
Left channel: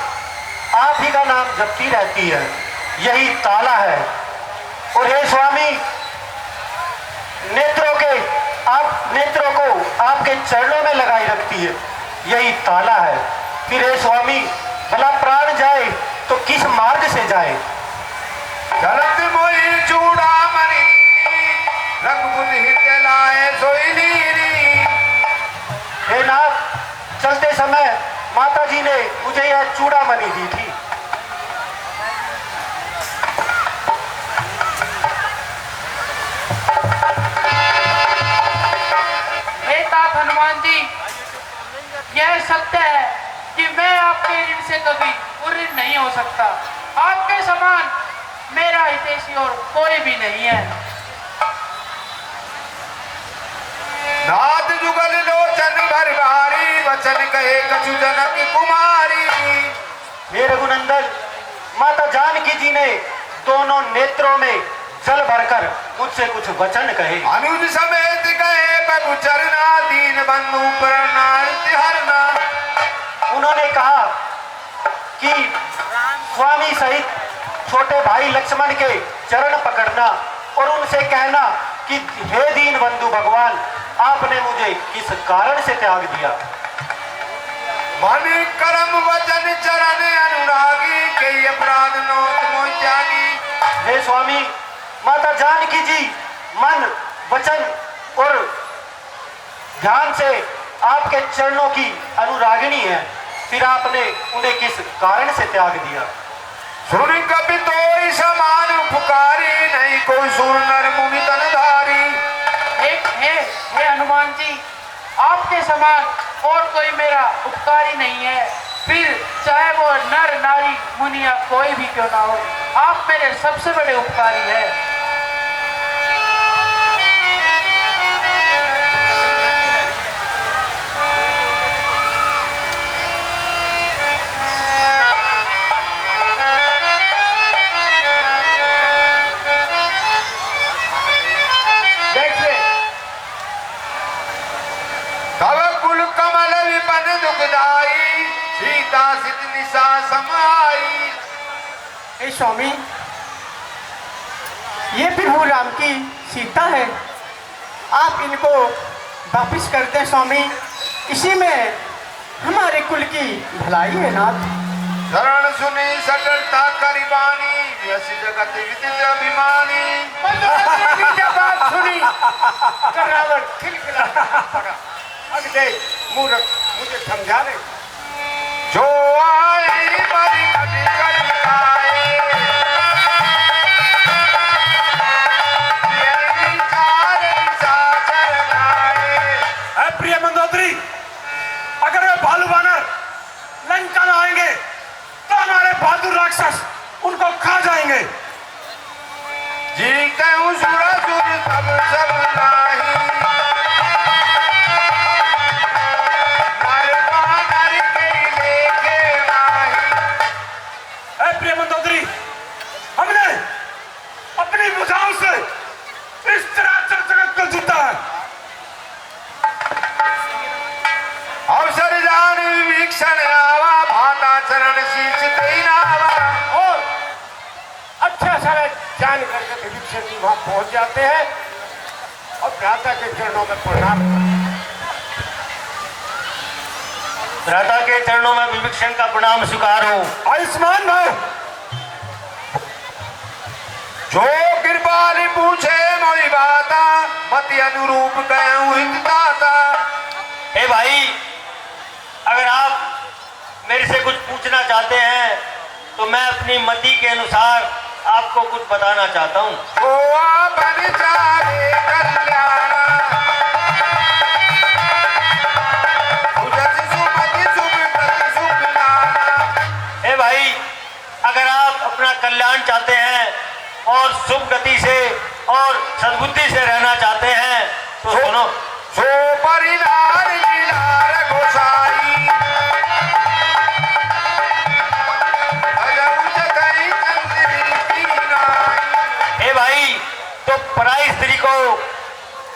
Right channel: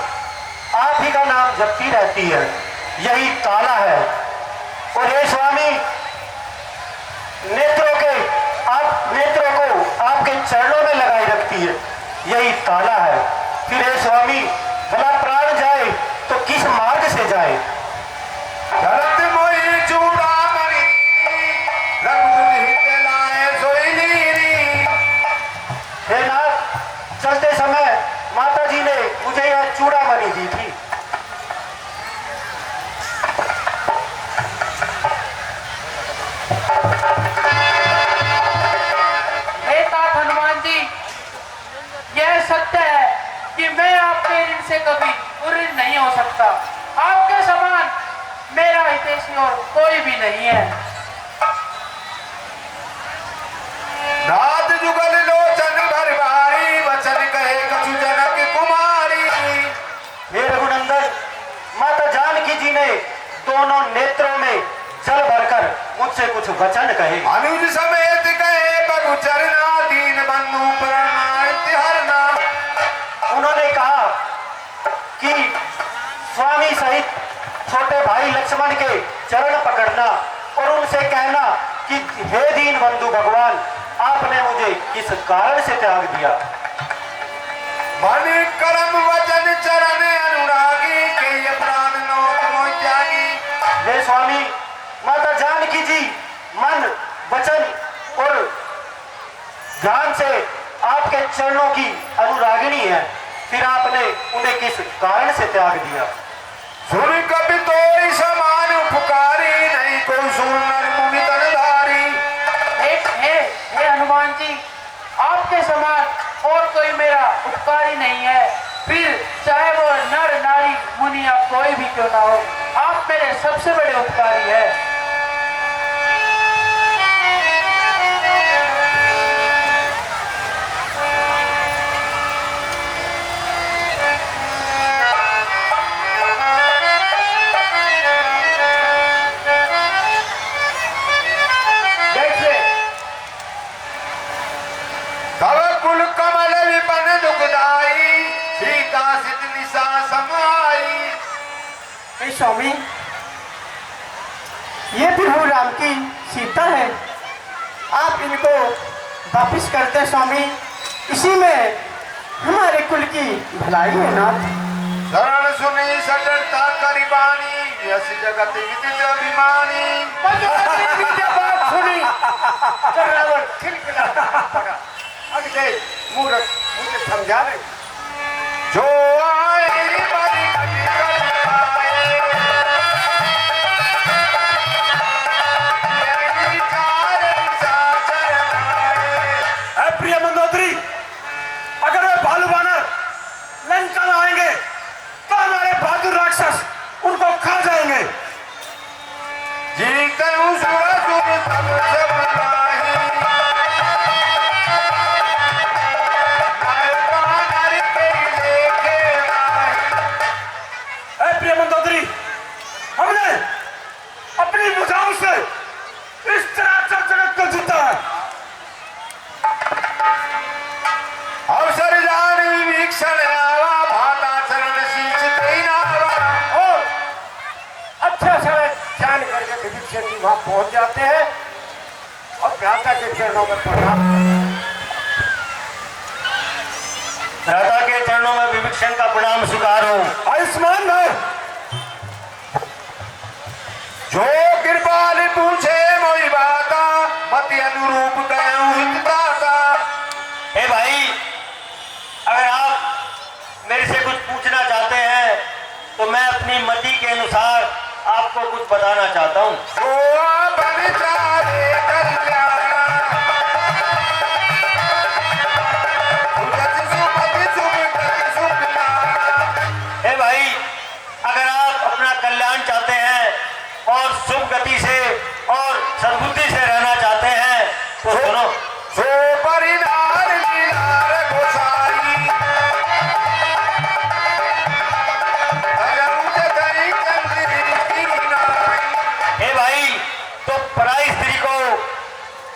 आप ही का नाम जपती रहती है, यही ताला है। और हे स्वामी, नेत्रों को आपके चरणों में लगाई रखती है, यही ताला है। फिर हे स्वामी, भला प्राण जाए तो किस मार्ग से जाए? धरत मोहि चूड़ामणि, रघुपति हित लाए सोई लीरी। हे नाथ, चलते समय माता जी ने मुझे यह चूड़ामणि दी थी। हनुमान जी, यह सत्य है कि मैं आपके ऋण से कभी ऋण नहीं हो सकता। आपके समान मेरा हितैषी और कोई भी नहीं है। नाथ जुगल लोचन भर भारी, वचन कहे कछु जनक कुमारी। हे रघुनंदन, माता जानकी जी ने दोनों नेत्रों में जल भरकर मुझसे कुछ वचन कहे। अनुज समेत कहे प्रभु चरना, दीन बंधु हरना। उन्होंने कहा कि स्वामी सहित छोटे भाई लक्ष्मण के चरण पकड़ना और उनसे कहना कि हे दीन बंधु भगवान, आपने मुझे किस कारण से त्याग दिया? मन कर्म वचन चरण अनुरागी, के प्राण नो तुम त्यागी। हे स्वामी, माता जानकी जी मन वचन और ध्यान से आपके चरणों की अनुरागिणी है, फिर आपने उन्हें किस कारण से त्याग दिया? सुन कपि तोई समान उपकारी, नहीं कोई सुन नर मुनि तनधारी। हे हनुमान जी, आपके समान और कोई मेरा उपकारी नहीं है, फिर चाहे वो नर नारी मुनि या कोई भी क्यों ना हो, आप मेरे सबसे बड़े उपकारी हैं। तव कुल कमल विपन दुखदाई, सीता सित निशा समाई। हे स्वामी, ये प्रभु राम की सीता है, आप इनको वापिस करते स्वामी, इसी में हमारे कुल की भलाई है नाथ। शरण सुनी सटरता करीबानी, यश जगत विदित अभिमानी। बात सुनी करावट खिलखिलाता पड़ा। अगले मूर्ख मुझे समझा ले, जो आए बड़ी गति कर पाए, यही कारण साकर आए। प्रिय मंदोदरी, अगर वे भालू बानर लंका में आएंगे तो हमारे बहादुर राक्षस उनको खा जाएंगे। अब सब नाही नर बानर के लेके नाही। प्रिय मंदोदरी, हमने अपनी भुजाओं से इस तरह जगत को जीता है। अवसर जान विभीषण आवा भाता चरण शीश नावा। और अच्छा समय जान करके विभीषण जी वहां पहुंच जाते हैं और भ्राता के चरणों में प्रणाम। भ्राता के चरणों में विभीषण का प्रणाम स्वीकार हो। आयुष्मान भाव, जो कृपाल पूछे मोई बाता मति अनुरूप दयु हितदाता। हे भाई, अगर आप मेरे से कुछ पूछना चाहते हैं तो मैं अपनी मति के अनुसार आपको कुछ बताना चाहता हूँ। हे भाई, अगर आप अपना कल्याण चाहते हैं और शुभ गति से और सद्बुद्धि से रहना चाहते हैं तो सुनो। सो परिवार लीलार गोसाई हे भाई, तो पराई स्त्री को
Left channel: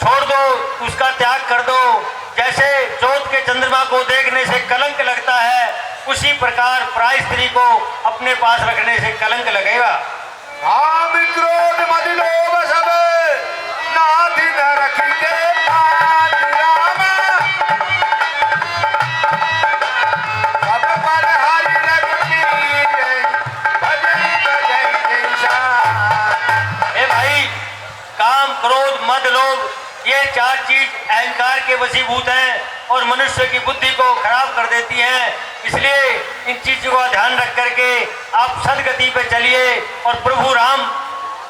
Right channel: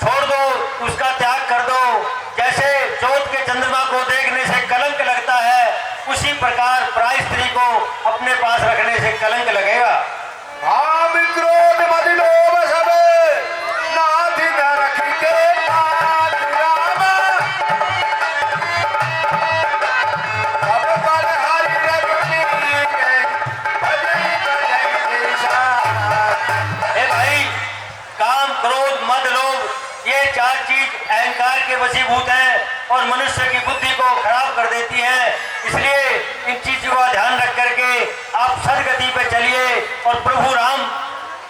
छोड़ दो, उसका त्याग कर दो। जैसे चौथ के चंद्रमा को देखने से कलंक लगता है, उसी प्रकार पराई स्त्री को अपने पास रखने से कलंक लगेगा। काम क्रोध मद लोभ सब नाथ न रख के पात राम। सब पर हरि रघुवीर भजन भजन देशा। हे भाई, काम क्रोध मद लोभ ये चार चीज अहंकार के वशीभूत हैं और मनुष्य की बुद्धि को खराब कर देती हैं। इसलिए इन चीजों का ध्यान रख करके आप सदगति पे चलिए और प्रभु राम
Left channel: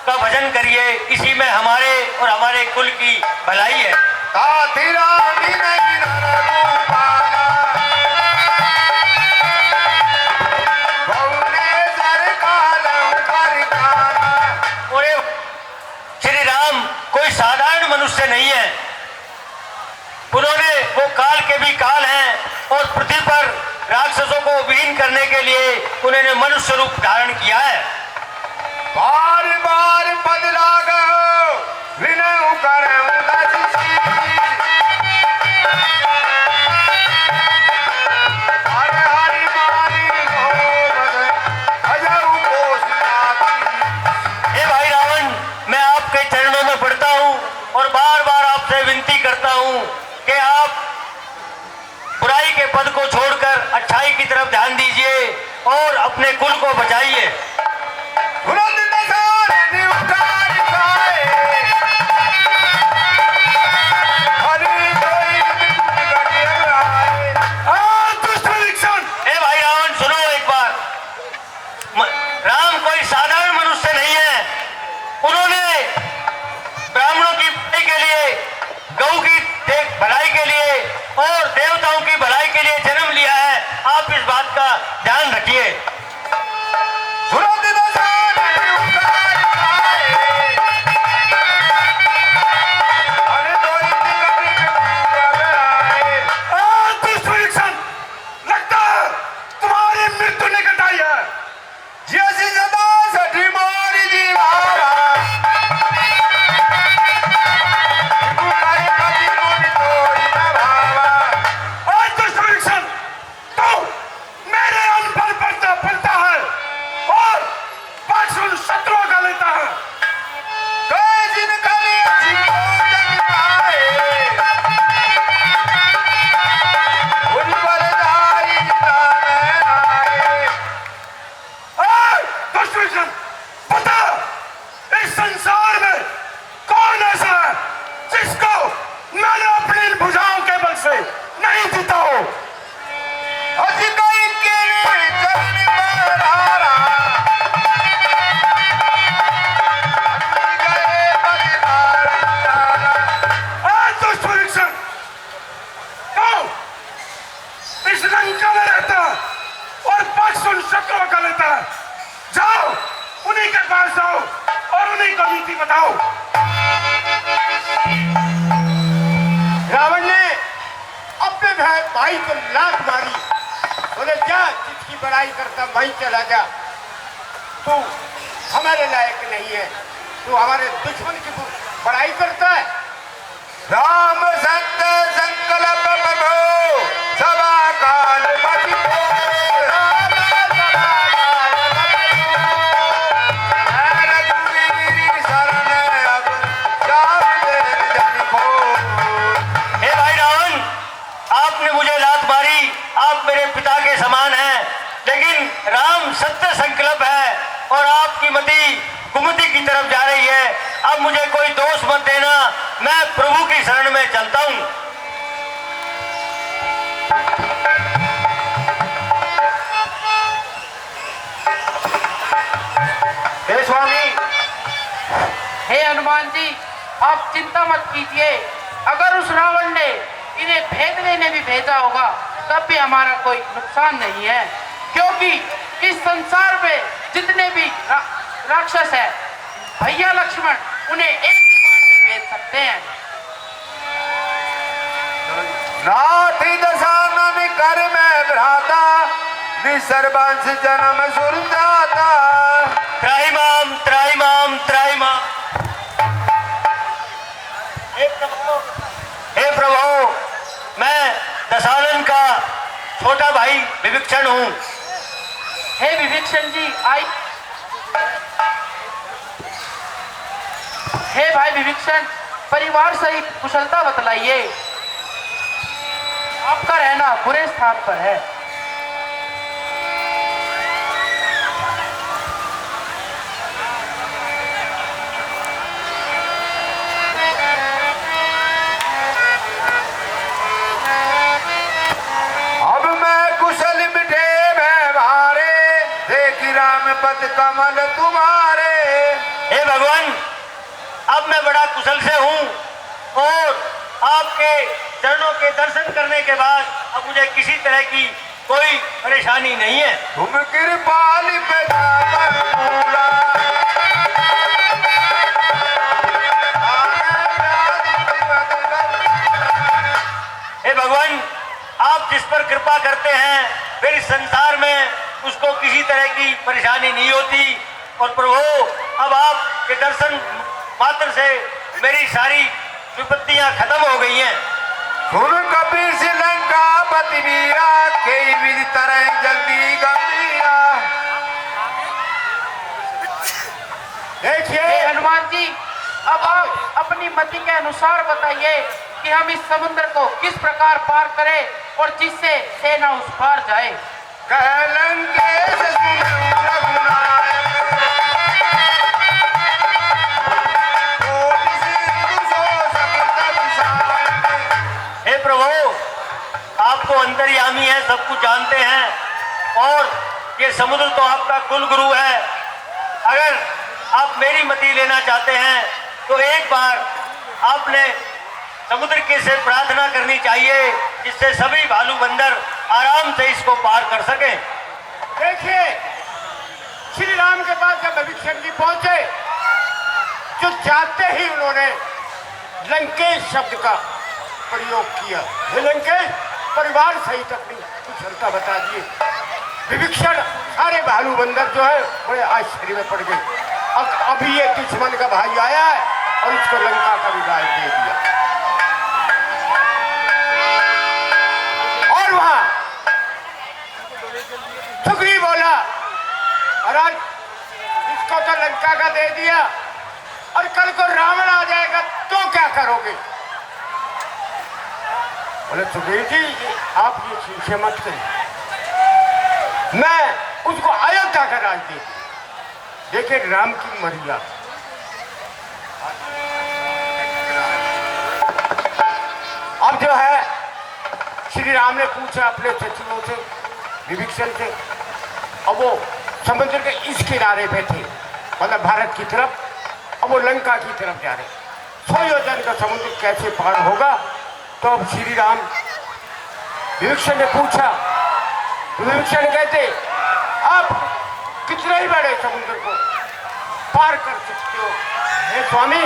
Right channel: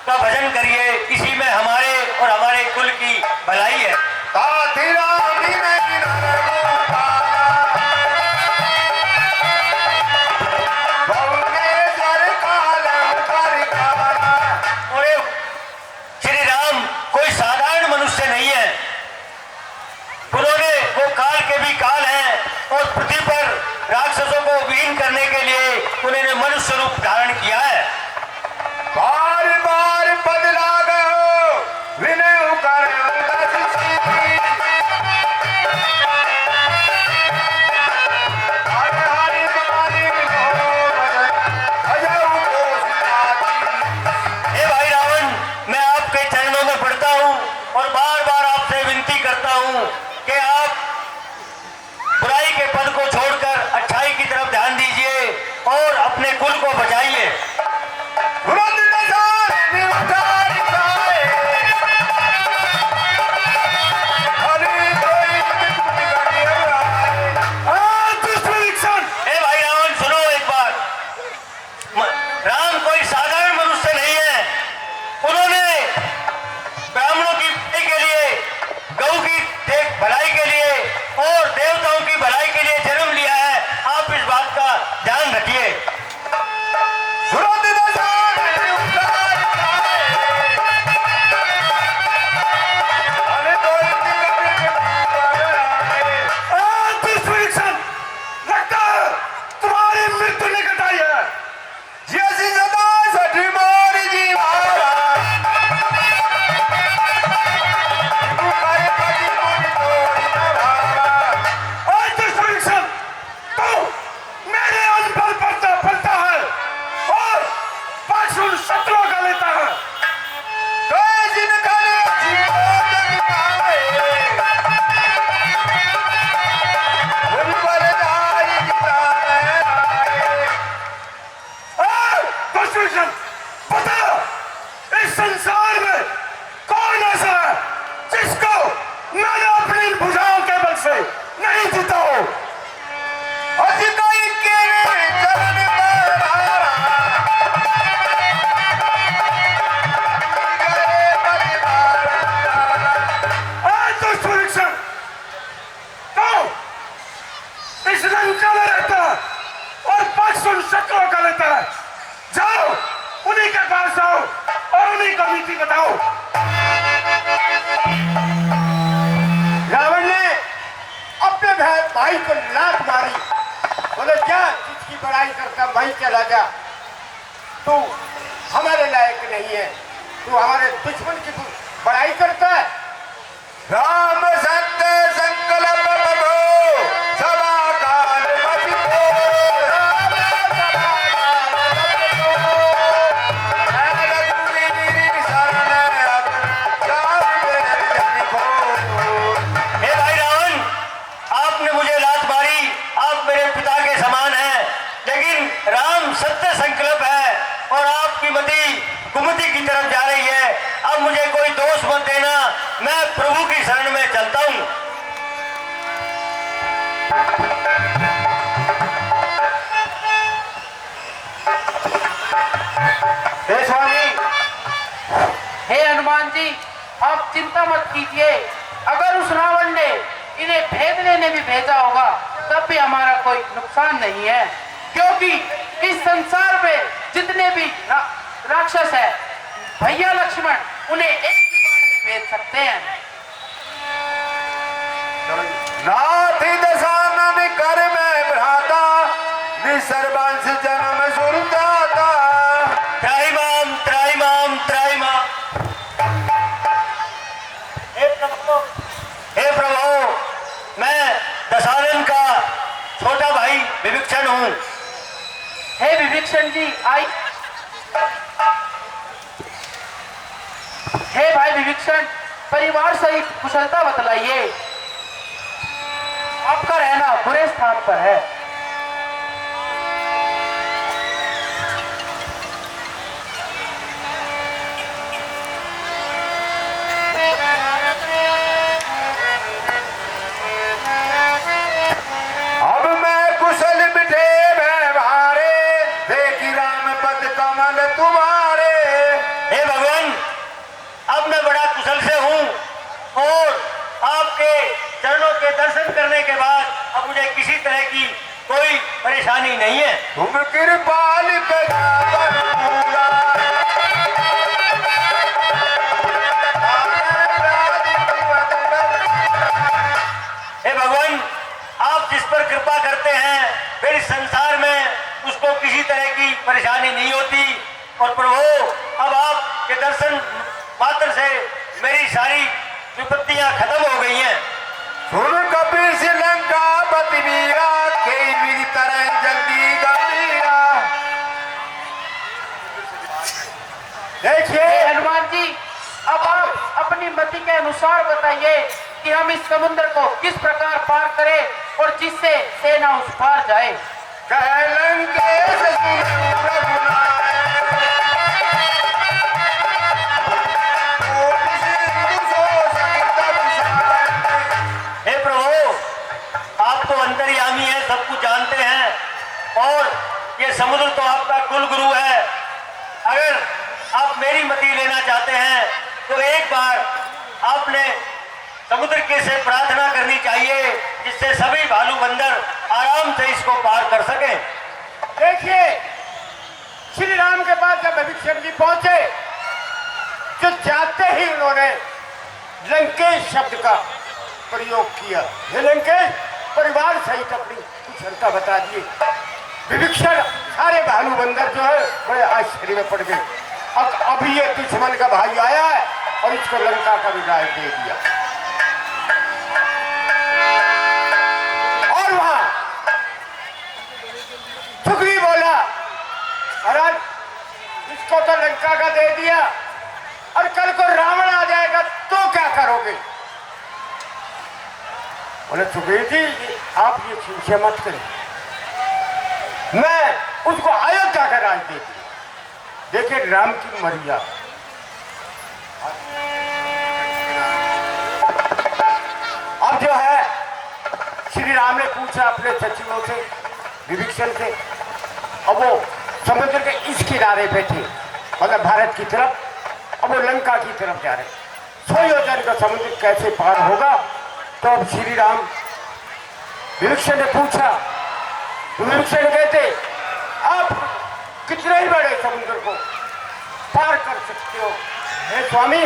का भजन करिए। इसी में हमारे और हमारे कुल की भलाई है। ताति राम नहीं नररूपाना भुवनेश्वर कालम परिकारा। और श्री राम कोई साधारण मनुष्य नहीं है। उन्होंने वो काल के भी काल हैं और पृथ्वी पर राक्षसों को विलीन करने के लिए उन्होंने मनुष्य रूप धारण किया है। बार बार पद लागो विनय करम दर्शी। हर हरि मारी गोवर्धन अजऊ कोशिलाती। हे भाई रावण, मैं आपके चरणों में पड़ता हूँ और बार बार आपसे विनती करता हूँ कि आप बुराई के पद को छोड़कर अच्छाई की तरफ ध्यान दीजिए और अपने कुल को बचाइए। तुरंत नजारे उतार पाए हरि कोई हे भाई रावण, सुनो एक बार। राम कोई साधारण मनुष्य नहीं है। उन्होंने ब्राह्मणों की भलाई के लिए, गौ की भलाई के लिए और देवताओं की भलाई के लिए जन्म लिया है। आप इस बात का ध्यान रखिए। तुरंत नजारे उतार पाए हरि कोई लगता है तुम्हारी मृत्यु निकट आई है। जैसी सदा सठी मोरी दीवारा तुम्हारे पति मुझ तोड़ी न भावा। आज दुष्परीक्षण तो मेरे अनपढ़ पर फलता है और पाछुल शत्रुओं का लेता है। कई दिन खड़े जीवन पाए उन पर दाई जिताने आए। दुष्परीक्षण, बता इस संसार में कौन ऐसा है जिसको मैंने अपनी भुजाओं के बल से नहीं जीता हो। अति कोई के चरण बहारा गए परिवार आज दुष्परीक्षण तो इस लंका में रहता है और पाछुल शत्रुओं का लेता है। जाओ, उन्हीं के पास जाओ और उन्हीं को नीति बताओ। रावण ने अपने भाई को लात मारी, बोले जा जिसकी बड़ाई करता वही चला जा, तू हमारे लायक नहीं है, तू हमारे दुश्मन की बड़ाई करता है। राम सत्य संकल्प प्रभु सभा काल मति बोल। रघुवीर शरण अब जान जन को। हे भाई रावण, आपने मुझे लात मारी, आप मेरे पिता के समान हैं, लेकिन राम सत्य संकल्प है और आपकी मति कुमति की तरफ जा रही है। अब मुझे कोई दोष मत देना, मैं प्रभु की शरण में चलता हूं। हे स्वामी, हे हनुमान जी, आप चिंता मत कीजिए। अगर उस रावण ने इन्हें भेजने में भी भेजा होगा तब भी हमारा कोई नुकसान नहीं है, क्योंकि इस संसार में जितने भी राक्षस है, भैया लक्ष्मण उन्हें एक ही बार में भेज सकते हैं। नाथी दशानन कर में भ्राता, निसर्वांश जन्म सुर जाता। त्राहिमाम त्राहिमाम त्राहिमाम। हे प्रभु, मैं दशानन का छोटा भाई विभीषण हूँ। हे विभीषण जी, आई। हे भाई विभीषण, परिवार सहित कुशलता बतलाइए। आपका रहना बुरे स्थान पर है। अब मैं कुशल मिठे व्यवहारे, देखी राम पद कमल तुम्हारे। हे भगवान, अब मैं बड़ा कुशल से हूँ और आपके चरणों के दर्शन करने के बाद अब मुझे किसी तरह की कोई परेशानी नहीं है। तुम कृपाल पेदावर पूरा, हे भगवान, आप जिस पर कृपा करते हैं फिर इस संसार में उसको किसी तरह की परेशानी नहीं होती। और प्रभु, अब आपके दर्शन मात्र से मेरी सारी विपत्तियां खत्म हो गई हैं। सुन कपि श्रीलंका पति वीरा, कई विधि तरह जल्दी गंभीरा। देखिए हे हनुमान जी, अब आप अपनी मति के अनुसार बताइए कि हम इस समुद्र को किस प्रकार पार करें और जिससे सेना उस पार जाए। कह लंकेश सुनो रघुनायक, कोटि सिंधु सो सकत विषायक। हे प्रभु, आप तो अंतर्यामी हैं, सब कुछ जानते हैं और ये समुद्र तो आपका कुल गुरु है। अगर आप मेरी मति लेना चाहते हैं तो एक बार आपने समुद्र के से प्रार्थना करनी चाहिए, जिससे सभी भालू बंदर आराम से इसको पार कर सकें। देखिए, श्री राम के पास जब विभीषण जी पहुंचे तो जाते ही उन्होंने लंकेश शब्द का प्रयोग किया। हे लंकेश, परिवार सहित अपनी कुशलता बता दिए। विभीषण सारे भालू बंदर जो है बड़े आश्चर्य में पड़ गए। अब अभी ये दुश्मन का भाई आया है और इसको लंका का विदाई दे दिया। और वहां सुग्रीव बोला, महाराज इसको तो लंका का दे दिया और कल को रावण आ जाएगा तो क्या करोगे? बोले सुग्रीव जी, आप ये चीजें मत करें, मैं उसको अयोध्या का राज दे दूं। देखिए राम की मर्यादा। अब जो है श्री राम ने पूछा अपने सचिवों से, विभीषण से, अब वो समुद्र के इस किनारे पे थे, मतलब भारत की तरफ, अब वो लंका की तरफ जा रहे। 100 योजन का समुद्र कैसे पार होगा? तो अब श्री राम विभीषण ने पूछा, तो विभीषण कहते, आप कितने ही बड़े समुद्र को पार कर सकते हो? हे स्वामी,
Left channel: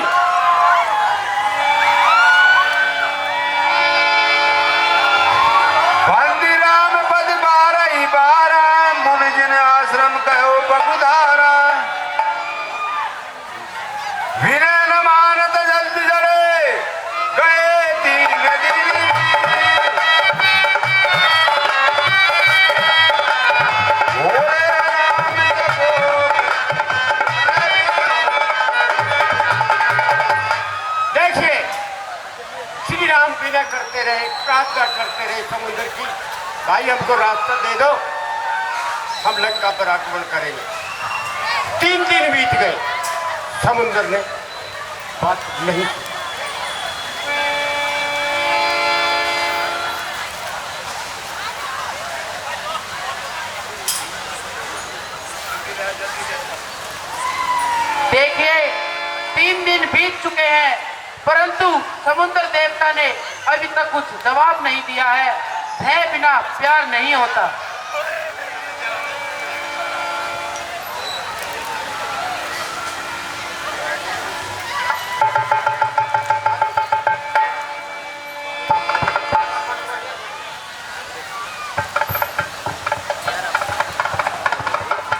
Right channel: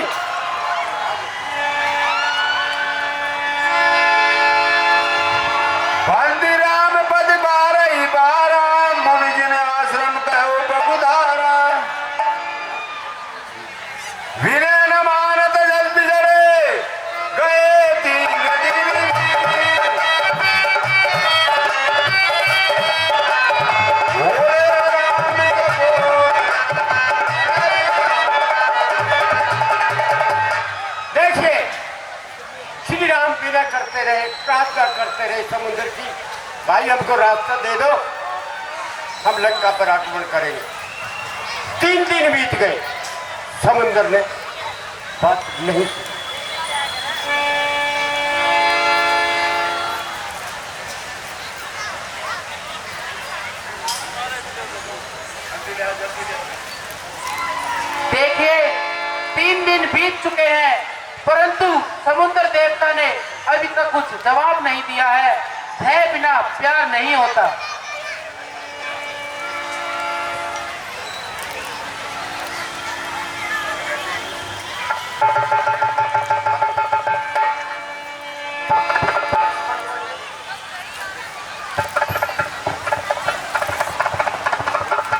विनय न मानत जल बिजड़े गए तीन दिन भोले राम को देखिए श्री राम विनय करते रहे, प्रार्थना करते रहे समुद्र की, भाई हमको रास्ता दे दो, हम लंका पर आक्रमण करेंगे। 3 दिन बीत गए, समुद्र ने बात नहीं की। देखिए 3 दिन बीत चुके हैं, परंतु समुद्र देवता ने अभी तक कुछ जवाब नहीं दिया है। भय बिना प्यार नहीं होता।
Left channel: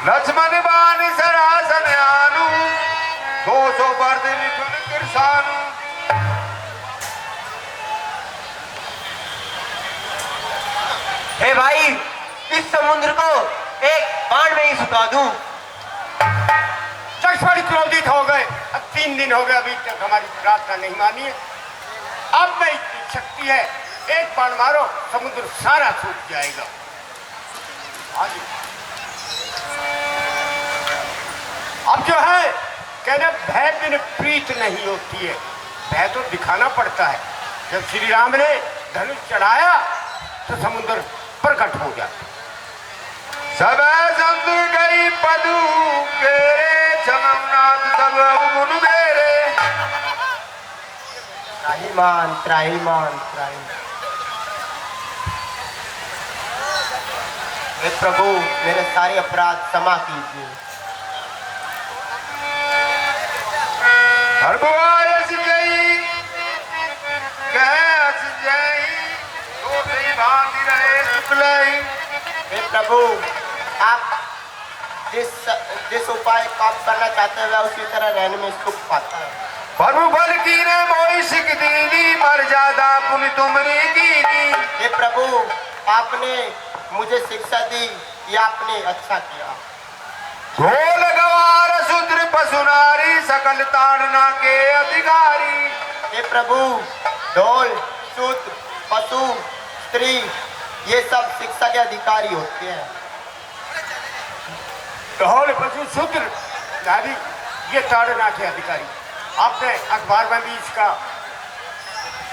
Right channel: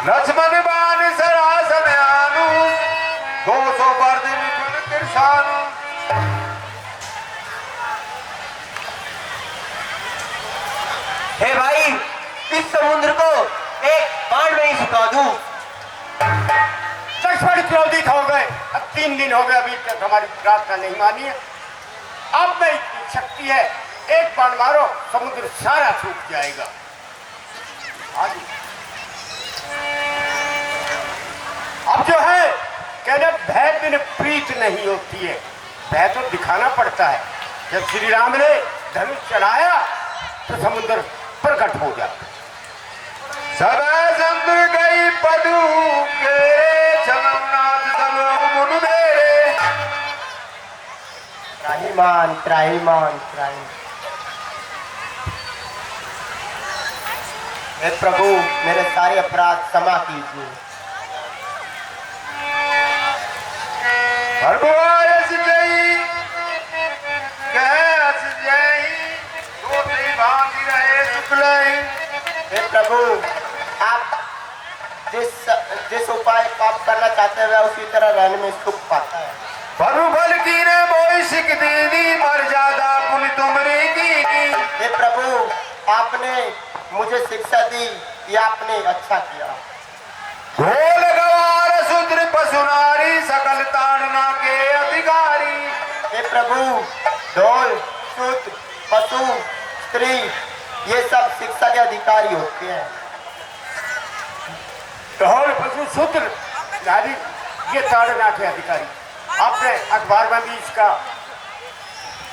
लक्ष्मण बाण सरासन आनु 200 वर्ष निकल किरसानु। हे भाई, इस समुद्र को एक बाण में ही सुखा दूं। लक्ष्मण क्रोधित हो गए। अब 3 दिन हो गए, अभी तक हमारी प्रार्थना नहीं मानी है। अब मैं इतनी शक्ति है, एक बाण मारो समुद्र सारा सूख जाएगा। हाँ जी। अब जो है कहना भय बिन प्रीत नहीं होती है, भय तो दिखाना पड़ता है। जब श्री राम ने धनुष चढ़ाया तो समुद्र प्रकट हो जाता। सब समुद्र गई पदू के जगन्नाथ सब मुन मेरे। त्राहिमाम त्राहिमाम त्राहिमाम। हे प्रभु, मेरे सारे अपराध क्षमा कीजिए। भगवान जय कैस जय दूसरी भांति रहे शुक्लई। हे प्रभु, आप जिस उपाय को आप करना चाहते हैं उसी तरह रहने में सुख पाता है। प्रभु बल की ने मोई सिख दीनी मर्यादा पुनि तुमरी कीनी। हे प्रभु, आपने मुझे शिक्षा दी, ये आपने अच्छा किया। ढोल गवार शूद्र पशुनारी सकल ताड़ना के अधिकारी। हे प्रभु, ढोल शूद्र पशु स्त्री ये सब शिक्षा के अधिकारी होते हैं। ढोल पशु शूद्र नारी ये ताड़ना के अधिकारी। आपने अखबार में भी इसका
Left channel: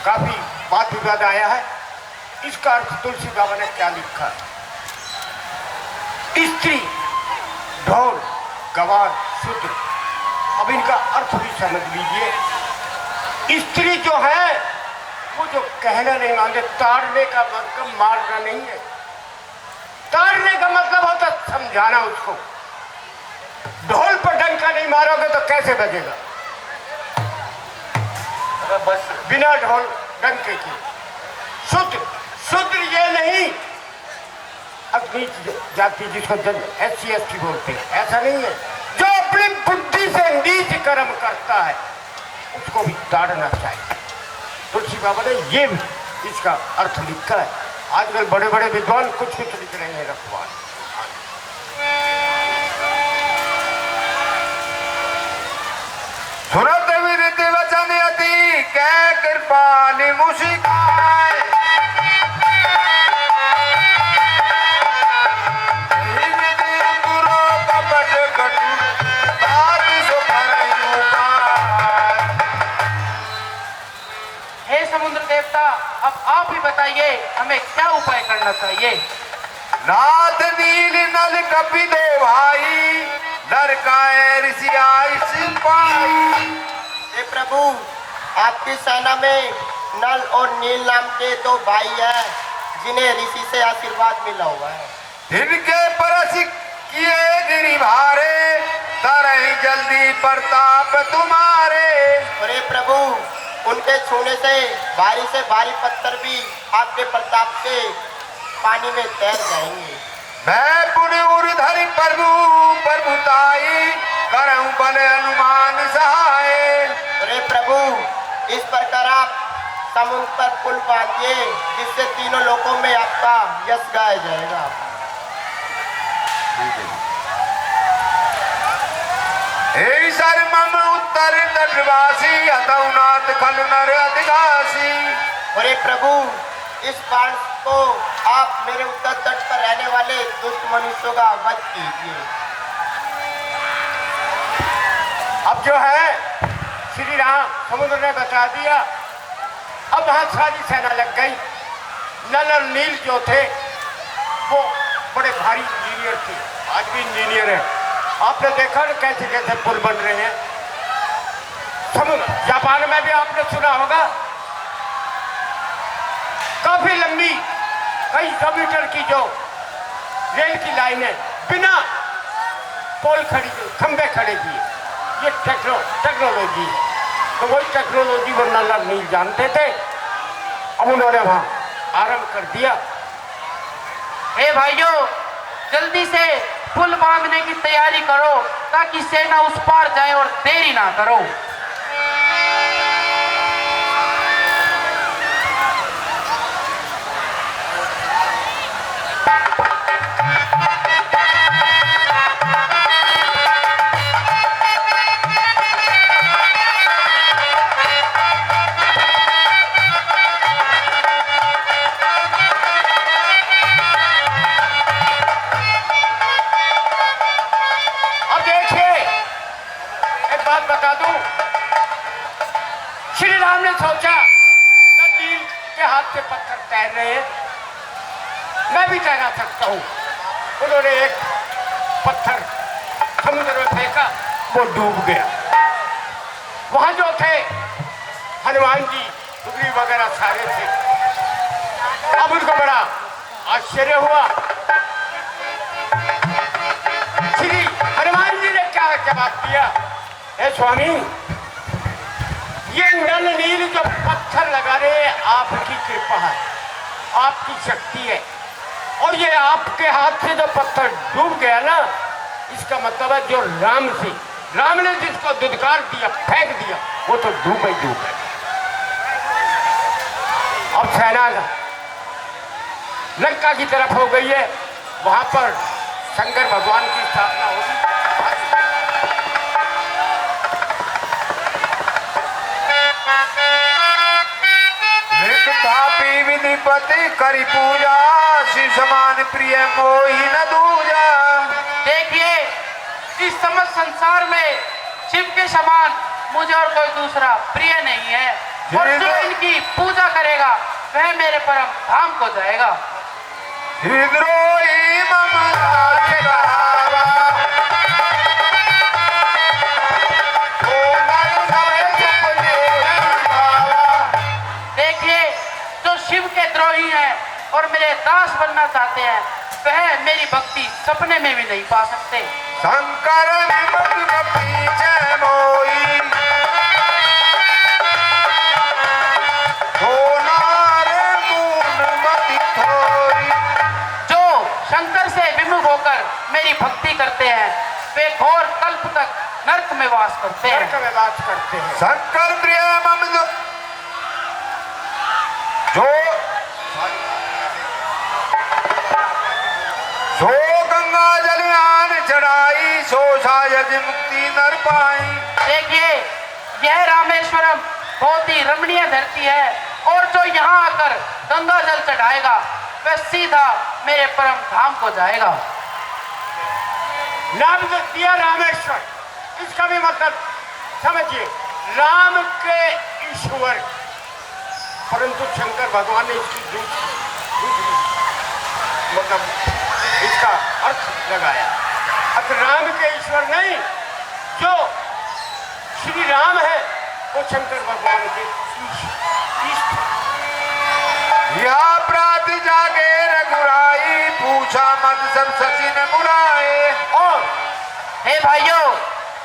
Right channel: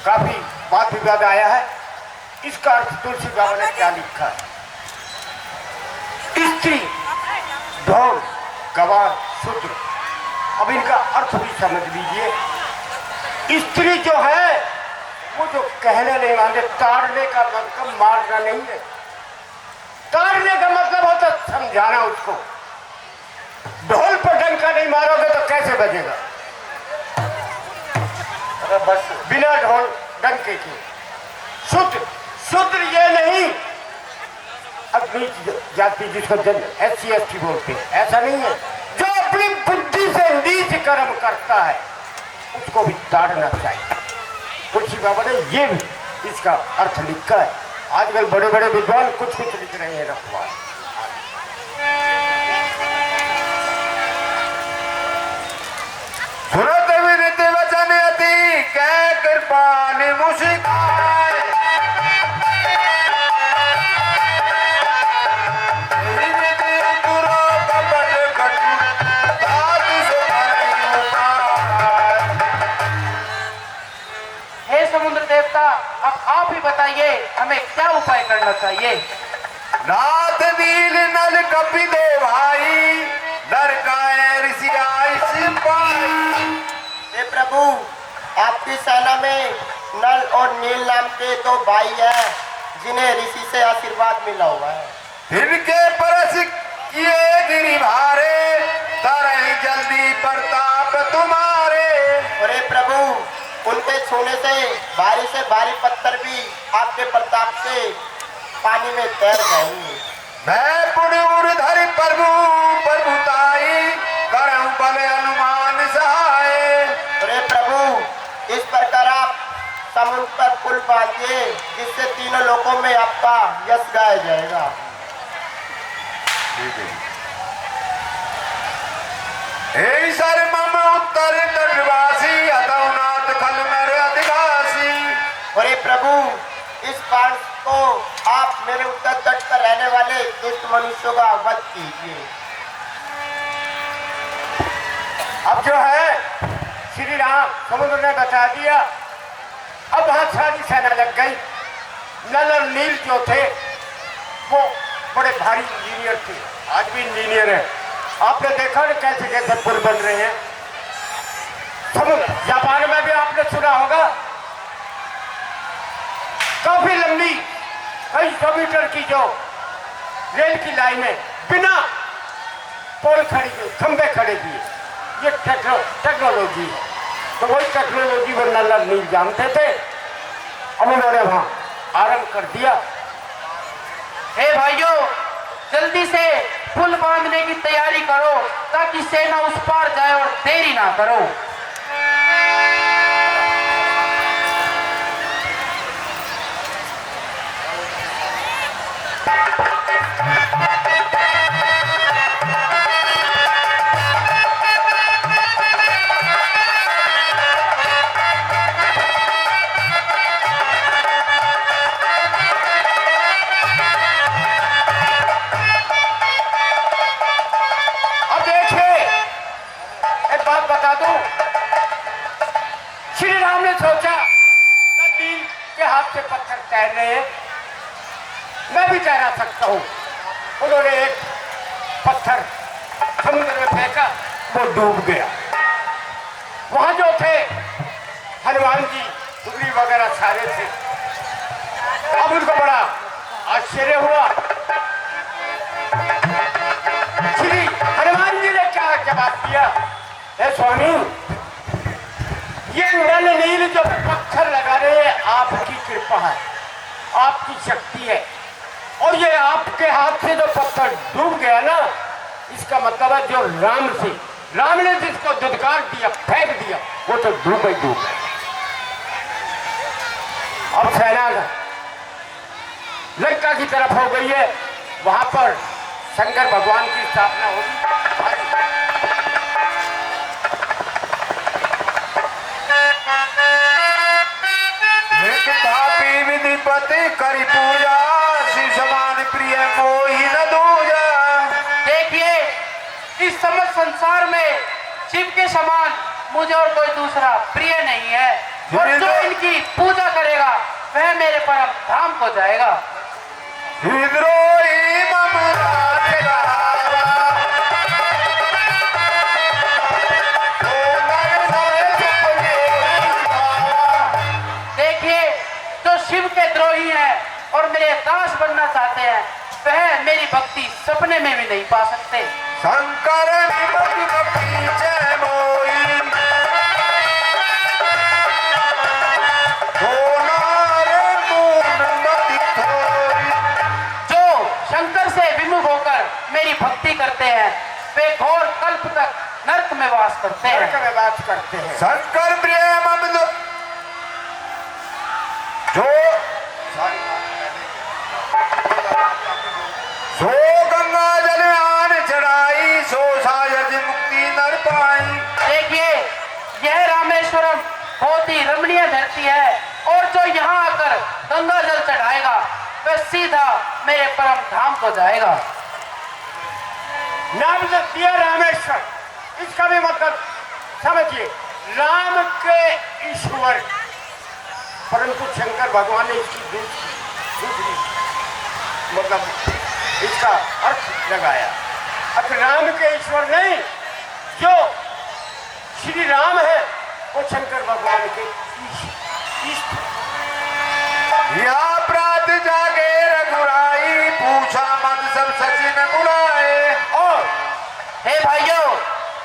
काफी वाद विवाद आया है। इसका अर्थ तुलसी बाबा ने क्या लिखा? स्त्री, ढोल, गवार, शूद्र। अब इनका अर्थ भी समझ लीजिए। स्त्री जो है वो जो कहने नहीं मानते, ताड़ने का मतलब मारना नहीं है। ताड़ने का मतलब होता समझाना उसको। ढोल पर डंका नहीं मारोगे तो कैसे बजेगा? बस बिना ढोल डंके के। शूद्र, शूद्र ये नहीं अपनी जाति जिसको SC ST बोलते हैं, ऐसा नहीं है। जो अपनी बुद्धि से नीच कर्म करता है उसको भी ताड़ना चाहिए। तुलसी बाबा ने ये भी इसका अर्थ लिखा है। आजकल बड़े बड़े विद्वान कुछ लिख रहे हैं रखवाल। सुरत विदित वचन अति कै कृपा निमुषिकाय। हे समुद्र देवता, अब आप ही बताइए हमें क्या उपाय करना चाहिए। नाथ नील नल कपि दो भाई लड़काए ऋषि आई सिपाही। हे प्रभु, आपकी सेना में नल और नील नाम के 2 भाई हैं जिन्हें ऋषि से आशीर्वाद मिला हुआ है। इनके परस किए गिरी भारे तरही जल्दी प्रताप तुम्हारे। और हे प्रभु, उनके छूने से भारी पत्थर भी आपके प्रताप से पानी में तैर जाएंगे। मैं पुण्य उर्धर प्रभु प्रभुताई करऊं भले हनुमान सहाय। अरे प्रभु, इस प्रकार आप समुद्र पर पुल बांधिए जिससे तीनों लोकों में आपका यश गाया जाएगा। हे सर मम उत्तर तटवासी अतुनाथ खल नर अधिकासी। अरे प्रभु, इस बाण को आप मेरे उत्तर तट पर रहने वाले दुष्ट मनुष्यों का वध कीजिए। अब जो है श्री राम समुद्र ने बचा दिया। अब वहां सारी सेना लग गई। नल और नील जो थे वो बड़े भारी इंजीनियर थे, आज भी इंजीनियर है। आपने देखा ना कैसे कैसे पुल बन रहे हैं। समुद्र जापान में भी आपने सुना होगा, काफी लंबी कई 100 मीटर की जो रेल की लाइनें बिना पोल खड़ी खंबे खड़े किए, ये टेक्नोलॉजी है। तो वही टेक्नोलॉजी वो नल नील जानते थे। अब उन्होंने वहां आरंभ कर दिया। हे भाइयों, जल्दी से पुल बांधने की तैयारी करो ताकि सेना उस पार जाए और देरी ना करो। श्री राम ने सोचा नल के हाथ से पत्थर तैर रहे हैं, मैं भी तैरा सकता हूं। उन्होंने एक पत्थर समुद्र में फेंका, वो डूब गया। वहां जो थे हनुमान जी सुग्रीव वगैरह सारे थे। अब उनको बड़ा आश्चर्य हुआ। श्री हनुमान जी ने क्या जवाब दिया, हे स्वामी, ये नल नील जो पत्थर लगा रहे हैं आपकी कृपा है, आपकी शक्ति है। और ये आपके हाथ से जो पत्थर डूब गया ना, इसका मतलब है जो राम ने जिसको दुदकार दिया, फेंक दिया, वो तो डूब ही डूब गया। अब सेना लंका की तरफ हो गई है, वहां पर शंकर भगवान की स्थापना होगी। पापी विधिपति करी पूजा, शिव समान प्रिय मोहि न दूजा। देखिए, इस समस्त संसार में शिव के समान मुझे और कोई दूसरा प्रिय नहीं है। और जो इनकी पूजा करेगा वह मेरे परम धाम को जाएगा। हृदरोही मम राखेगा, शिव के द्रोही हैं और मेरे दास बनना चाहते हैं, वह मेरी भक्ति सपने में भी नहीं पा सकते। शंकर पीछे मोई, जो शंकर से विमुख होकर मेरी भक्ति करते हैं वे घोर कल्प तक नरक में वास करते हैं। शंकर प्रिय मम जो गंगा जल आन चढ़ाई, सो शायद मुक्ति नर पाई। देखिए, यह रामेश्वरम बहुत ही रमणीय धरती है और जो यहाँ आकर गंगा जल चढ़ाएगा वह सीधा मेरे परम धाम को जाएगा। नाम दिया रामेश्वर, इसका भी मतलब समझिए, राम के ईश्वर, परंतु शंकर भगवान ने इसकी दूसरी मतलब इसका अर्थ लगाया। अब राम के ईश्वर नहीं, जो श्री राम है वो शंकर भगवान के इष्ट। या प्रात जागे रघुराई, पूछा मन सब सचिन बुलाए। और हे भाइयों,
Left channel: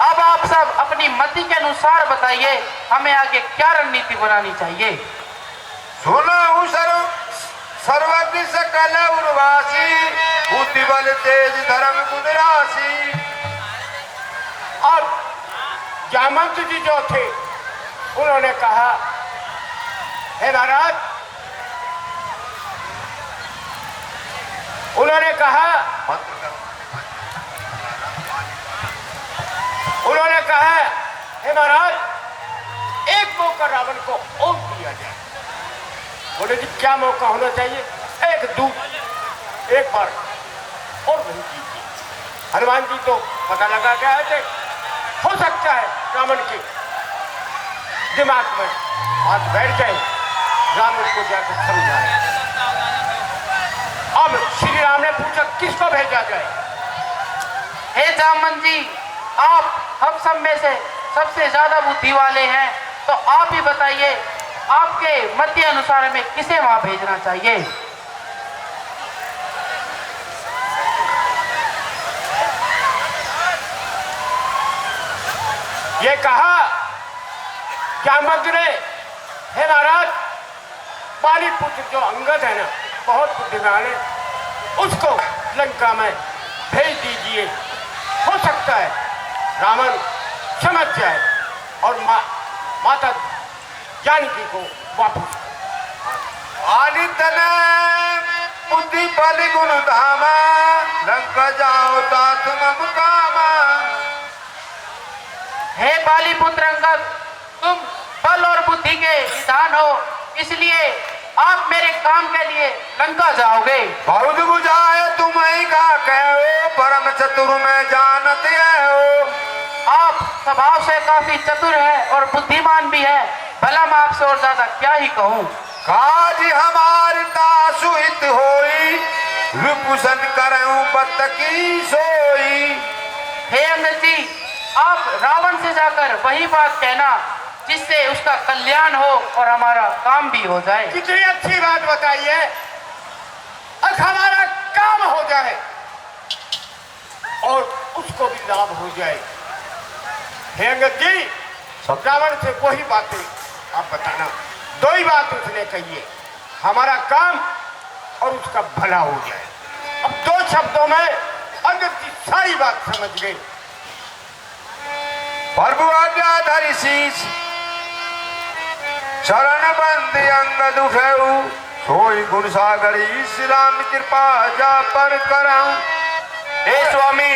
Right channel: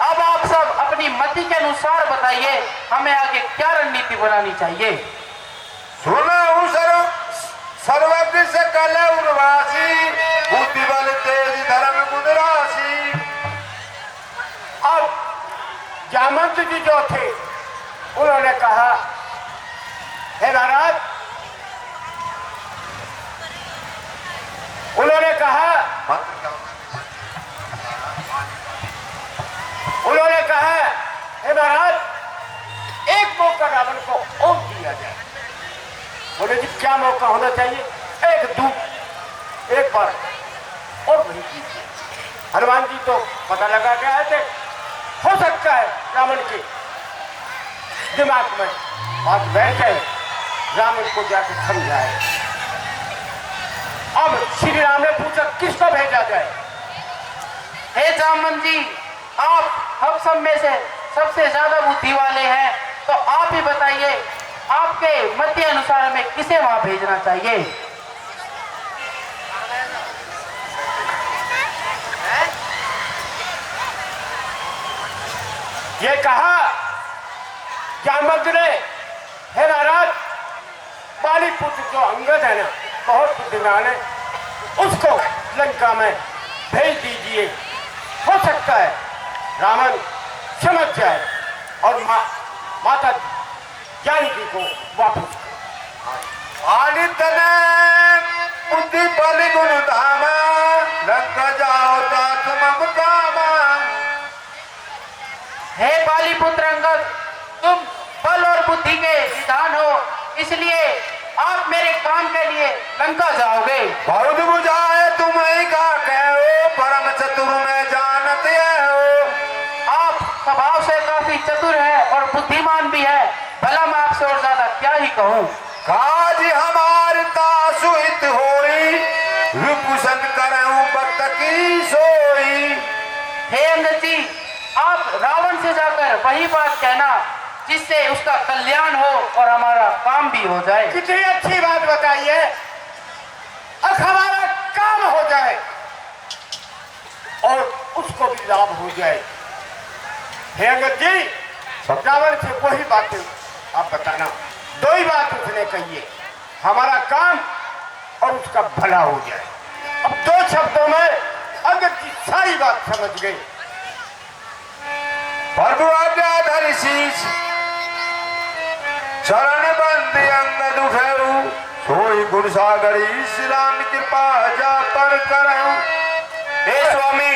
अब आप सब अपनी मति के अनुसार बताइए हमें आगे क्या रणनीति बनानी चाहिए। सुनो सर्वज्ञ सकल उर्वासी, बुद्धि बल तेज धर्म गुण राशि। अब जामवंत जी जो थे उन्होंने कहा, हे महाराज, उन्होंने कहा हे महाराज, एक मौका रावण को और दिया जाए। बोले जी क्या मौका होना चाहिए? एक दूध एक बार और नहीं कीजिए। हनुमान जी तो पता लगा के आए थे, हो सकता है रावण के दिमाग में बात बैठ जाए, रावण को जाकर समझाए। अब श्री राम ने पूछा किसको भेजा जाए? हे जामवंत जी, आप हम सब में से सबसे ज्यादा बुद्धि वाले हैं, तो आप ही बताइए, आपके मत के अनुसार हमें किसे वहां भेजना चाहिए? ये कहा जामवंत ने, हे महाराज, बाली पुत्र जो अंगद है ना, बहुत बुद्धिमान है, उसको लंका में भेज दीजिए। हो सकता है रावण समझ जाए और माता जानकी को वापस। आदित्य बुद्धि बल गुण धामा, लंका जाओ तात मम कामा। हे बाली पुत्र अंगद, तुम बल और बुद्धि के निधान हो, इसलिए आप मेरे काम के लिए लंका जाओगे। बहुत बुझाए तुम्हें का कहो, परम चतुर में जानते हो। आप स्वभाव से काफी चतुर है और बुद्धिमान भी है, भला मैं आपसे और ज्यादा क्या ही कहूँ। काज हमार तासुहित होई, रूपसन करऊं बत की सोई। हे अंगद जी, आप रावण से जाकर वही बात कहना जिससे उसका कल्याण हो और हमारा काम भी हो जाए। कितनी अच्छी बात बताइए, अब हमारा काम हो जाए और उसको भी लाभ हो जाए। हे अंगद जी, रावण से वही बातें आप बताना। दो ही बात उसने कही है, हमारा काम और उसका भला हो जाए। अब दो शब्दों में अंगद जी सारी बात समझ गई। प्रभु आज्ञाधारी शीश, शरण बंद अंगद उठऊ, सोई गुण सागरी श्री राम कृपा जा पर करऊं। हे स्वामी,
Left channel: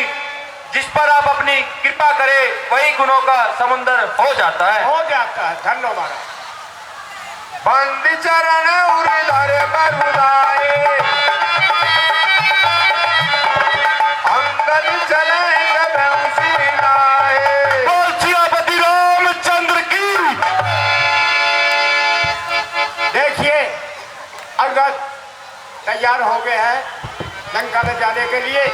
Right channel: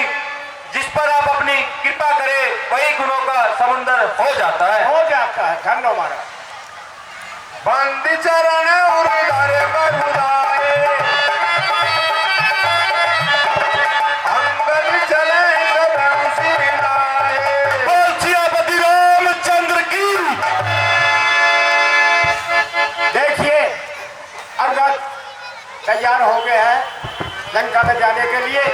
जिस पर आप अपनी कृपा करें वही गुणों का समुंदर हो जाता है। हो जाता है। धन्यवाद महाराज। बंद चरण उधर बगुदाए, अंगद चले कदम सिलाए। बोल सियापति रामचंद्र की। देखिए अंगद तैयार हो गए हैं लंका में जाने के लिए।